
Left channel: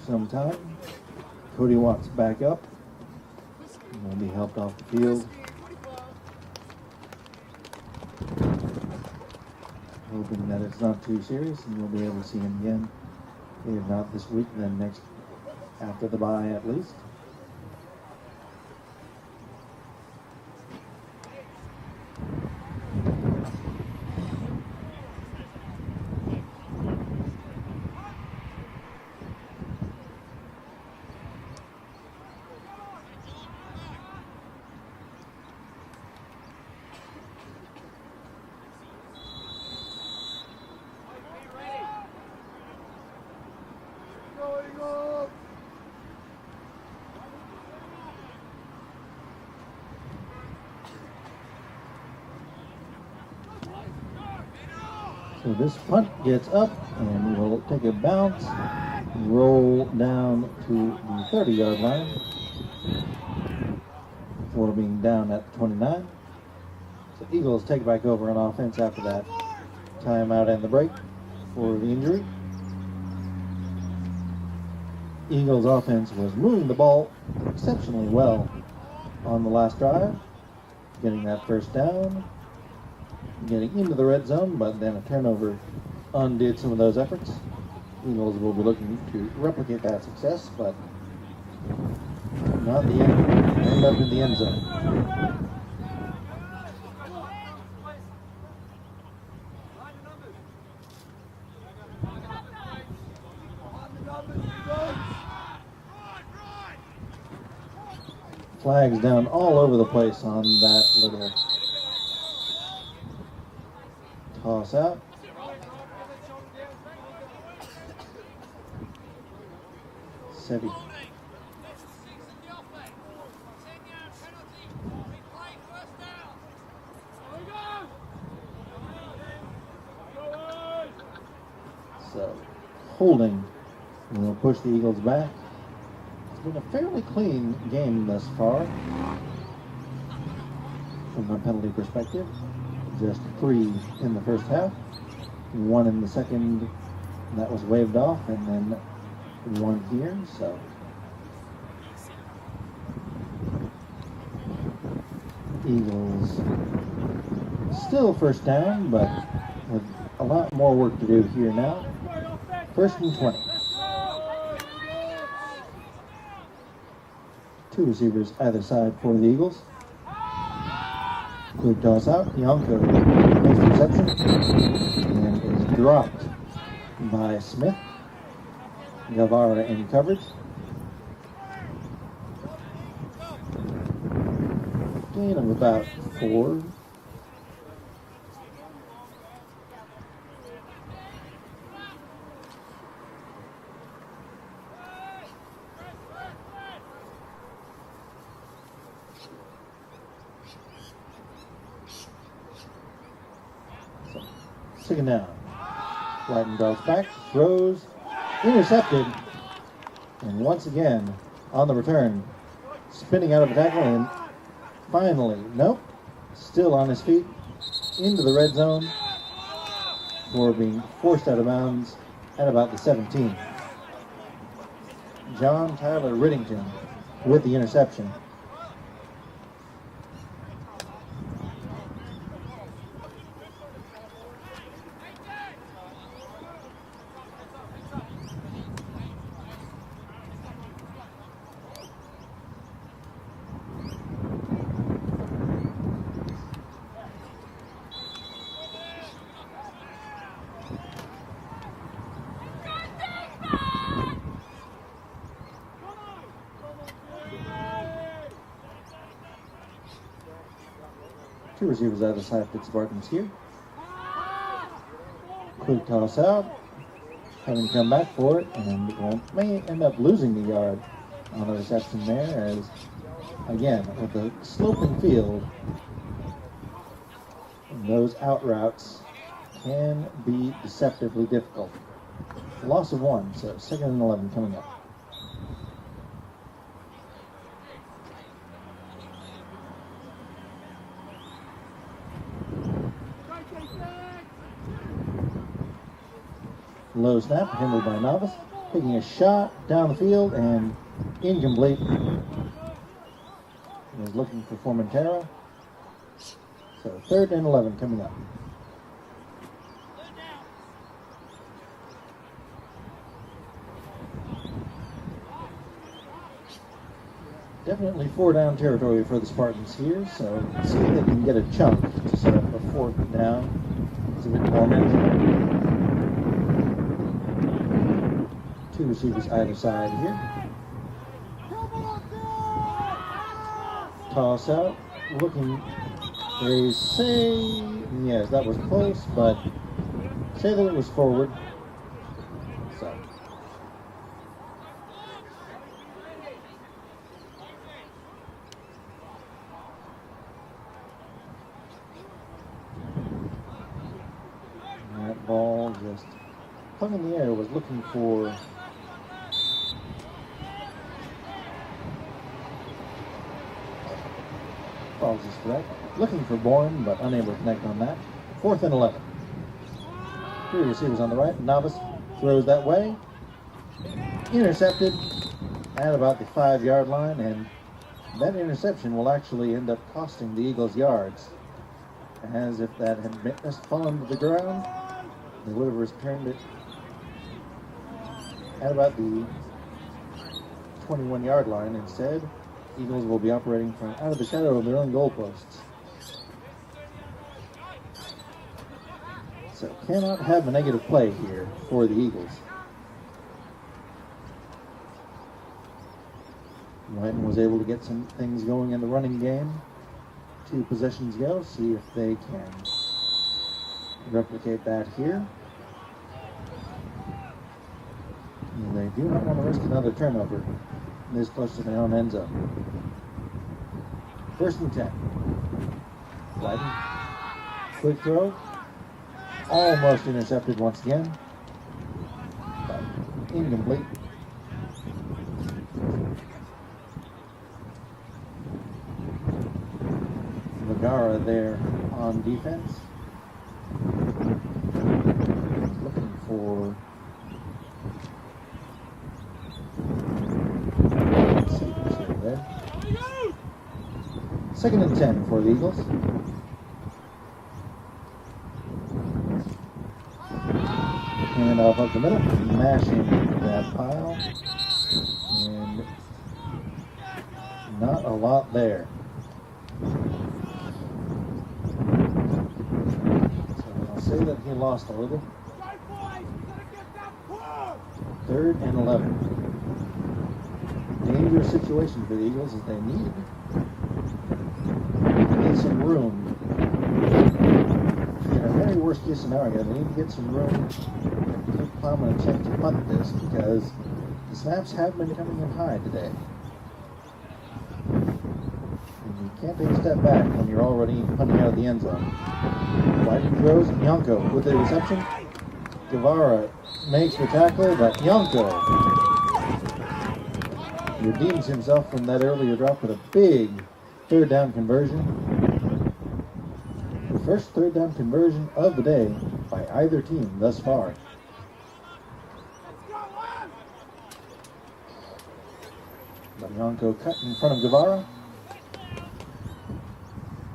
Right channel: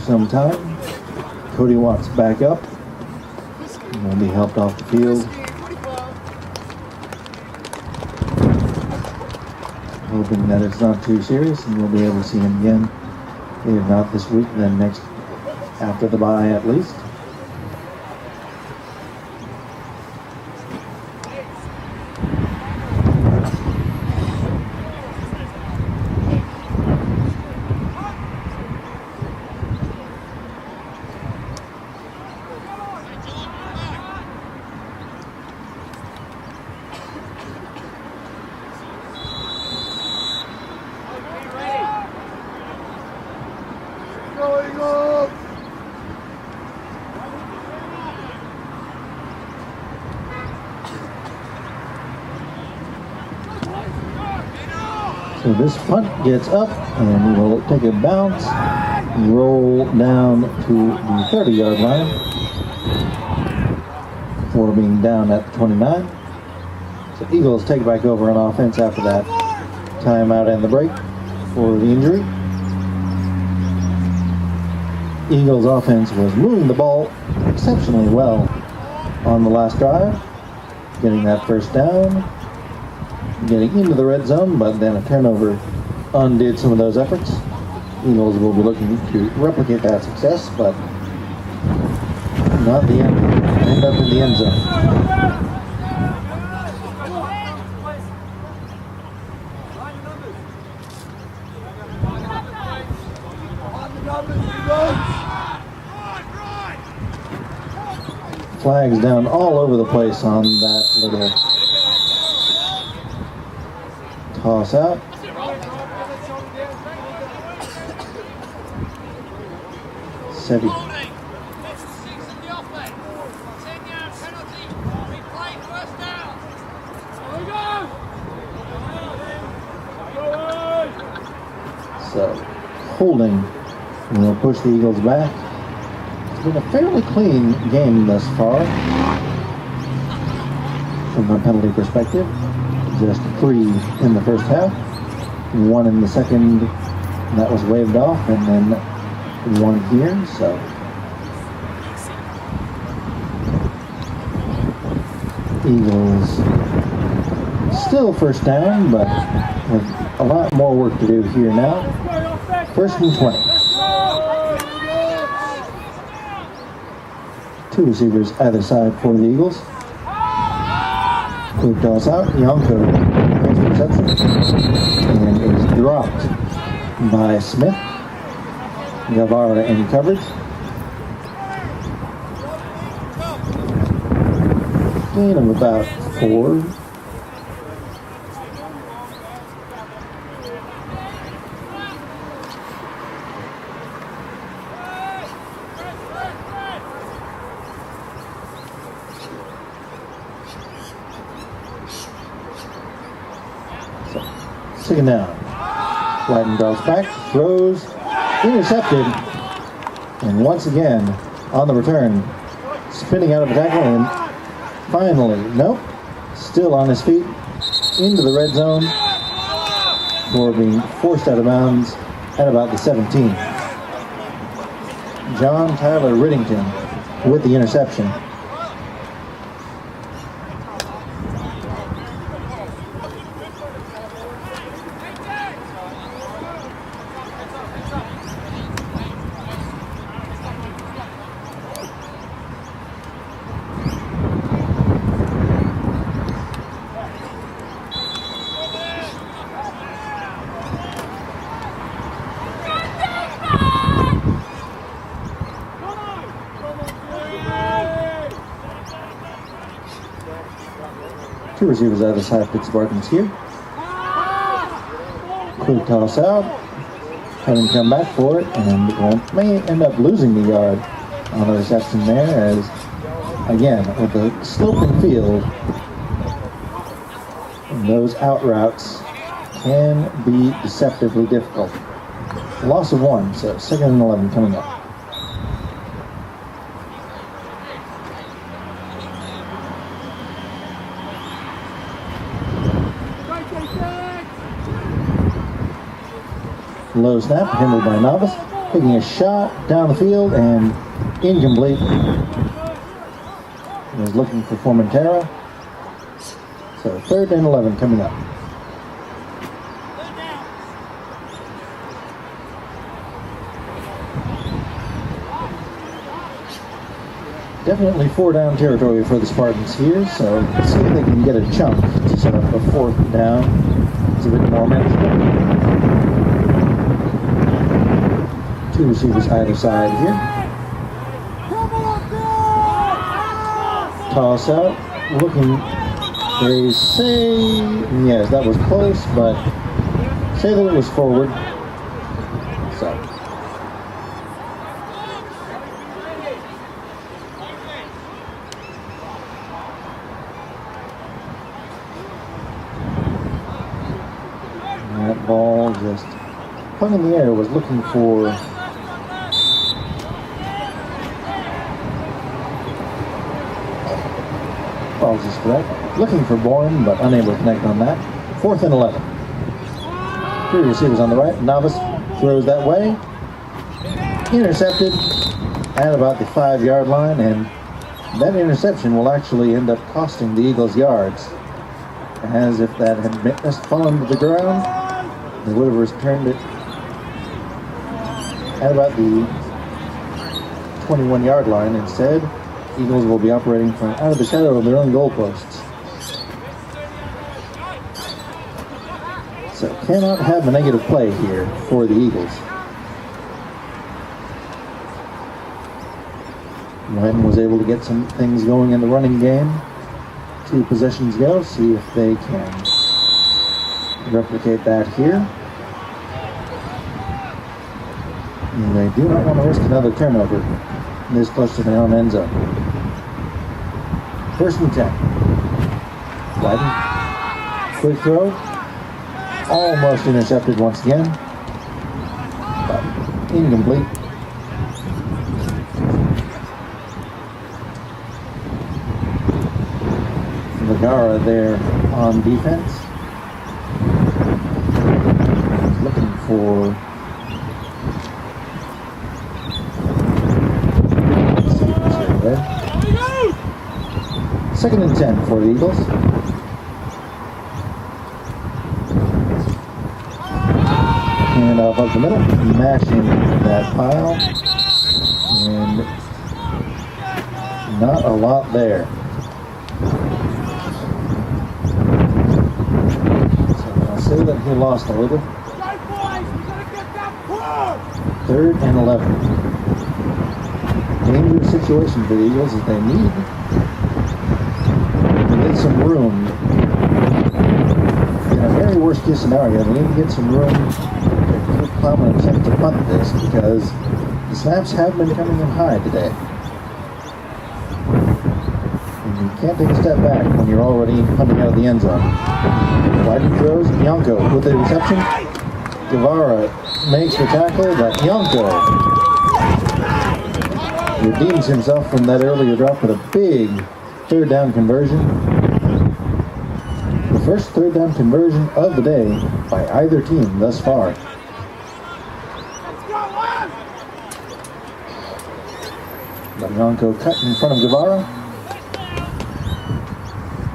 Some time. Cody Watts back up and will be helped off the field. Hoping that it's not too serious and we'll be able to see him again. If not this week, then next after the bye at least. So this punt gets up and will take a bounce, roll down to the 30-yard line before being down at the 29. So Eagles take back over on offense after that timeout and the break for the injury. Eagles offense was moving the ball exceptionally well on the last drive, getting that first down, getting into the red zone, but then a turnover undid some of those efforts. Eagles will be looking to replicate that success, but not the end. End up in the end zone. Flags down all over the place on that little toss out. Sevi. So, holding will push the Eagles back. It's been a fairly clean game thus far from a penalty perspective. Just 3 in the first half, 1 in the second, and that was waved off, and then 1 here, so Eagles still first down, but with a lot more work to do here now. 1st and 20. 2 receivers either side for the Eagles. Quick toss out. Yonko makes the reception and is dropped by Smith. Guevara in coverage. Gain of about 4. Second down. Whiten draws back, throws, intercepted, and once again on the return, spinning out of a tackle, and finally, nope, still on his feet, into the red zone for being forced out of bounds at about the 17. John Tyler Riddington with the interception. Two receivers either side for the Spartans here. Quick toss out. Having come back for it, and may end up losing the yard on the reception there, as again with the sloping field, those out routes can be deceptively difficult. Loss of 1, so 2nd and 11 coming up. Low snap, handled by Novice, taking a shot down the field and incomplete. He was looking for Formentera. So 3rd and 11 coming up. Definitely 4-down territory for the Spartans here, so let's see if they can get a chunk to set up a 4th down. It's a bit more manageable. 2 receivers either side here. Toss out, looking, they say, yes, that was close, but say that it was forward. So. And that ball just hung in the air, was looking for apologies for that. Looking for Bourne, but unable to connect on that. 4th and 11. 3 receivers on the right. Novice throws that way. Intercepted at about the 5-yard line, and that interception will actually end up costing the Eagles yards. As if that had fallen to the ground, they would have returned it at about the 21-yard line. Instead, Eagles will be operating from out of the shadow of their own goalposts. So cannot have a negative play here for the Eagles. Whiten was able to get some things going in the running game. 2 possessions ago. See if they can replicate that here. And they do not want to risk another turnover this close to their own end zone. 1st and 10. Whiten. Quick throw. Almost intercepted once again. But incomplete. Vergara there on defense. He's looking for... Let's see what's here there. 2nd and 10 for the Eagles. And off up the middle, mashing that pile. And not a lot there. Say that he lost a little. 3rd and 11. Dangerous situation for the Eagles as they need to get some room. In a very worst case scenario, they need to get some room to climb an attempt to punt this because the snaps have been coming in high today. And you can't take a step back when you're already punting out of the end zone. Whiten throws, Yonko with the reception. Guevara makes the tackle, but Yonko redeems himself from that earlier drop with a big 3rd down conversion. The first 3rd down conversion of the day by either team thus far. But Yonko cut in front of Guevara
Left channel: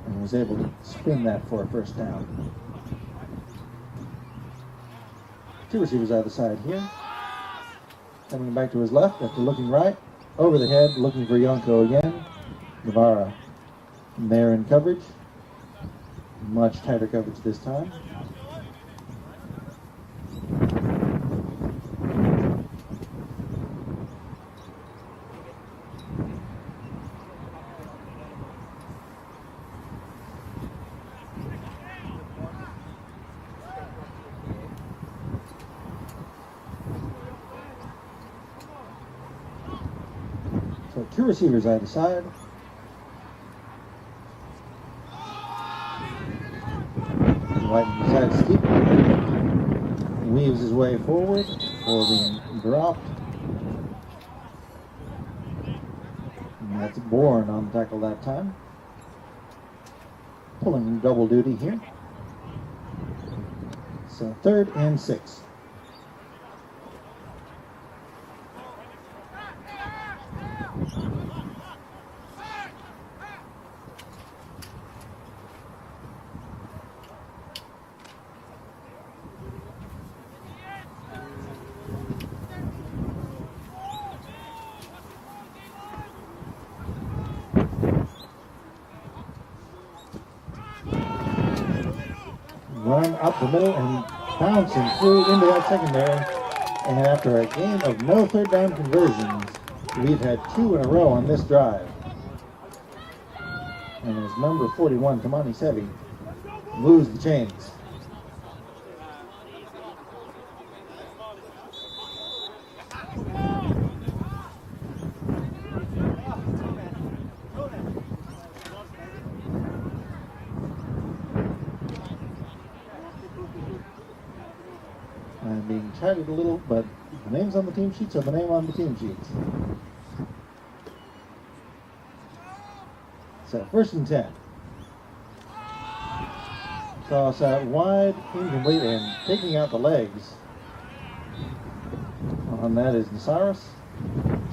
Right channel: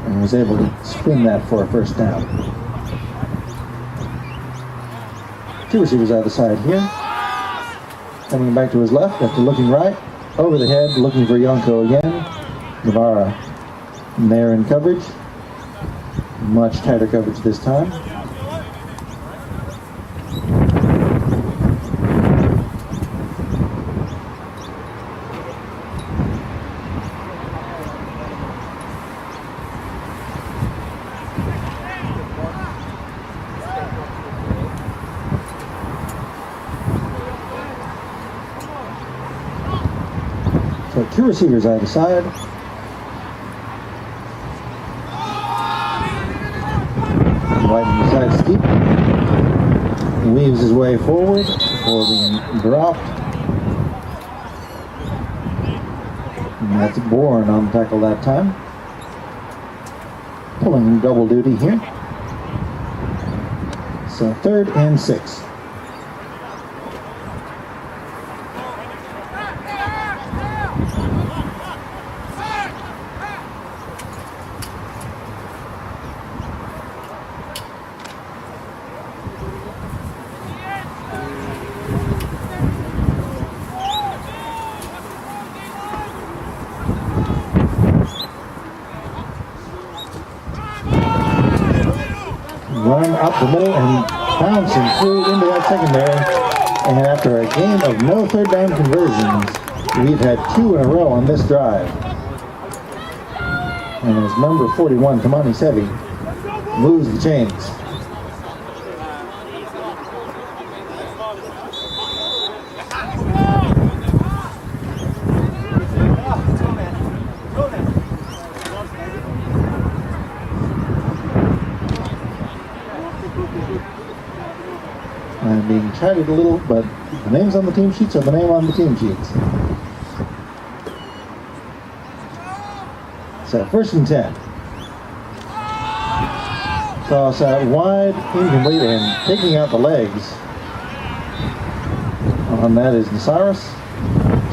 and was able to spin that for a 1st down. 2 receivers either side here. Coming back to his left after looking right. Over the head, looking for Yonko again. Guevara there in coverage. Much tighter coverage this time. So 2 receivers either side. Whiten decides to keep. He weaves his way forward before being dropped. And that's Bourne on the tackle that time. Pulling double duty here. So 3rd and 6. Run up the middle and bouncing through into that secondary. And after a game of no 3rd down conversions, we've had 2 in a row on this drive. And as number 41, Tamani Sevi, moves the chains. I'm being chatted a little, but the names on the team sheets are the name on the team sheets. So 1st and 10. Toss out wide, incomplete, and taking out the legs on that is Nasaris.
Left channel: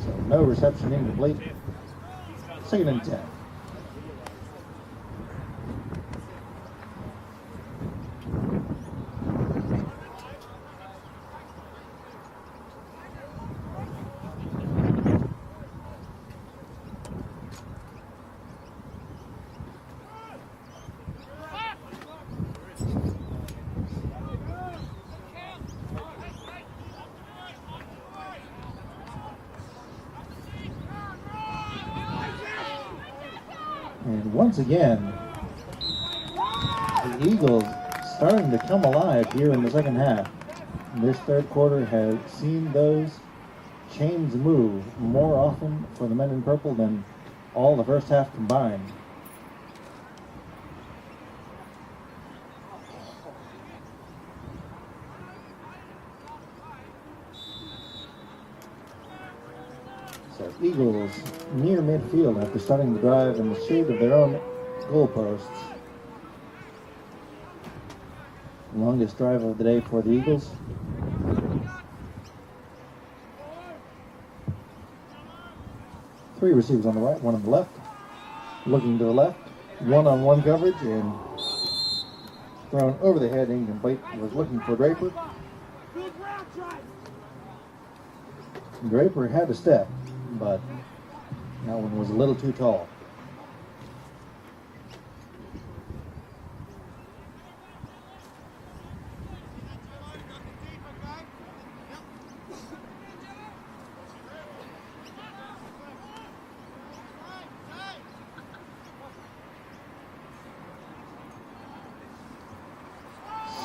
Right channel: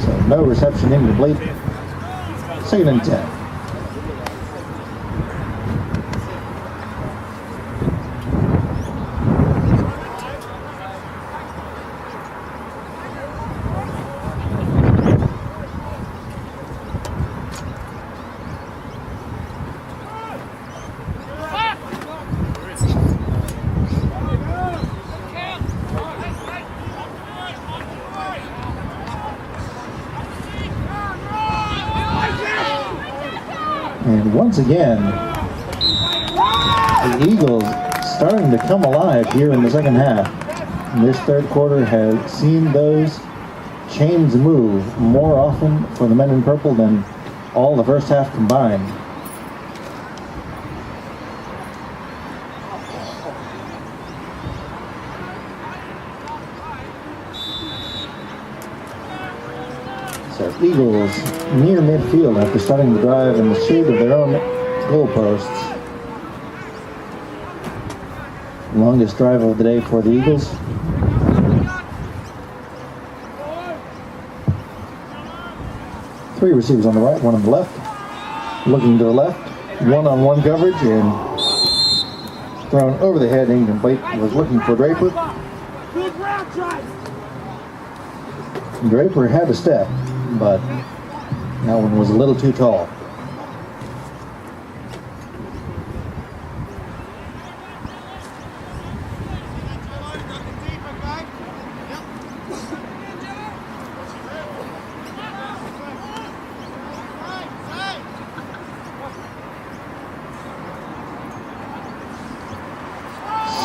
So no reception, incomplete. 2nd and 10. And once again, the Eagles starting to come alive here in the second half. And this third quarter has seen those chains move more often for the men in purple than all the first half combined. So Eagles near midfield after starting the drive in the shade of their own goalposts. Longest drive of the day for the Eagles. Three receivers on the right, one on the left. Looking to the left, one-on-one coverage and thrown over the head. Incomplete. Was looking for Draper. Draper had a step, but that one was a little too tall.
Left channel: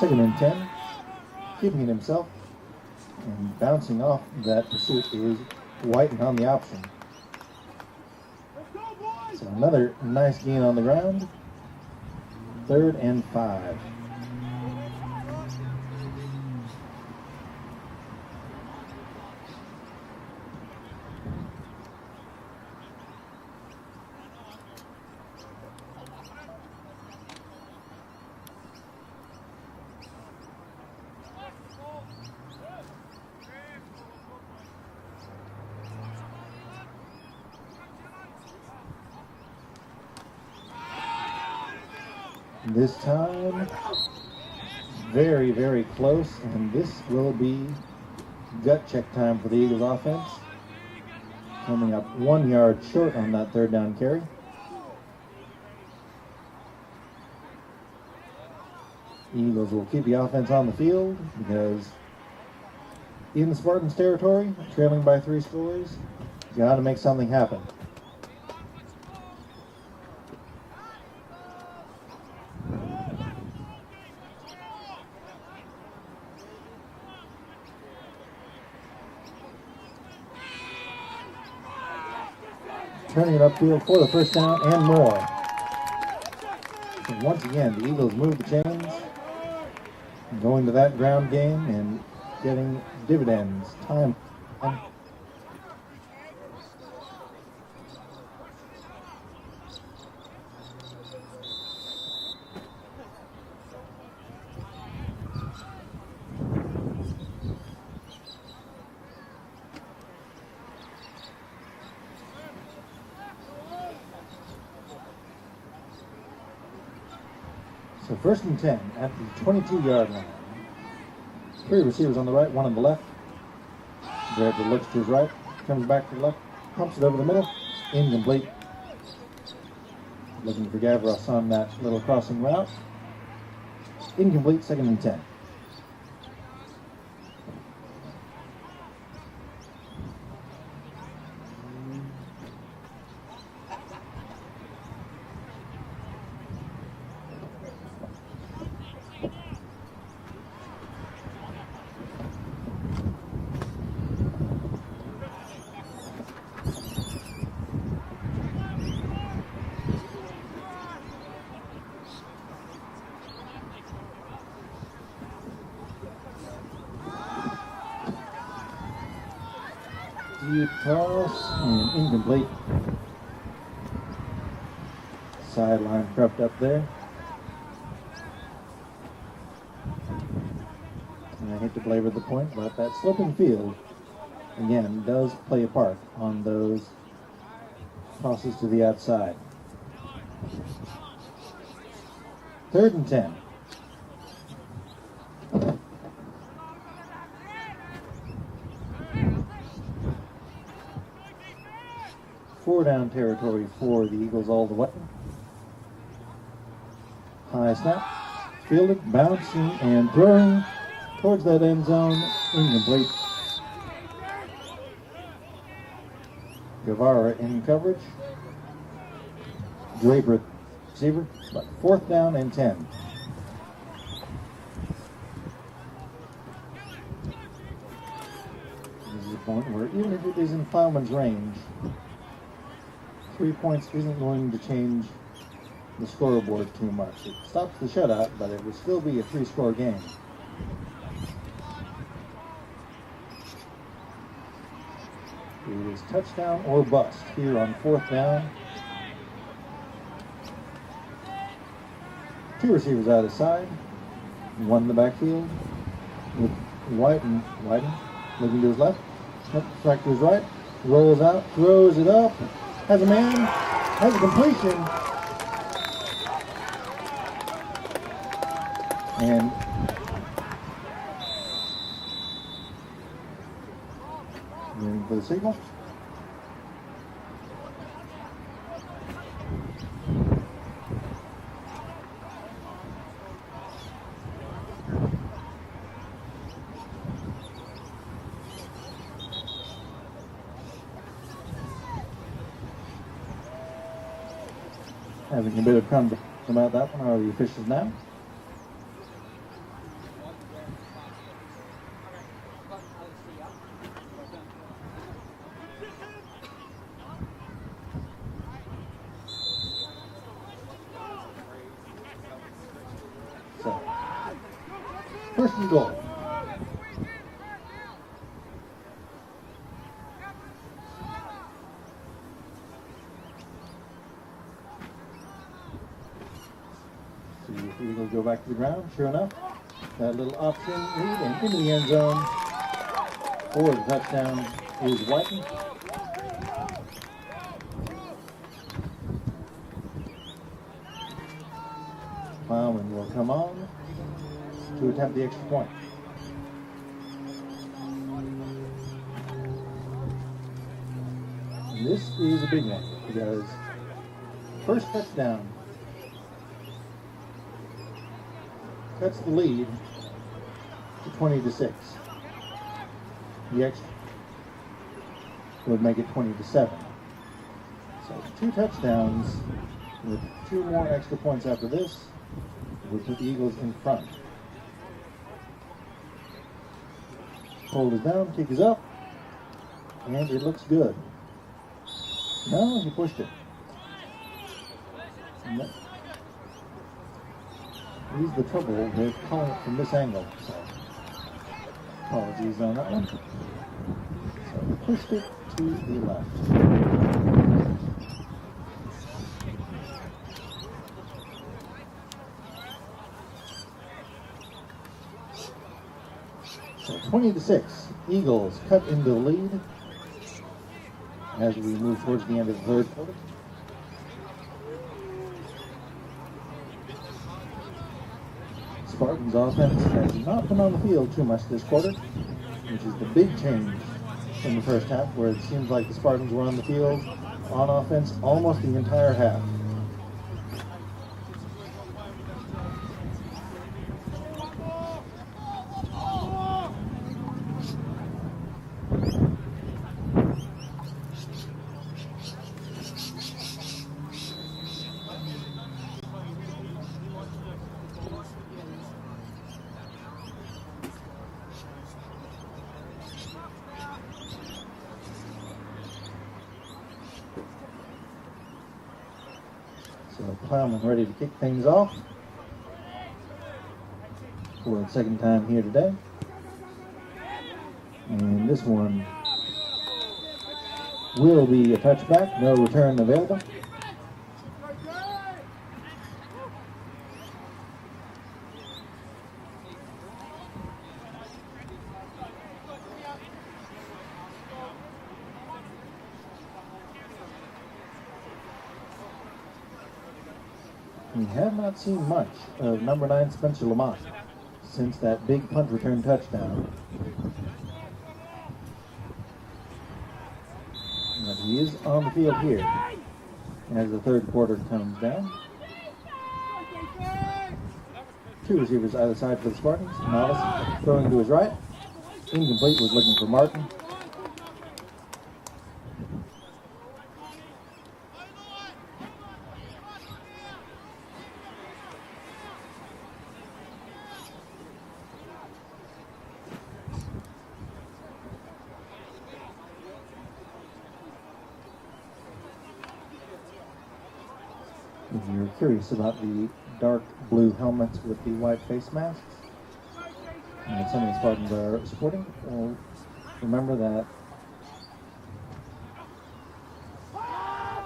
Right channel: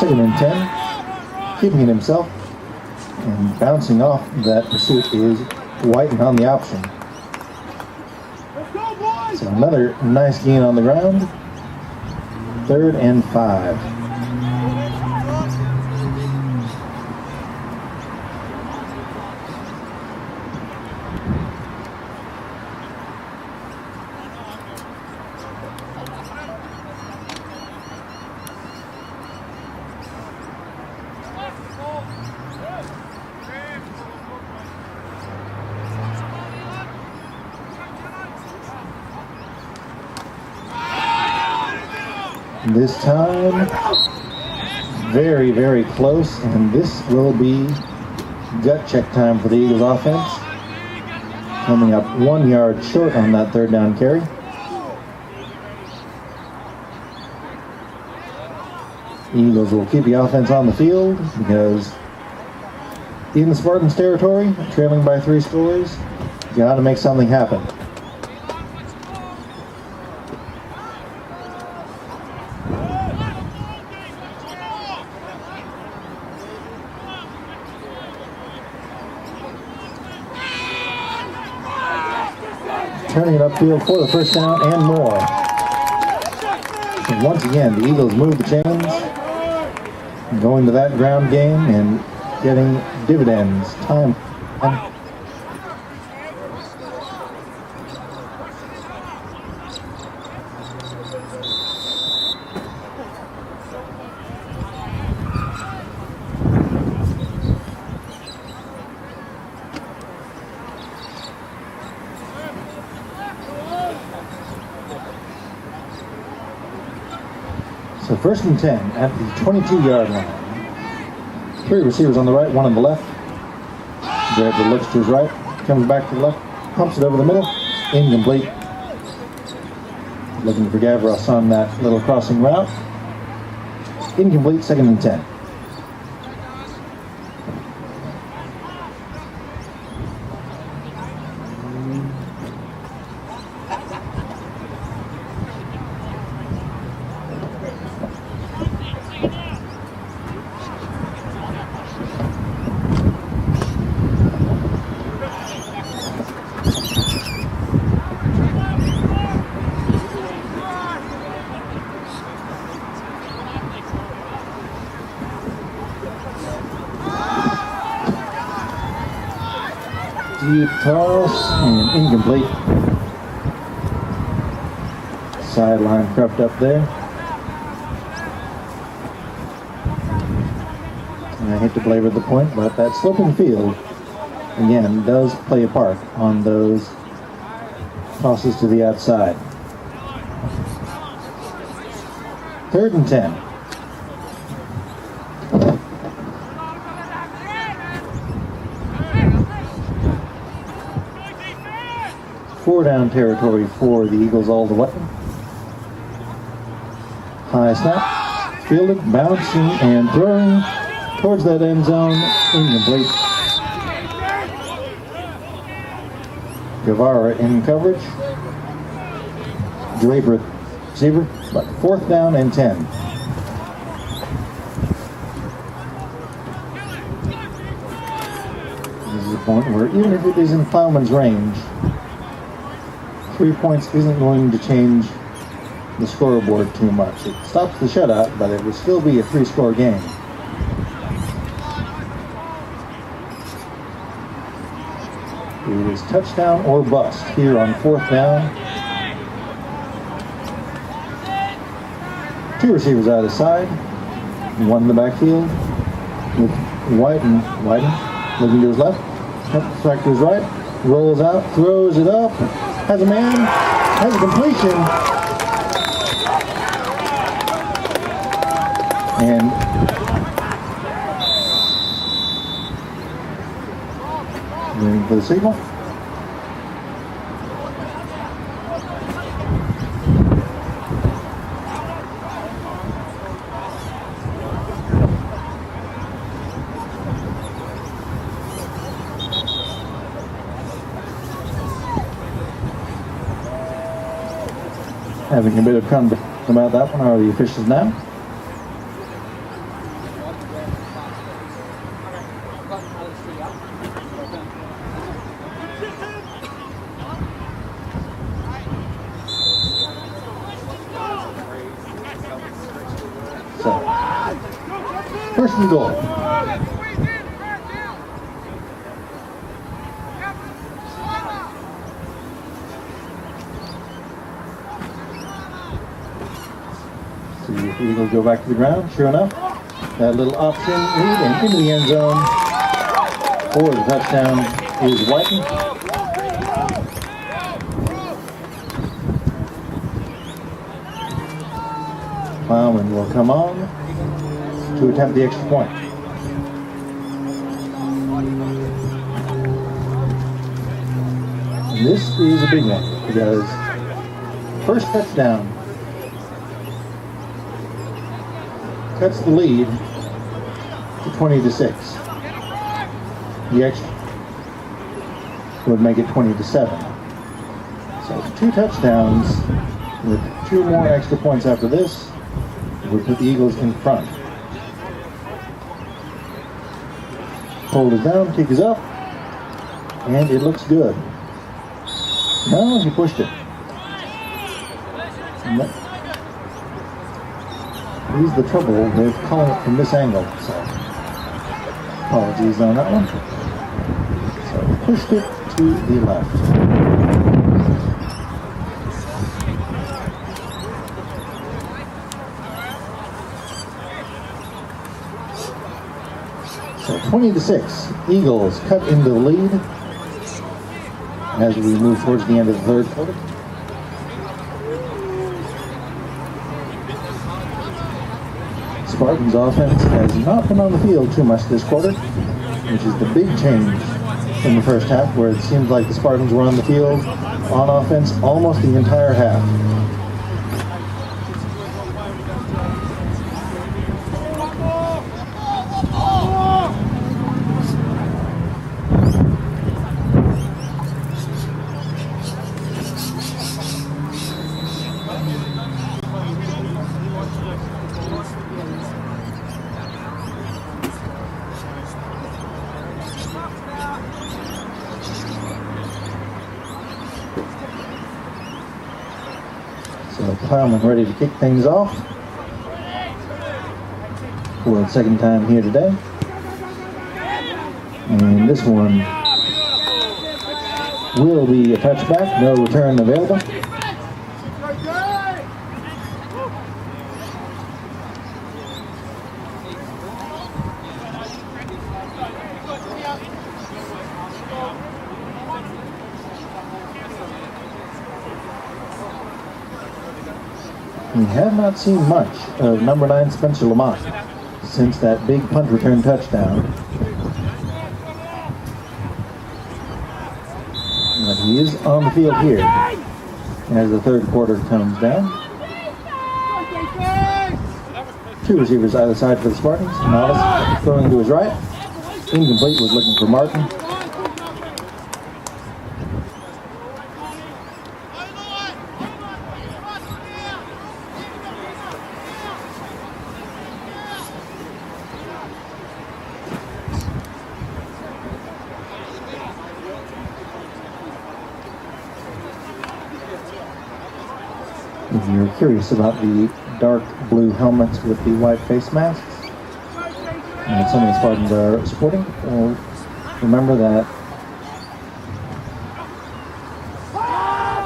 Second and 10, keeping it himself, and bouncing off that pursuit is Whiten on the option. So another nice gain on the ground. 3rd and 5. This time, very, very close, and this will be gut check time for the Eagles offense. Coming up 1 yard short on that third down carry. Eagles will keep the offense on the field because in the Spartans territory, trailing by 3 scores, you got to make something happen. Turning it upfield for the first down and more. And once again, the Eagles move the chains, going to that ground game and getting dividends. Time. So 1st and 10 at the 22-yard line. 3 receivers on the right, 1 on the left. Draper looks to his right, comes back to the left, pumps it over the middle, incomplete. Looking for Gavros on that little crossing route. Incomplete, 2nd and 10. Deep toss and incomplete. Sideline crept up there. And I hate to belabor the point, but that sloping field, again, does play a part on those tosses to the outside. 3rd and 10. Four down territory for the Eagles all the way. High snap, fielded, bouncing, and throwing towards that end zone, incomplete. Guevara in coverage. Draper receiver, but 4th down and 10. This is a point where even if it is in Plowman's range, 3 points isn't going to change the scoreboard too much. It stops the shutout, but it would still be a 3-score game. It is touchdown or bust here on 4th down. 2 receivers out of the side, 1 in the backfield with Whiten looking to his left, back to his right, rolls out, throws it up, has a man, has a completion, and waiting for the signal. Having a bit of fun about that one are the officials now. So, 1st and goal. See if the Eagles go back to the ground. Sure enough, that little option read and into the end zone for the touchdown is Whiten. Plowman will come on to attempt the extra point. And this is a big one because first touchdown cuts the lead to 20-6. The extra would make it 20-7. So 2 touchdowns with 2 more extra points after this would put the Eagles in front. Hold is down, kick is up, and it looks good. No, he pushed it. He's the trouble with calling it from this angle, so apologies on that one. So he pushed it to the left. So 20-6, Eagles cut into the lead as we move towards the end of the 3rd quarter. Spartans offense has not been on the field too much this quarter, which is the big change from the first half, where it seems like the Spartans were on the field on offense almost the entire half. So Plowman ready to kick things off for the 2nd time here today. And this one will be a touchback, no return available. We have not seen much of number 9 Spencer Lamont since that big punt return touchdown. But he is on the field here as the 3rd quarter comes down. 2 receivers either side for the Spartans. Novice throwing to his right. Incomplete, was looking for Martin. If you're curious about the dark blue helmets with the white face masks that some of the Spartans are sporting, well, remember that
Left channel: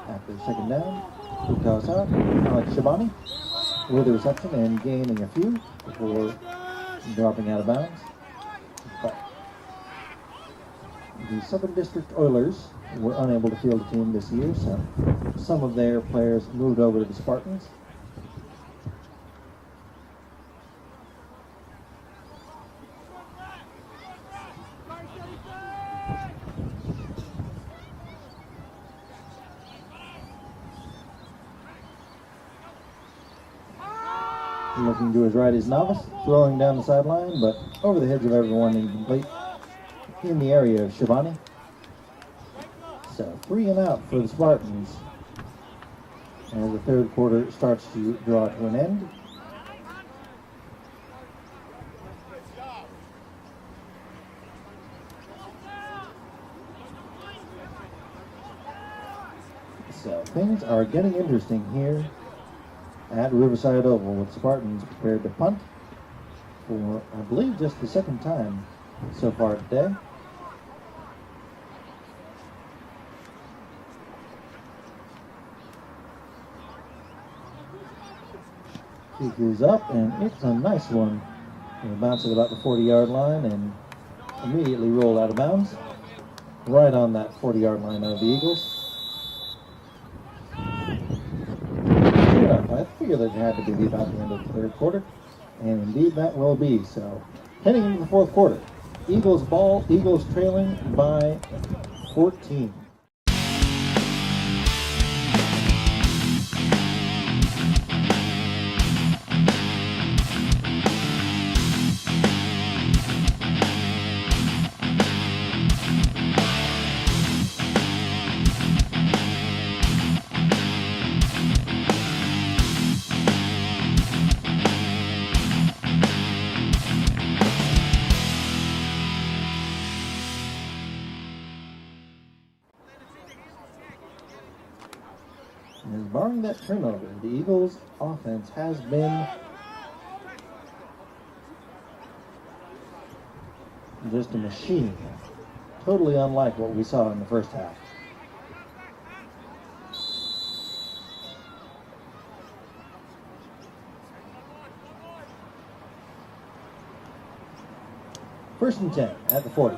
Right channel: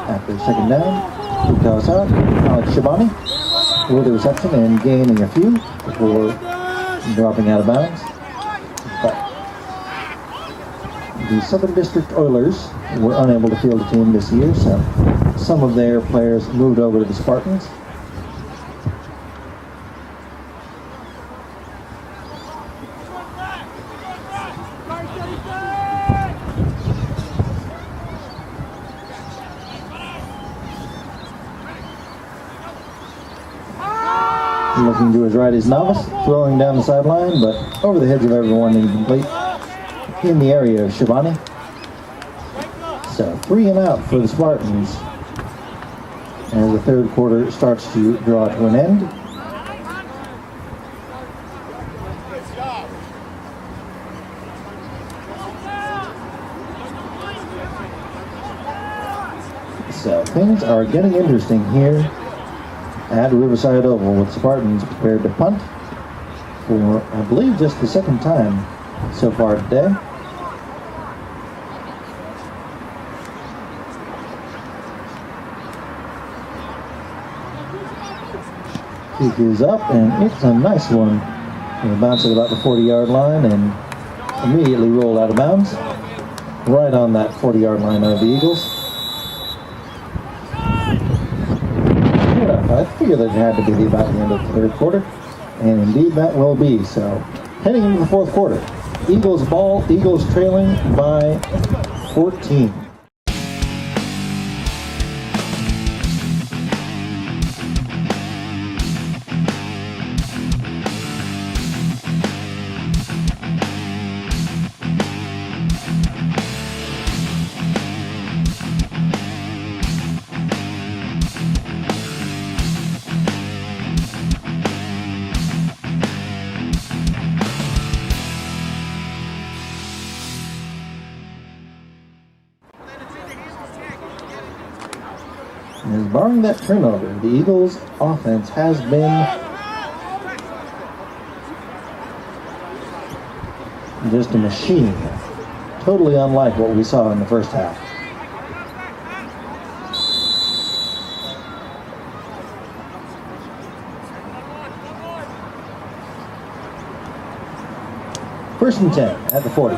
after second down, he toss out Alex Shabani with the reception and gaining a few before dropping out of bounds. But the Southern District Oilers were unable to field a team this year, so some of their players moved over to the Spartans. Looking to his right is Novice, throwing down the sideline, but over the heads of everyone, incomplete in the area of Shabani. So 3 and out for the Spartans as the third quarter starts to draw to an end. So things are getting interesting here at Riverside Oval, with Spartans prepared to punt for, I believe, just the second time so far today. Kick is up, and it's a nice one. It'll bounce at about the 40-yard line and immediately roll out of bounds, right on that 40-yard line of the Eagles. I figured that it had to be about the end of the third quarter, and indeed that will be. So, heading into the fourth quarter, Eagles ball, Eagles trailing by 14. As barring that turnover, the Eagles' offense has been just a machine, totally unlike what we saw in the first half. First and 10 at the 40.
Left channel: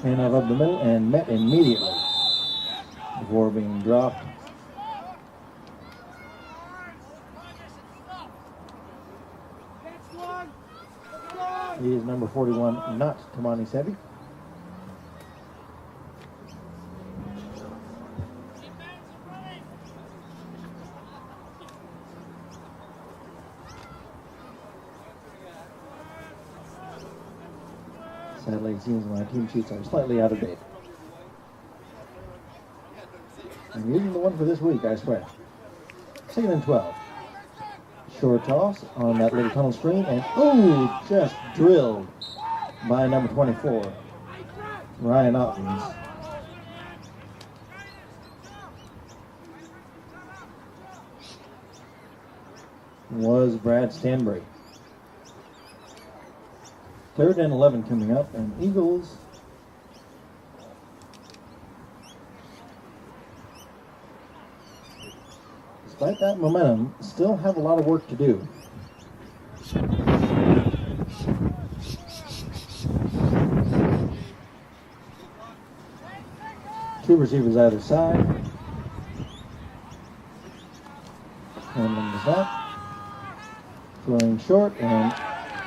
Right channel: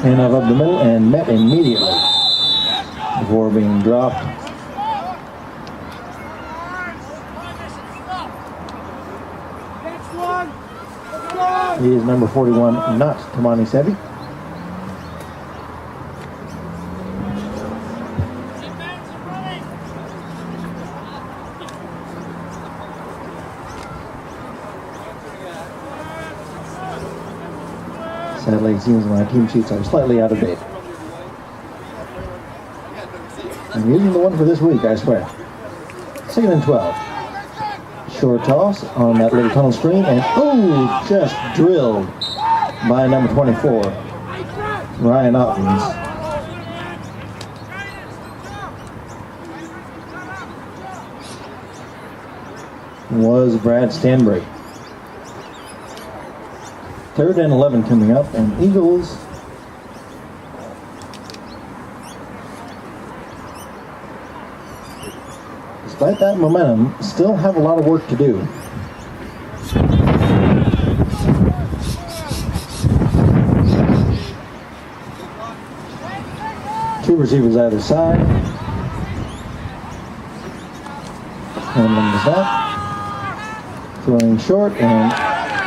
Handoff up the middle and met immediately before being dropped. He is number 41, not Tamani Sevi. Sadly, it seems my team sheets are slightly out of date. I'm using the one for this week, I swear. 2nd and 12. Short toss on that little tunnel screen, and oh, just drilled by number 24, Ryan Ottens. Was Brad Stanbury. 3rd and 11 coming up, and Eagles despite that momentum, still have a lot of work to do. Two receivers either side. Handling the snap. Throwing short and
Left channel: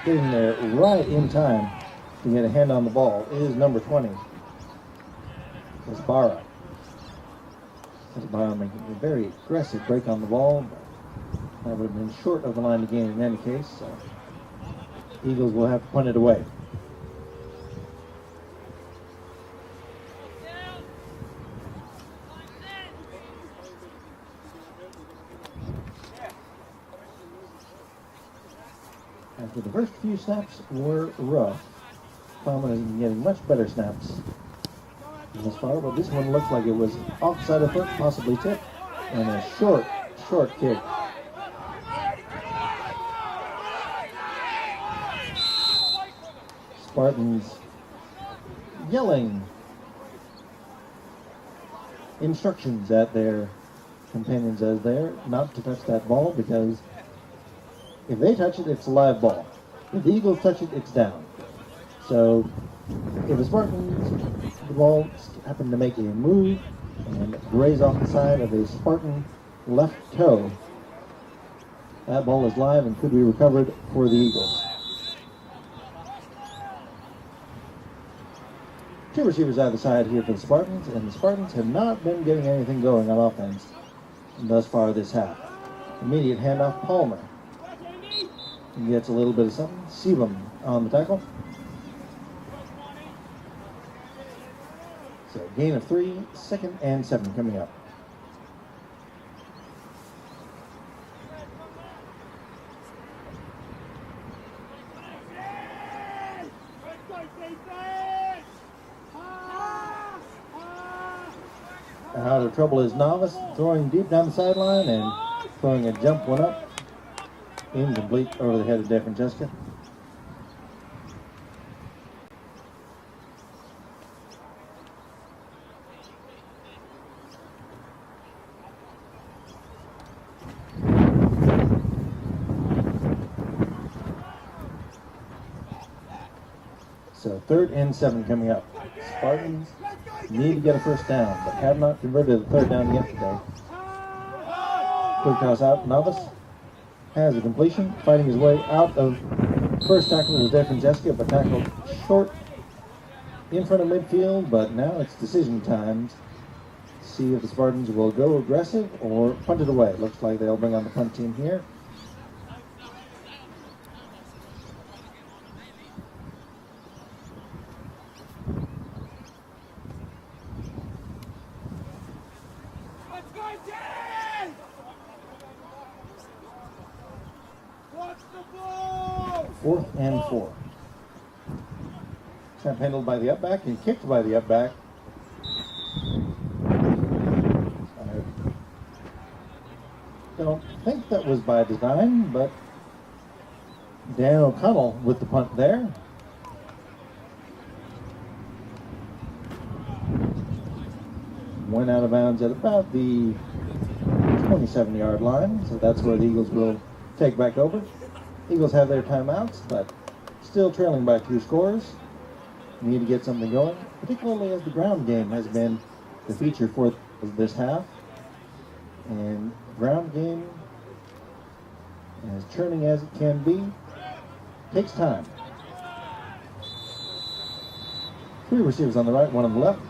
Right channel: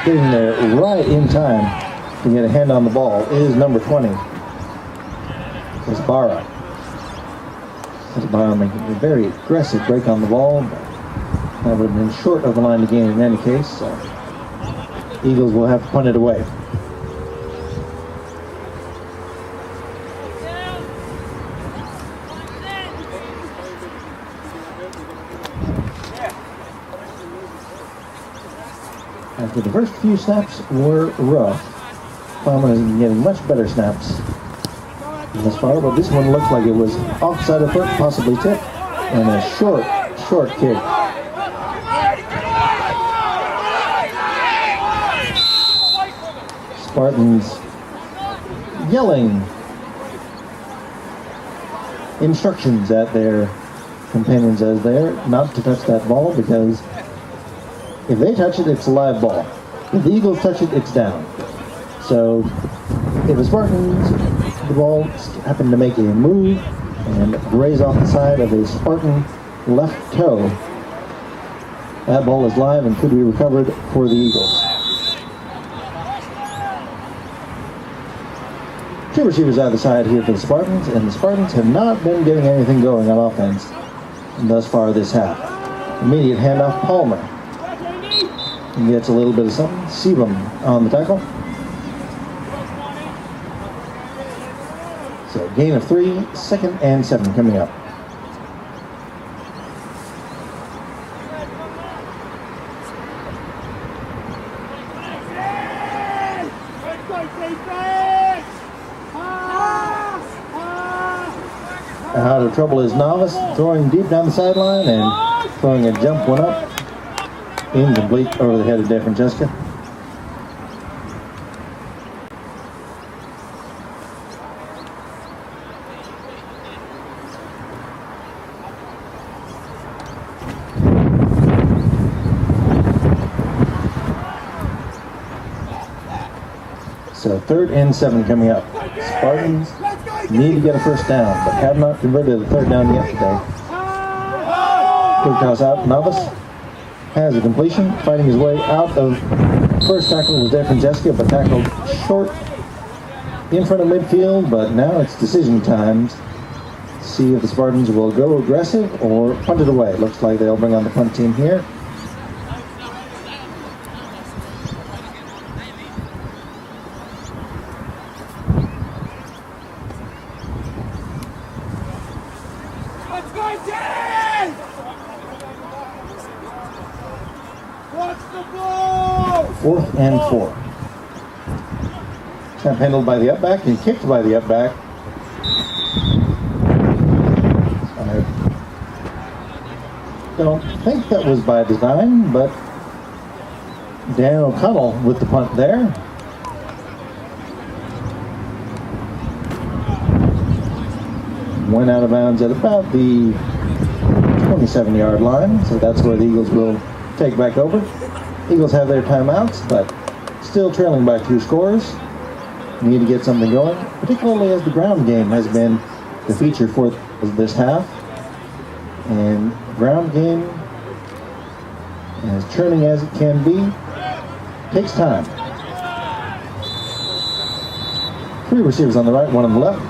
getting there right in time to get a hand on the ball is number 20. Barra. Barra making a very aggressive break on the ball, but that would have been short of the line to gain in any case, so Eagles will have to punt it away. After the first few snaps were rough, Palmer has been getting much better snaps this far, but this one looks like it was offside of foot, possibly tipped, and a short kick. Spartans yelling instructions at their companions as they're not to touch that ball, because if they touch it, it's a live ball. If the Eagles touch it, it's down. So if the Spartans, the ball happened to make a move and graze off the side of a Spartan left toe, that ball is live and could be recovered for the Eagles. Two receivers either side here for the Spartans, and the Spartans have not been getting anything going on offense thus far this half. Immediate handoff, Palmer. He gets a little bit of something. Sebum on the tackle. So gain of 3, 2nd and 7 coming up. Out of trouble is Novice, throwing deep down the sideline and throwing a jump one up. Incomplete over the head of DeFrancesca. So 3rd and 7 coming up. Spartans need to get a first down, but have not converted the 3rd down yet today. Quick toss out. Novice has a completion, fighting his way out of first tackle was DeFrancesca, but tackled short in front of midfield. But now it's decision time. See if the Spartans will go aggressive or punt it away. Looks like they'll bring on the punt team here. Fourth and 4. Snap handled by the upback and kicked by the upback. I don't think that was by design, but Dan O'Connell with the punt there. Went out of bounds at about the 27-yard line, so that's where the Eagles will take back over. Eagles have their timeouts, but still trailing by 2 scores. Need to get something going, particularly as the ground game has been the feature for this half. And ground game, as churning as it can be, takes time. 3 receivers on the right, 1 on the left.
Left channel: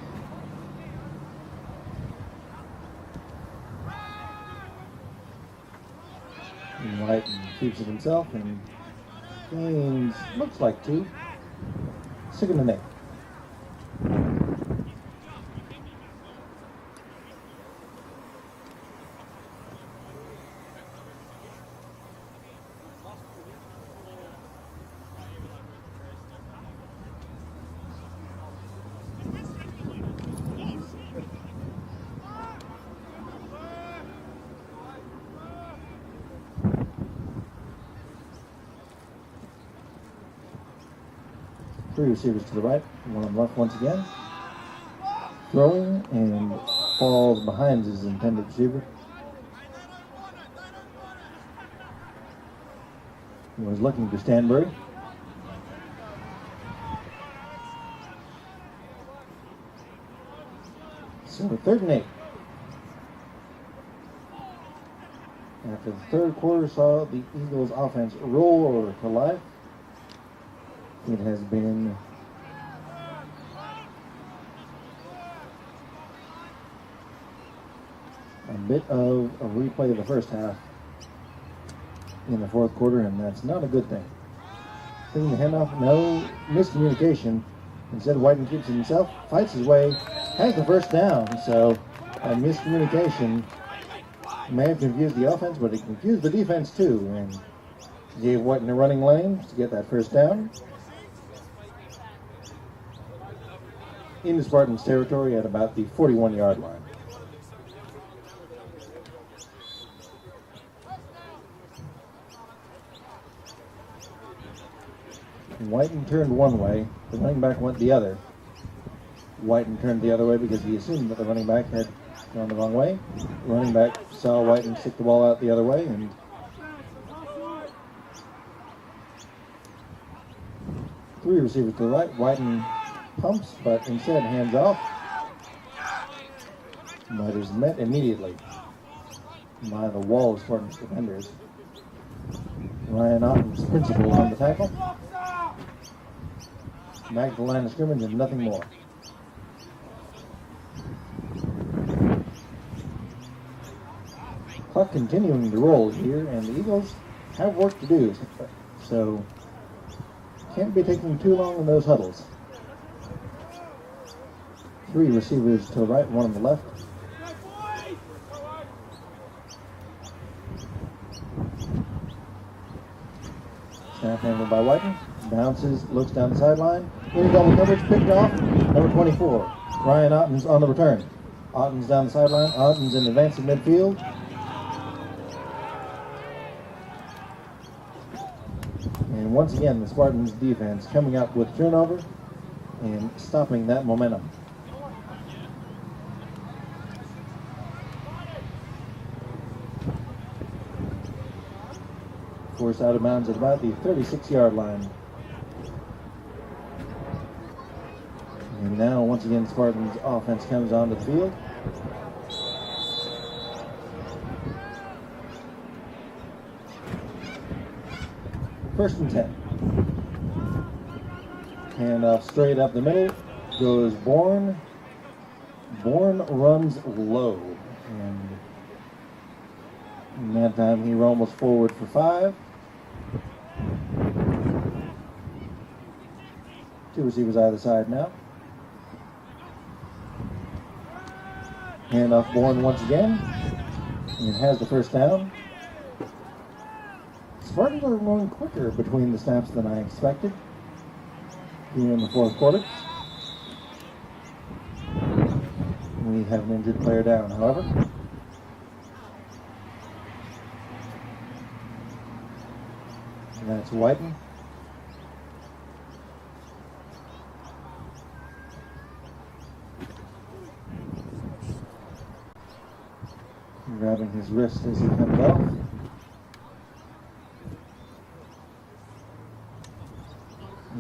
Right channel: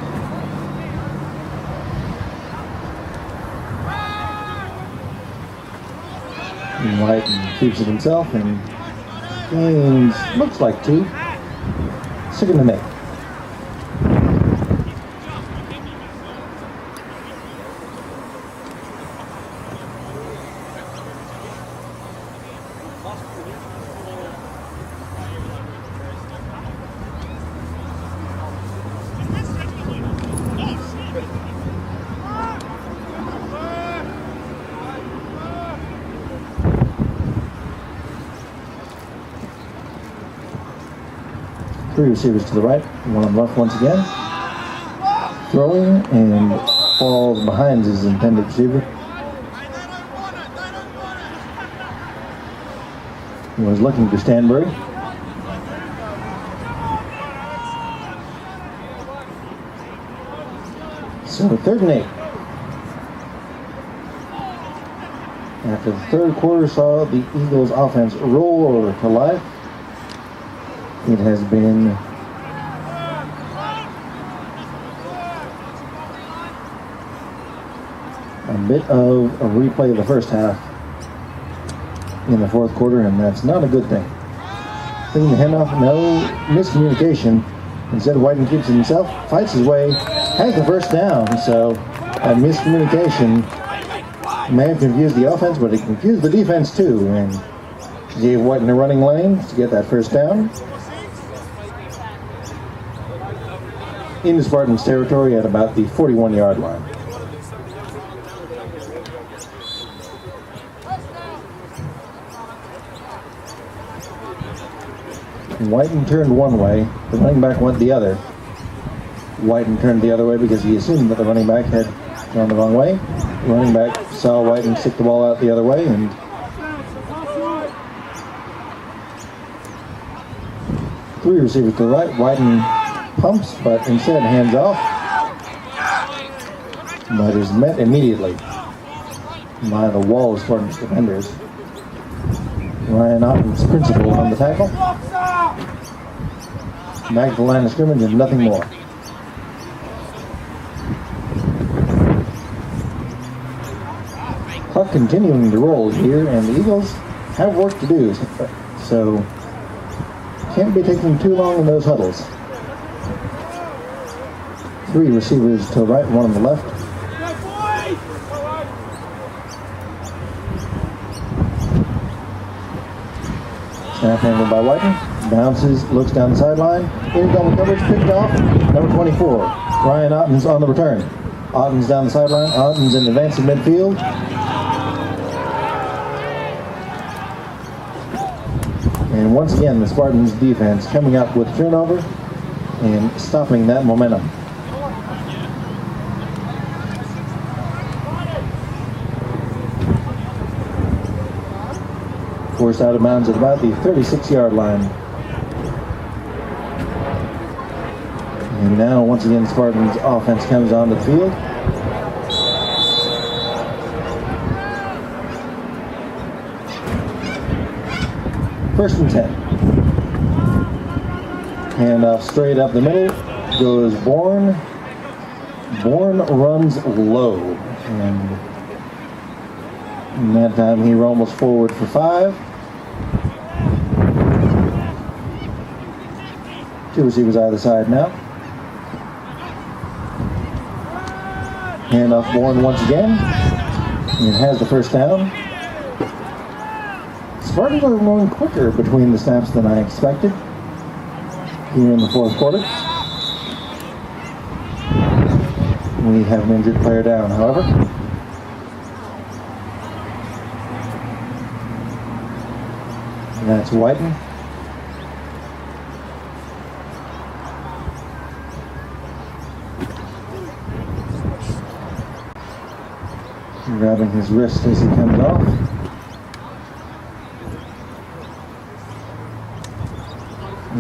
White keeps it himself and gains, looks like 2. 2nd and 8. Three receivers to the right, 1 on the left once again. Throwing and falls behind his intended receiver. He was looking for Stanbury. So 3rd and 8. After the 3rd quarter saw the Eagles offense roll over to life, it has been a bit of a replay of the first half in the 4th quarter, and that's not a good thing. Thinking the handoff, no miscommunication. Instead, Whiten keeps it himself, fights his way, has the first down. So a miscommunication may have confused the offense, but it confused the defense too, and gave Whiten a running lane to get that first down. into Spartans territory at about the 41-yard line. Whiten turned one way, the running back went the other. Whiten turned the other way because he assumed that the running back had gone the wrong way. The running back saw Whiten stick the ball out the other way, and three receivers to the right. Whiten pumps, but instead hands off. But is met immediately by the wall of Spartans defenders. Ryan Otten's principal on the tackle. Back to the line of scrimmage and nothing more. Clock continuing to roll here, and the Eagles have work to do, so can't be taking too long in those huddles. Three receivers to the right, one on the left. Snap handled by Whiten. Bounces, looks down the sideline. In double coverage, picked off. Number 24, Ryan Otten's on the return. Otten's down the sideline. Otten's in advance of midfield. And once again, the Spartans defense coming up with turnover and stopping that momentum. Forced out of bounds at about the 36-yard line. And now, once again, Spartans offense comes onto the field. First and 10. Handoff straight up the middle. Goes Bourne. Bourne runs low. And that time he rumbles forward for 5. Two receivers either side now. Handoff Bourne once again. And has the first down. Spartans are going quicker between the snaps than I expected here in the fourth quarter. We have an injured player down, however. And that's Whiten. Grabbing his wrist as he comes off.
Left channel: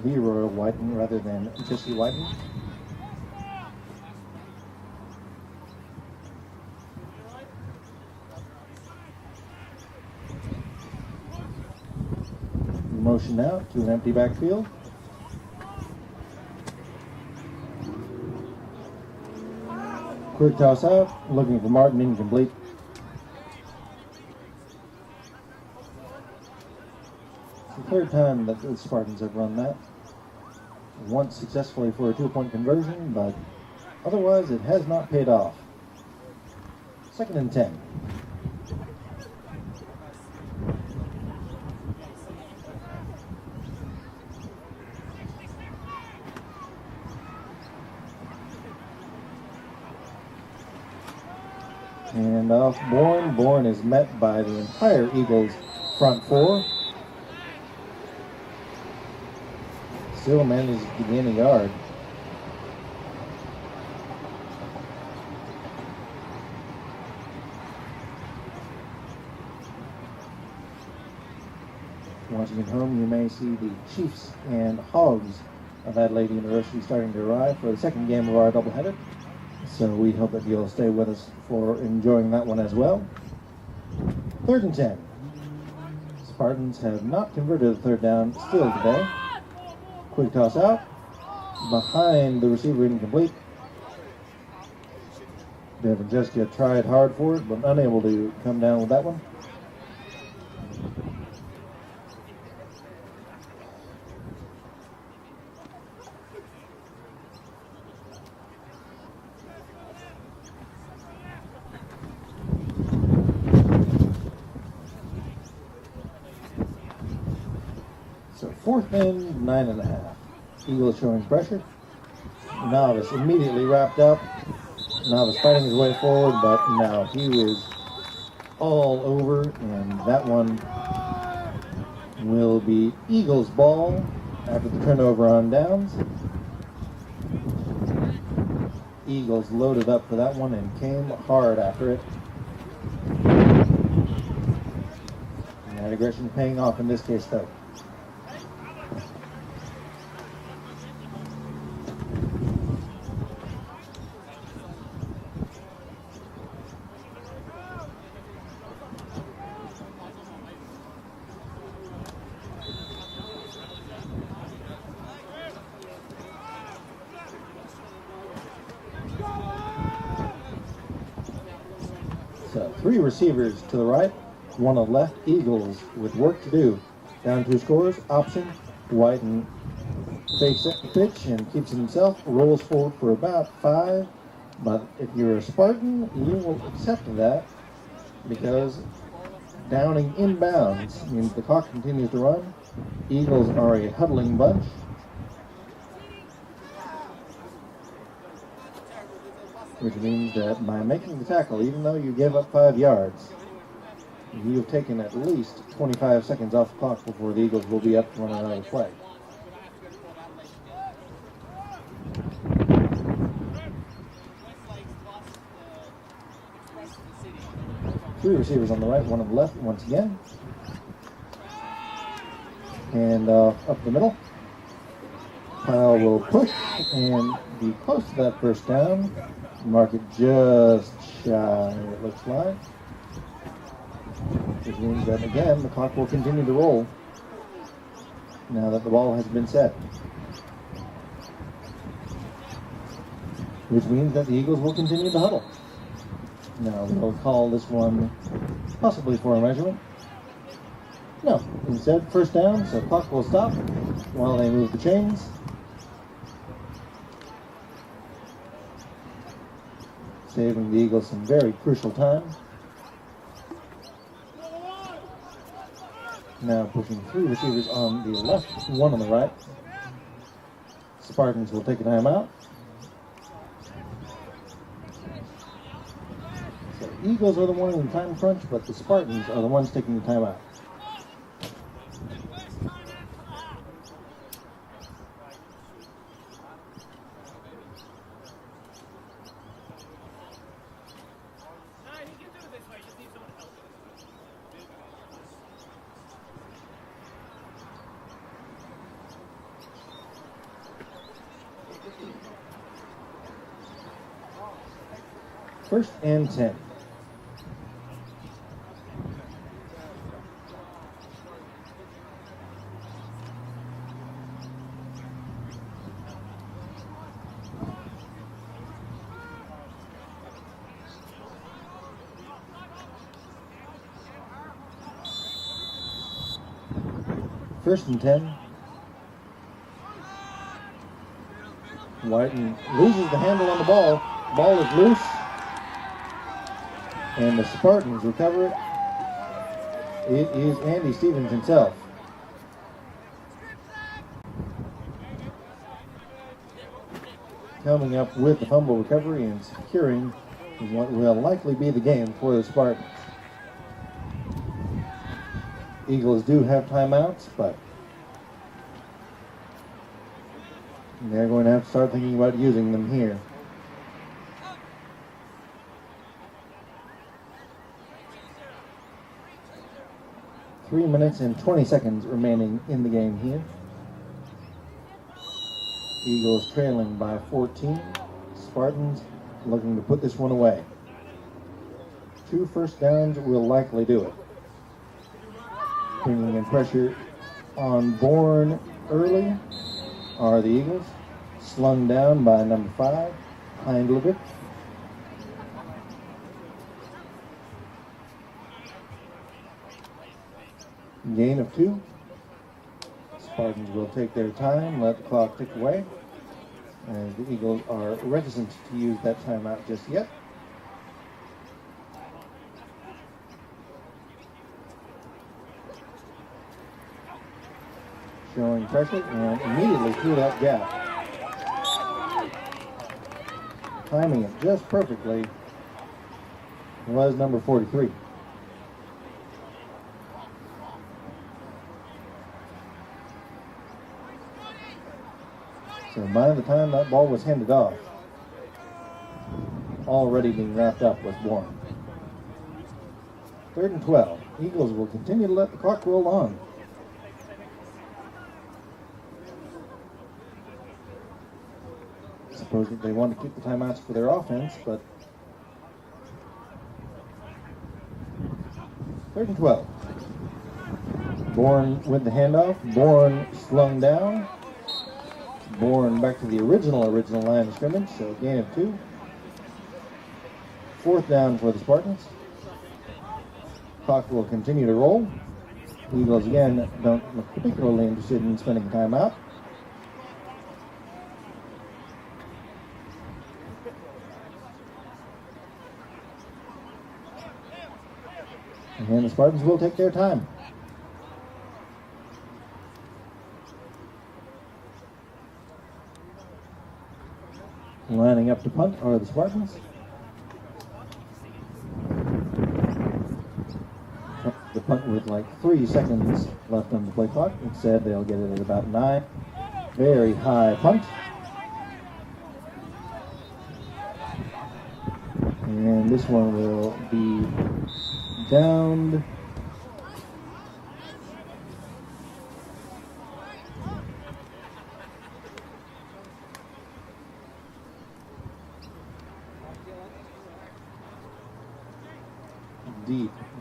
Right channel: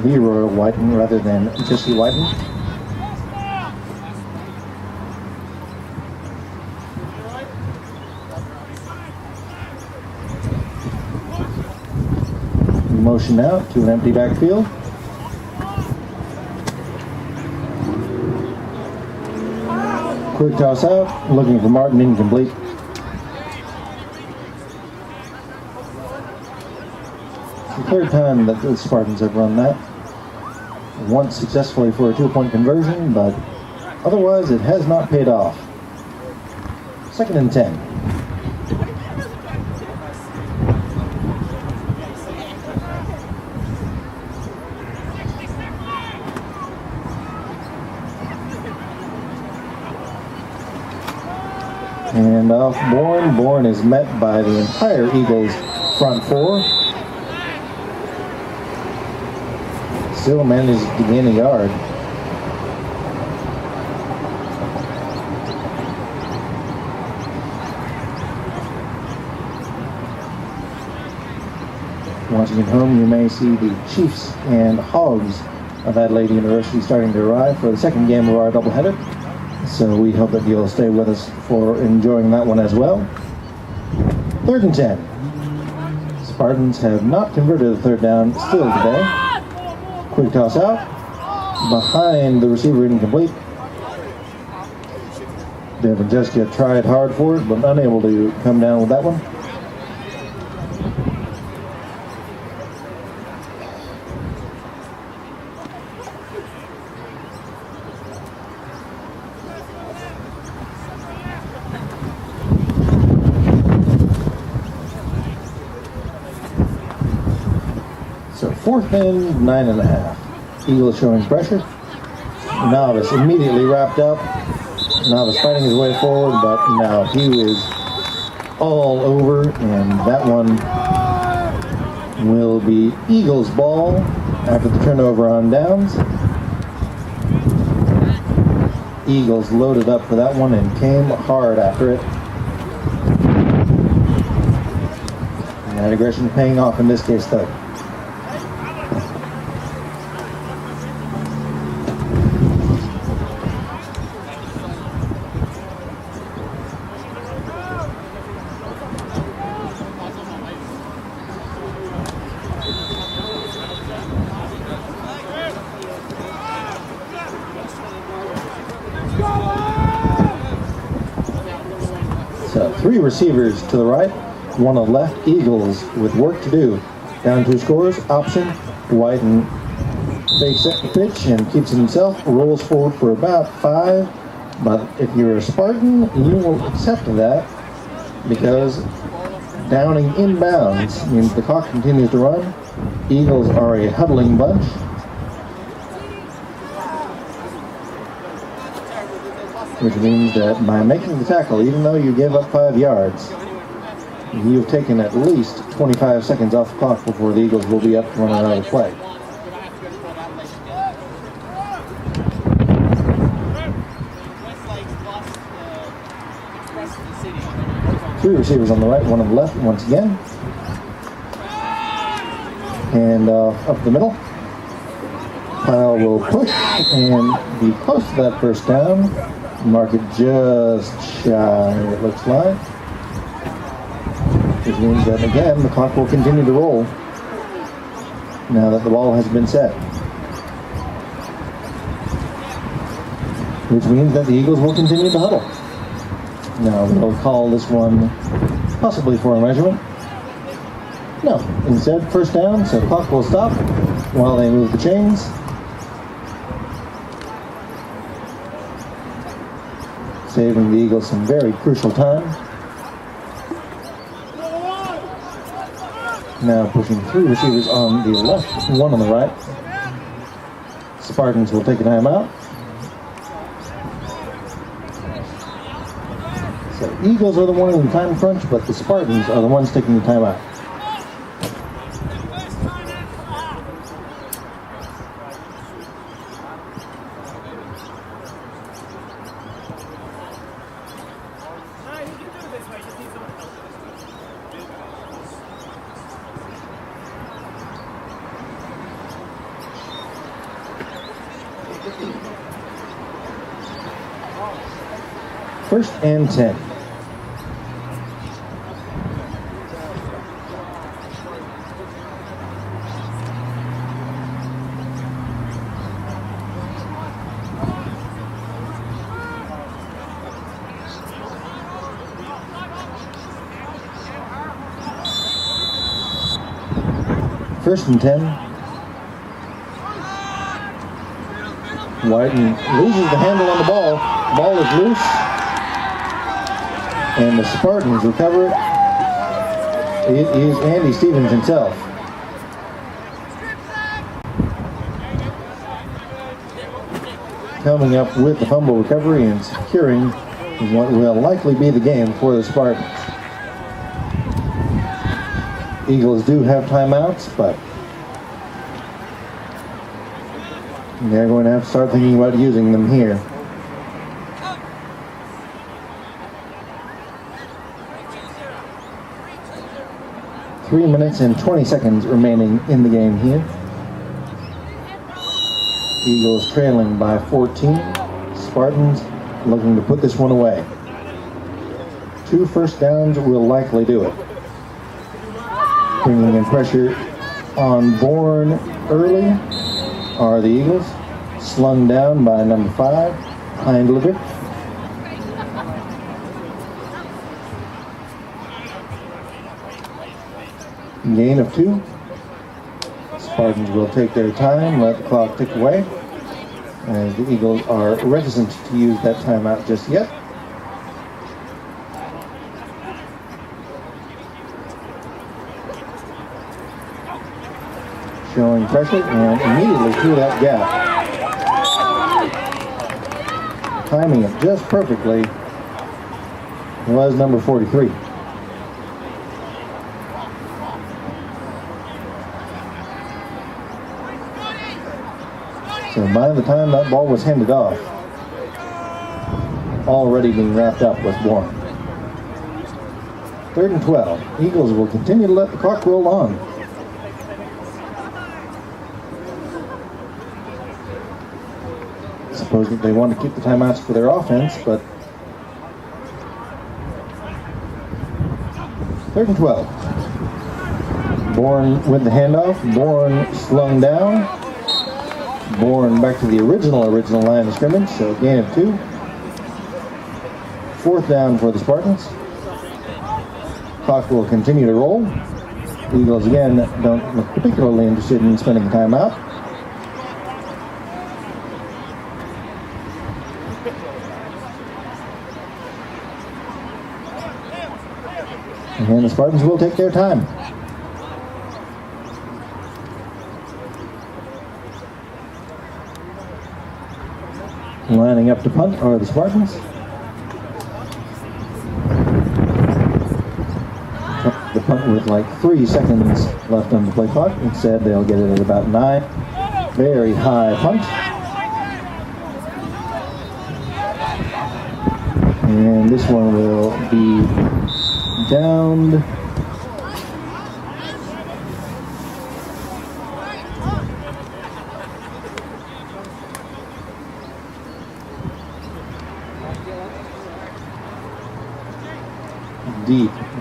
Leroy Whiten rather than Jesse Whiten. Motion out to an empty backfield. Quick toss out, looking for Martin, incomplete. It's the third time that the Spartans have run that. Once successfully for a 2-point conversion, but otherwise it has not paid off. Second and 10. And off Bourne. Bourne is met by the entire Eagles front four. Still manages to gain a yard. Watching at home, you may see the Chiefs and Hogs of Adelaide University starting to arrive for the second game of our doubleheader. So we hope that you'll stay with us for enjoying that one as well. Third and 10. Spartans have not converted the third down still today. Quick toss out. Behind the receiver, incomplete. Devin Jessica tried hard for it, but unable to come down with that one. So 4th and 9.5. Eagles showing pressure. Novice immediately wrapped up. Novice fighting his way forward, but no, he was all over, and that one will be Eagles' ball after the turnover on downs. Eagles loaded up for that one and came hard after it. And that aggression paying off in this case, though. So 3 receivers to the right, 1 on the left. Eagles with work to do. Down 2 scores. Option. Whiten fakes the pitch and keeps it himself. Rolls forward for about 5. But if you're a Spartan, you will accept that because downing inbounds means the clock continues to run. Eagles are a huddling bunch. Which means that by making the tackle, even though you gave up 5 yards, you've taken at least 25 seconds off the clock before the Eagles will be up to run another play. Three receivers on the right, 1 on the left once again. And up the middle. Pyle will push and be close to that first down. Mark it just shy, it looks like. Which means that, again, the clock will continue to roll now that the ball has been set. Which means that the Eagles will continue to huddle. Now, they'll call this one possibly for a measurement. No, instead, first down, so the clock will stop while they move the chains. Saving the Eagles some very crucial time. Now pushing 3 receivers on the left, 1 on the right. Spartans will take a timeout. So Eagles are the ones in time crunch, but the Spartans are the ones taking the timeout. First and 10. First and 10. Whiten loses the handle on the ball. Ball is loose. And the Spartans recover it. It is Andy Stevens himself. Coming up with the fumble recovery and securing what will likely be the game for the Spartans. Eagles do have timeouts, but they're going to have to start thinking about using them here. Three minutes and 20 seconds remaining in the game here. Eagles trailing by 14. Spartans looking to put this one away. 2 first downs will likely do it. Bringing in pressure on Bourne early are the Eagles. Slung down by number 5, Hindlevick. Gain of 2. Spartans will take their time, let the clock tick away, as the Eagles are reticent to use that timeout just yet. Showing pressure and immediately through that gap. timing it just perfectly, was number 43. So by the time that ball was handed off, already being wrapped up was Bourne. 3rd and 12. Eagles will continue to let the clock roll on. Suppose that they want to keep the timeouts for their offense, but 3rd and 12. Bourne with the handoff. Bourne slung down. Bourne back to the original line of scrimmage, so a gain of 2. 4th down for the Spartans. Clock will continue to roll. Eagles again don't look particularly interested in spending time out. And the Spartans will take their time. Lining up to punt are the Spartans. The punt with like 3 seconds left on the play clock. Instead, they'll get it at about 9. Very high punt. And this one will be downed.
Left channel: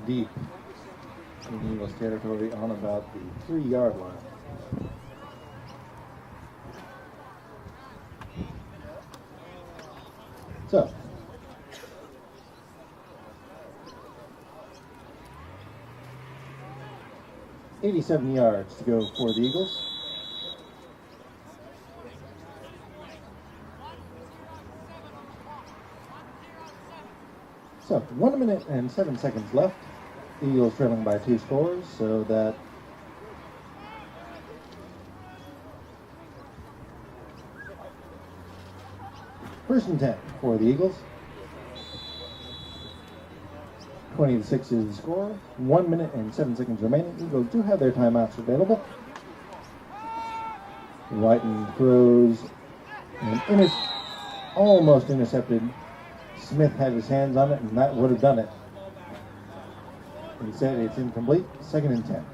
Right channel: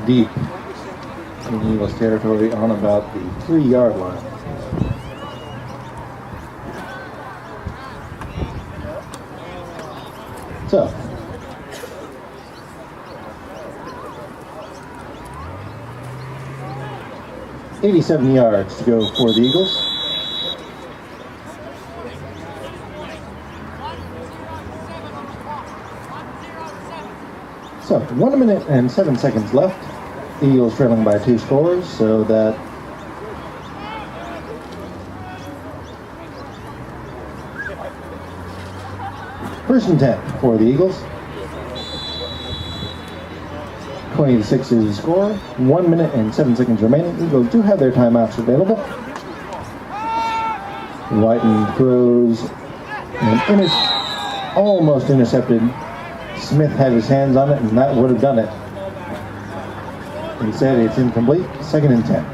Deep in Eagles territory on about the 3-yard line. So, $87 yards to go for the Eagles. So, 1 minute and 7 seconds left. The Eagles trailing by 2 scores, so that first and 10 for the Eagles. 20-6 is the score. 1 minute and 7 seconds remaining. Eagles do have their timeouts available. Whiten throws and almost intercepted. Smith had his hands on it, and that would have done it. Instead, it's incomplete. 2nd and 10.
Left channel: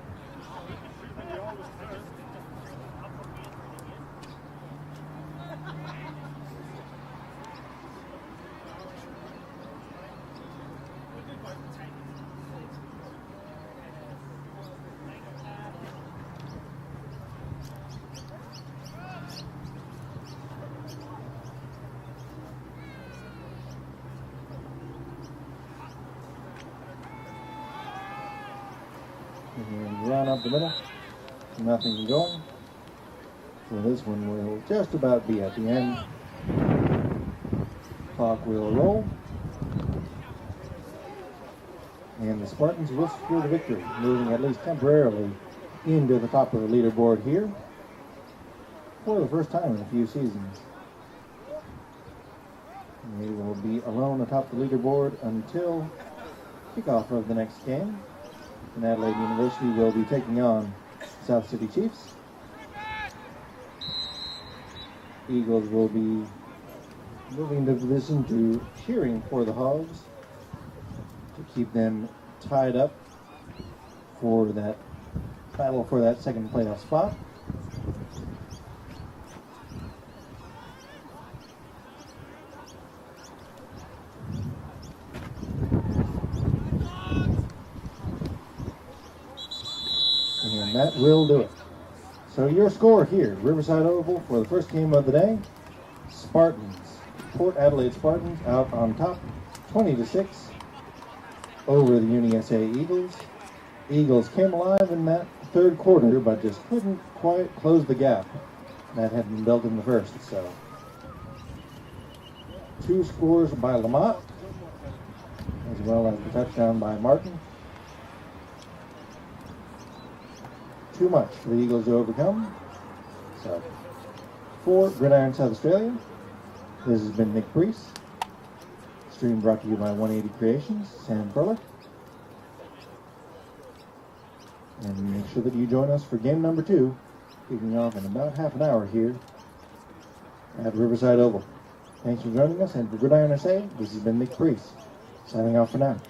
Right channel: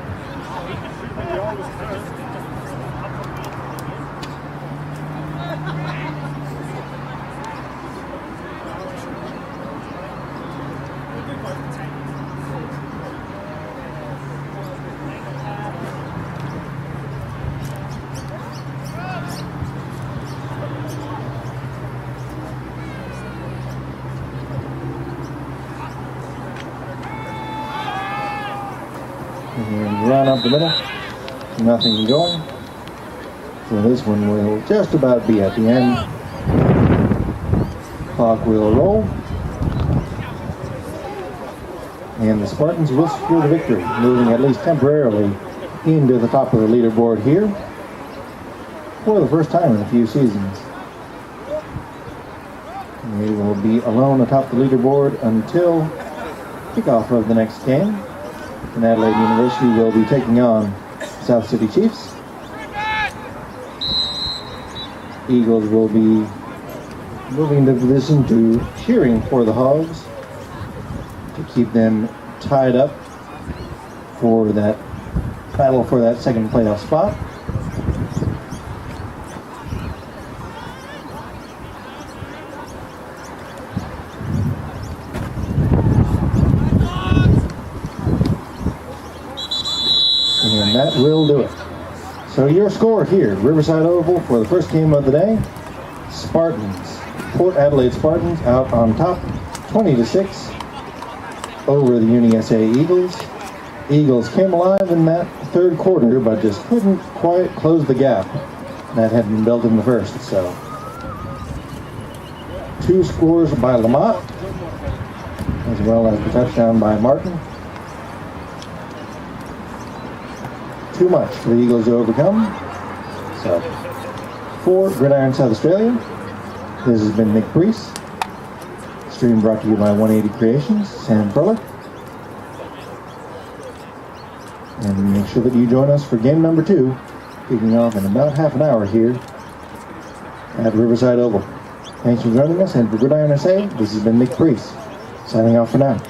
And run up the middle, nothing going. So this one will just about be at the end. Clock will roll. And the Spartans will secure the victory, moving at least temporarily into the top of the leaderboard here for the first time in a few seasons. They will be alone atop the leaderboard until kickoff of the next game. And Adelaide University will be taking on South City Chiefs. Eagles will be moving into position to cheering for the Hogs to keep them tied up for that battle for that second playoff spot. And that will do it. So your score here, Riverside Oval for the first game of the day. Spartans, Port Adelaide Spartans out on top, 20-6 over the UniSA Eagles. Eagles came alive in that third quarter, but just couldn't quite close the gap that had been built in the first. So 2 scores by Lamont, as well as the touchdown by Martin. Too much for the Eagles to overcome. So, for Gridiron South Australia, this has been Nick Priest. stream brought to you by 180 Creations, Sam Perler. And make sure that you join us for game number 2, kicking off in about half an hour here at Riverside Oval. Thanks for joining us, and for Gridiron USA, this has been Nick Priest, signing off for now.